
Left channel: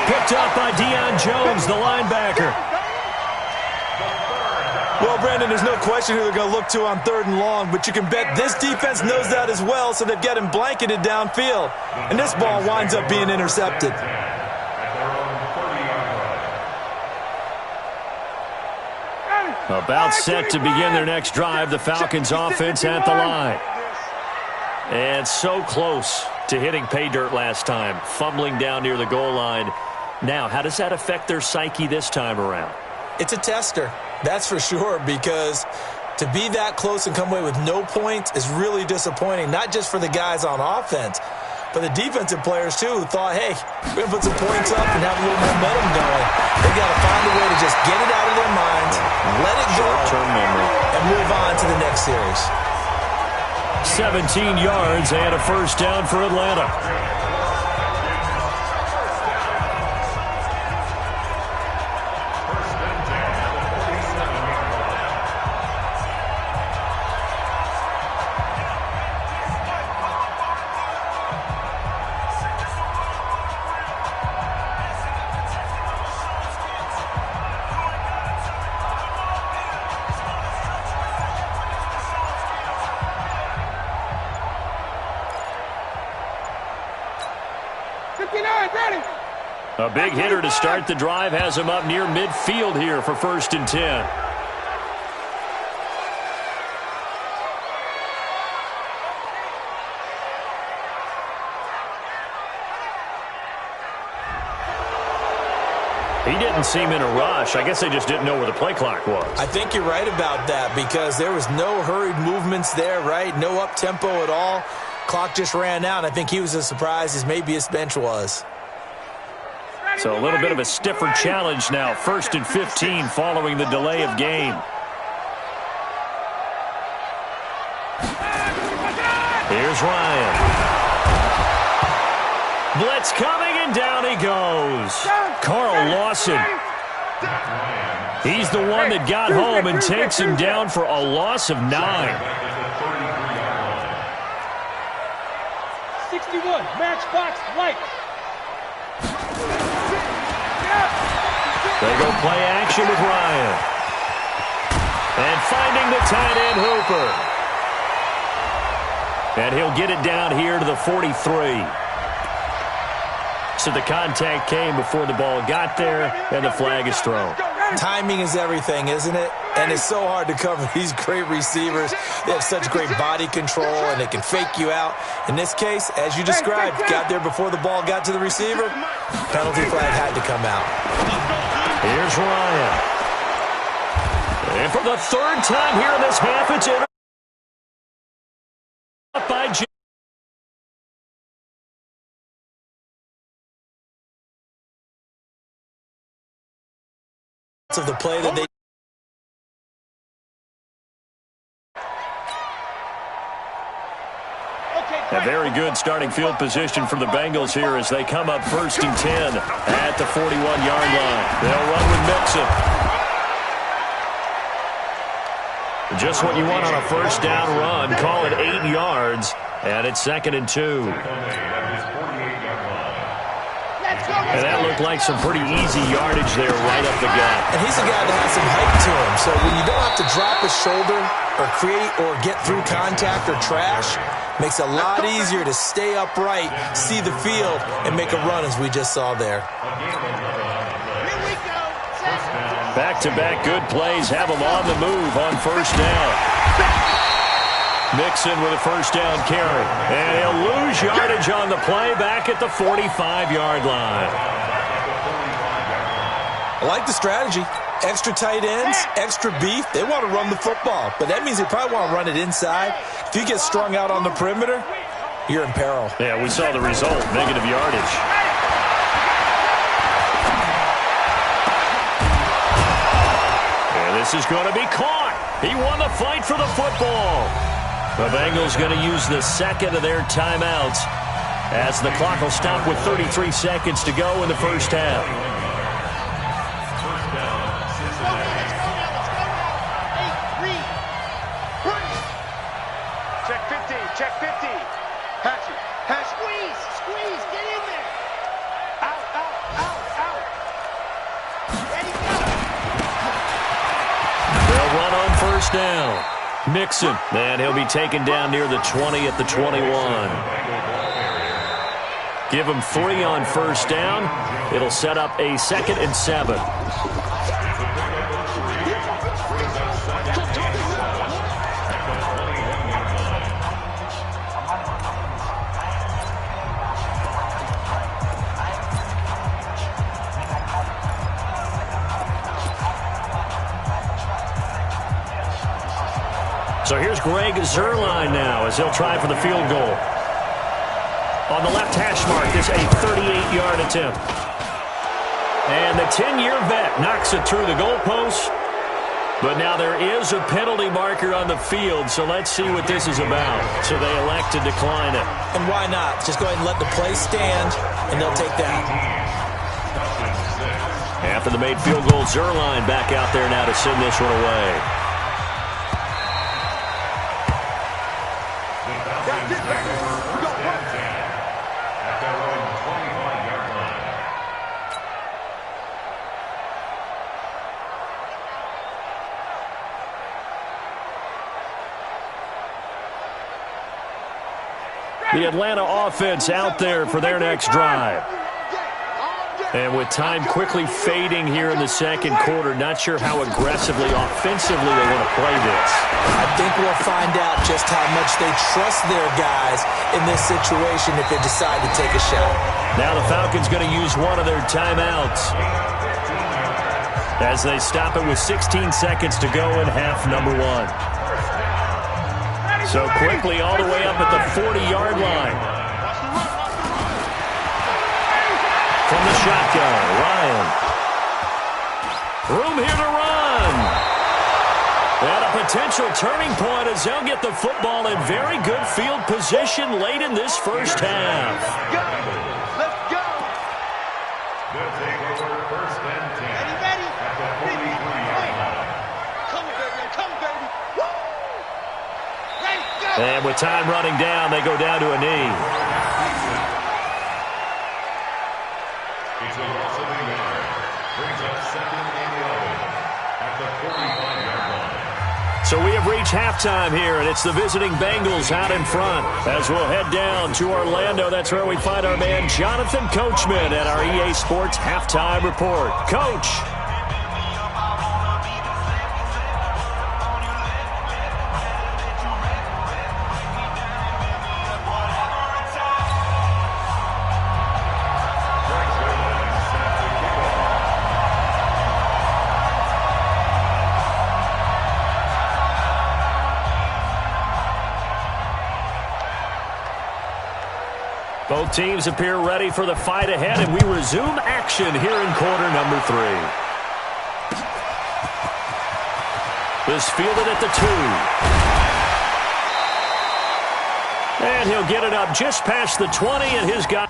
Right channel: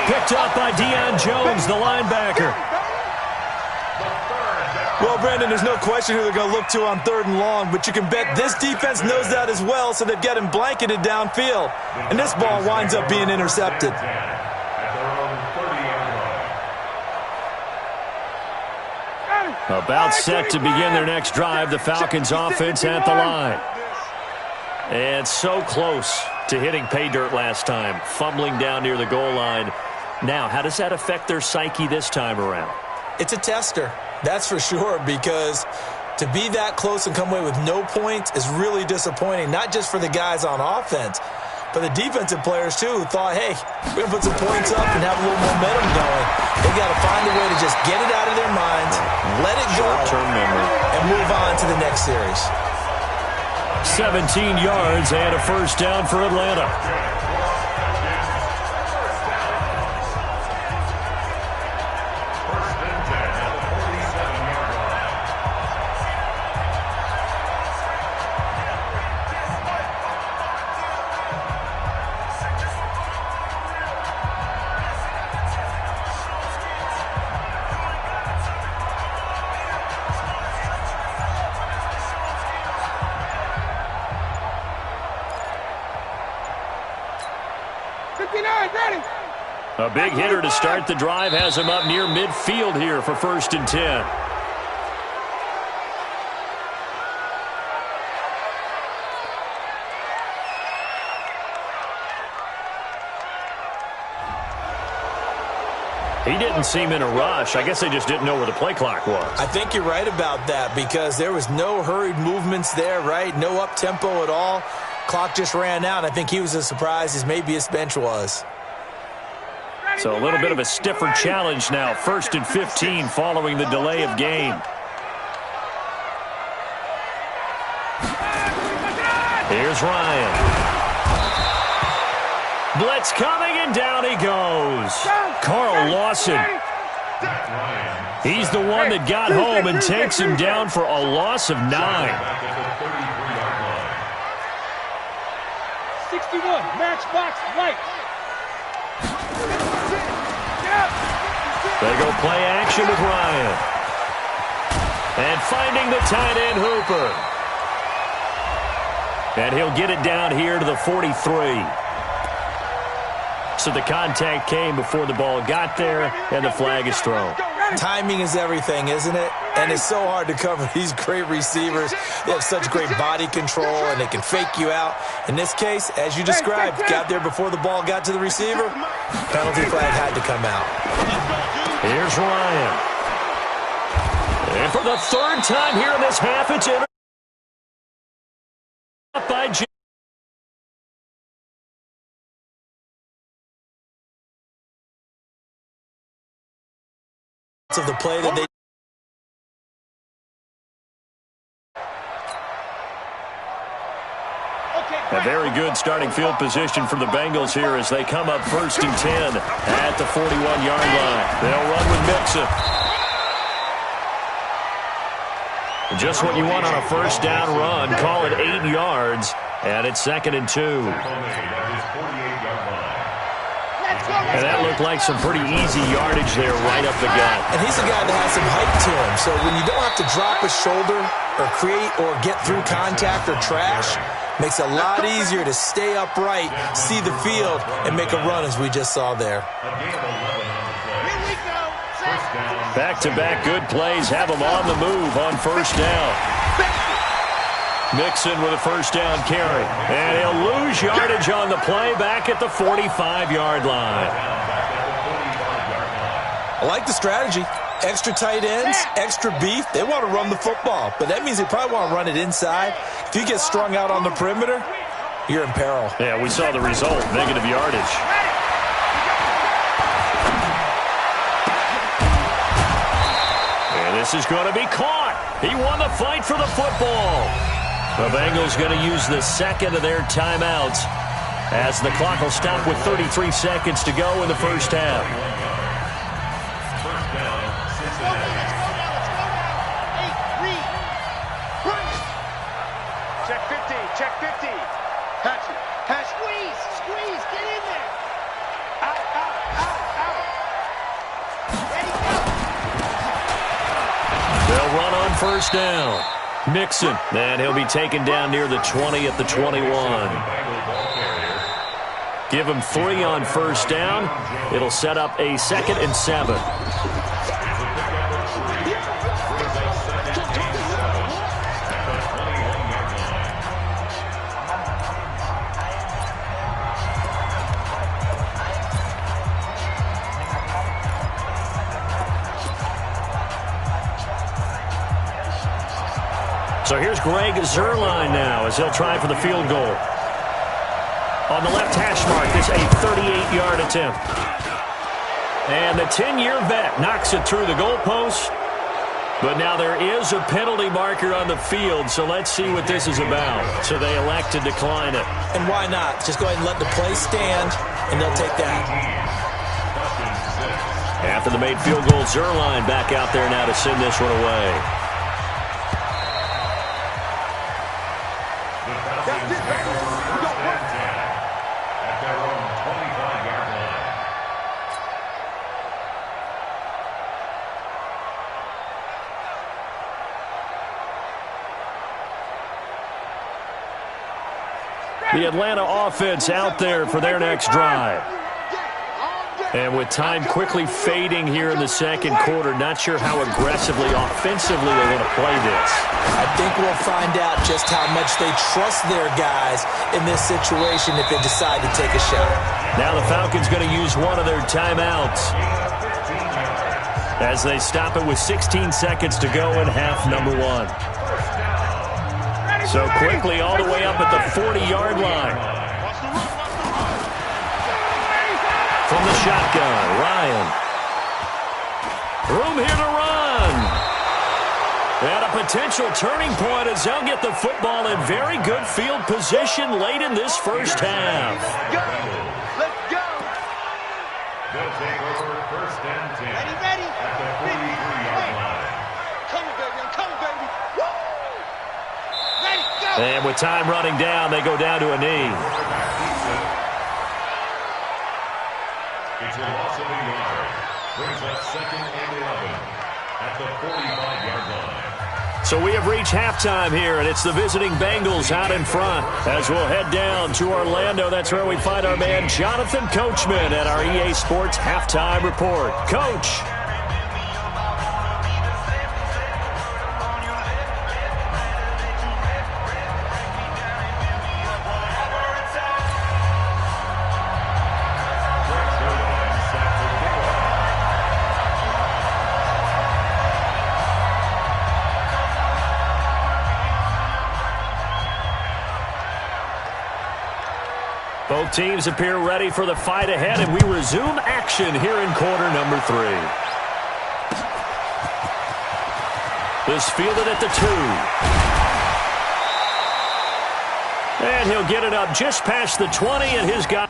Picked up by Deion Jones, the linebacker. Well, Brandon, there's no question who they're going to look to on 3rd and long, but you can bet this defense knows that as well, so they've got him blanketed downfield. And this ball winds up being intercepted. About set to begin their next drive, the Falcons offense at the line. And so close to hitting pay dirt last time, fumbling down near the goal line. Now, how does that affect their psyche this time around? It's a tester, that's for sure, because to be that close and come away with no points is really disappointing, not just for the guys on offense, but the defensive players, too, who thought, hey, we're going to put some points up and have a little momentum going. They got to find a way to just get it out of their minds, let it go, short-term memory, and move on to the next series. 17 yards and a first down for Atlanta. A big hitter to start the drive has him up near midfield here for 1st and 10. He didn't seem in a rush. I guess they just didn't know where the play clock was. I think you're right about that because there was no hurried movements there, right? No up-tempo at all. Clock just ran out. I think he was as surprised as maybe his bench was. So a little bit of a stiffer challenge now. 1st and 15 following the delay of game. Here's Ryan. Blitz coming, and down he goes. Carl Lawson. He's the one that got home and takes him down for a loss of 9. 61, matchbox light. They go play action with Ryan. And finding the tight end Hooper. And he'll get it down here to the 43. So the contact came before the ball got there, and the flag is thrown. Timing is everything, isn't it? And it's so hard to cover these great receivers. They have such great body control, and they can fake you out. In this case, as you described, got there before the ball got to the receiver. Penalty flag had to come out. Here's Ryan. And for the 3rd time here in this half, it's in by Jim. Of the play that they a very good starting field position for the Bengals here as they come up 1st and 10 at the 41-yard line. They'll run with Mixon. Just what you want on a 1st down run. Call it 8 yards, and it's 2nd and 2. And that looked like some pretty easy yardage there right up the gut. And he's a guy that has some height to him. So when you don't have to drop a shoulder or create or get through contact or trash, makes it a lot easier to stay upright, see the field, and make a run as we just saw there. Back-to-back good plays have them on the move on 1st down. Mixon with a 1st down carry. And he'll lose yardage on the play back at the 45-yard line. I like the strategy. Extra tight ends, extra beef. They want to run the football, but that means they probably want to run it inside. If you get strung out on the perimeter, you're in peril. Yeah, we saw the result, negative yardage. And this is going to be caught. He won the fight for the football. The Bengals going to use the 2nd of their timeouts as the clock will stop with 33 seconds to go in the first half. First down, Cincinnati. Let's go now. Hey, read. Check 50, check 50. Hatch it. Squeeze, get in there. Out. Ready, go. They'll run on first down. Mixon, and he'll be taken down near the 20 at the 21. Give him 3 on first down. It'll set up a 2nd and 7. So here's Greg Zuerlein now as he'll try for the field goal. On the left hash mark, this a 38-yard attempt. And the 10-year vet knocks it through the goalpost. But now there is a penalty marker on the field, so let's see what this is about. So they elect to decline it. And why not? Just go ahead and let the play stand, and they'll take that. After the made field goal, Zuerlein back out there now to send this one away. That's it, baby. We go work. At their own 25-yard line. The Atlanta offense out there for their next drive. And with time quickly fading here in the second quarter, not sure how aggressively, offensively they want to play this. I think we'll find out just how much they trust their guys in this situation if they decide to take a shot. Now the Falcons going to use one of their timeouts as they stop it with 16 seconds to go in half number 1. So quickly all the way up at the 40-yard line. From the shotgun, Ryan. Room here to run. And a potential turning point as they'll get the football in very good field position late in this first half. Let's go. They'll take over first and 10. Ready. At the 43-yard line. I'm coming, baby. Woo! Ready, go. And with time running down, they go down to a knee. It's a loss of a yard. Brings up 2nd and 11 at the 45-yard line. So we have reached halftime here, and it's the visiting Bengals out in front. As we'll head down to Orlando, that's where we find our man Jonathan Coachman at our EA Sports Halftime Report. Coach. Both teams appear ready for the fight ahead, and we resume action here in quarter number 3. This fielded at the 2. And he'll get it up just past the 20, and his guy...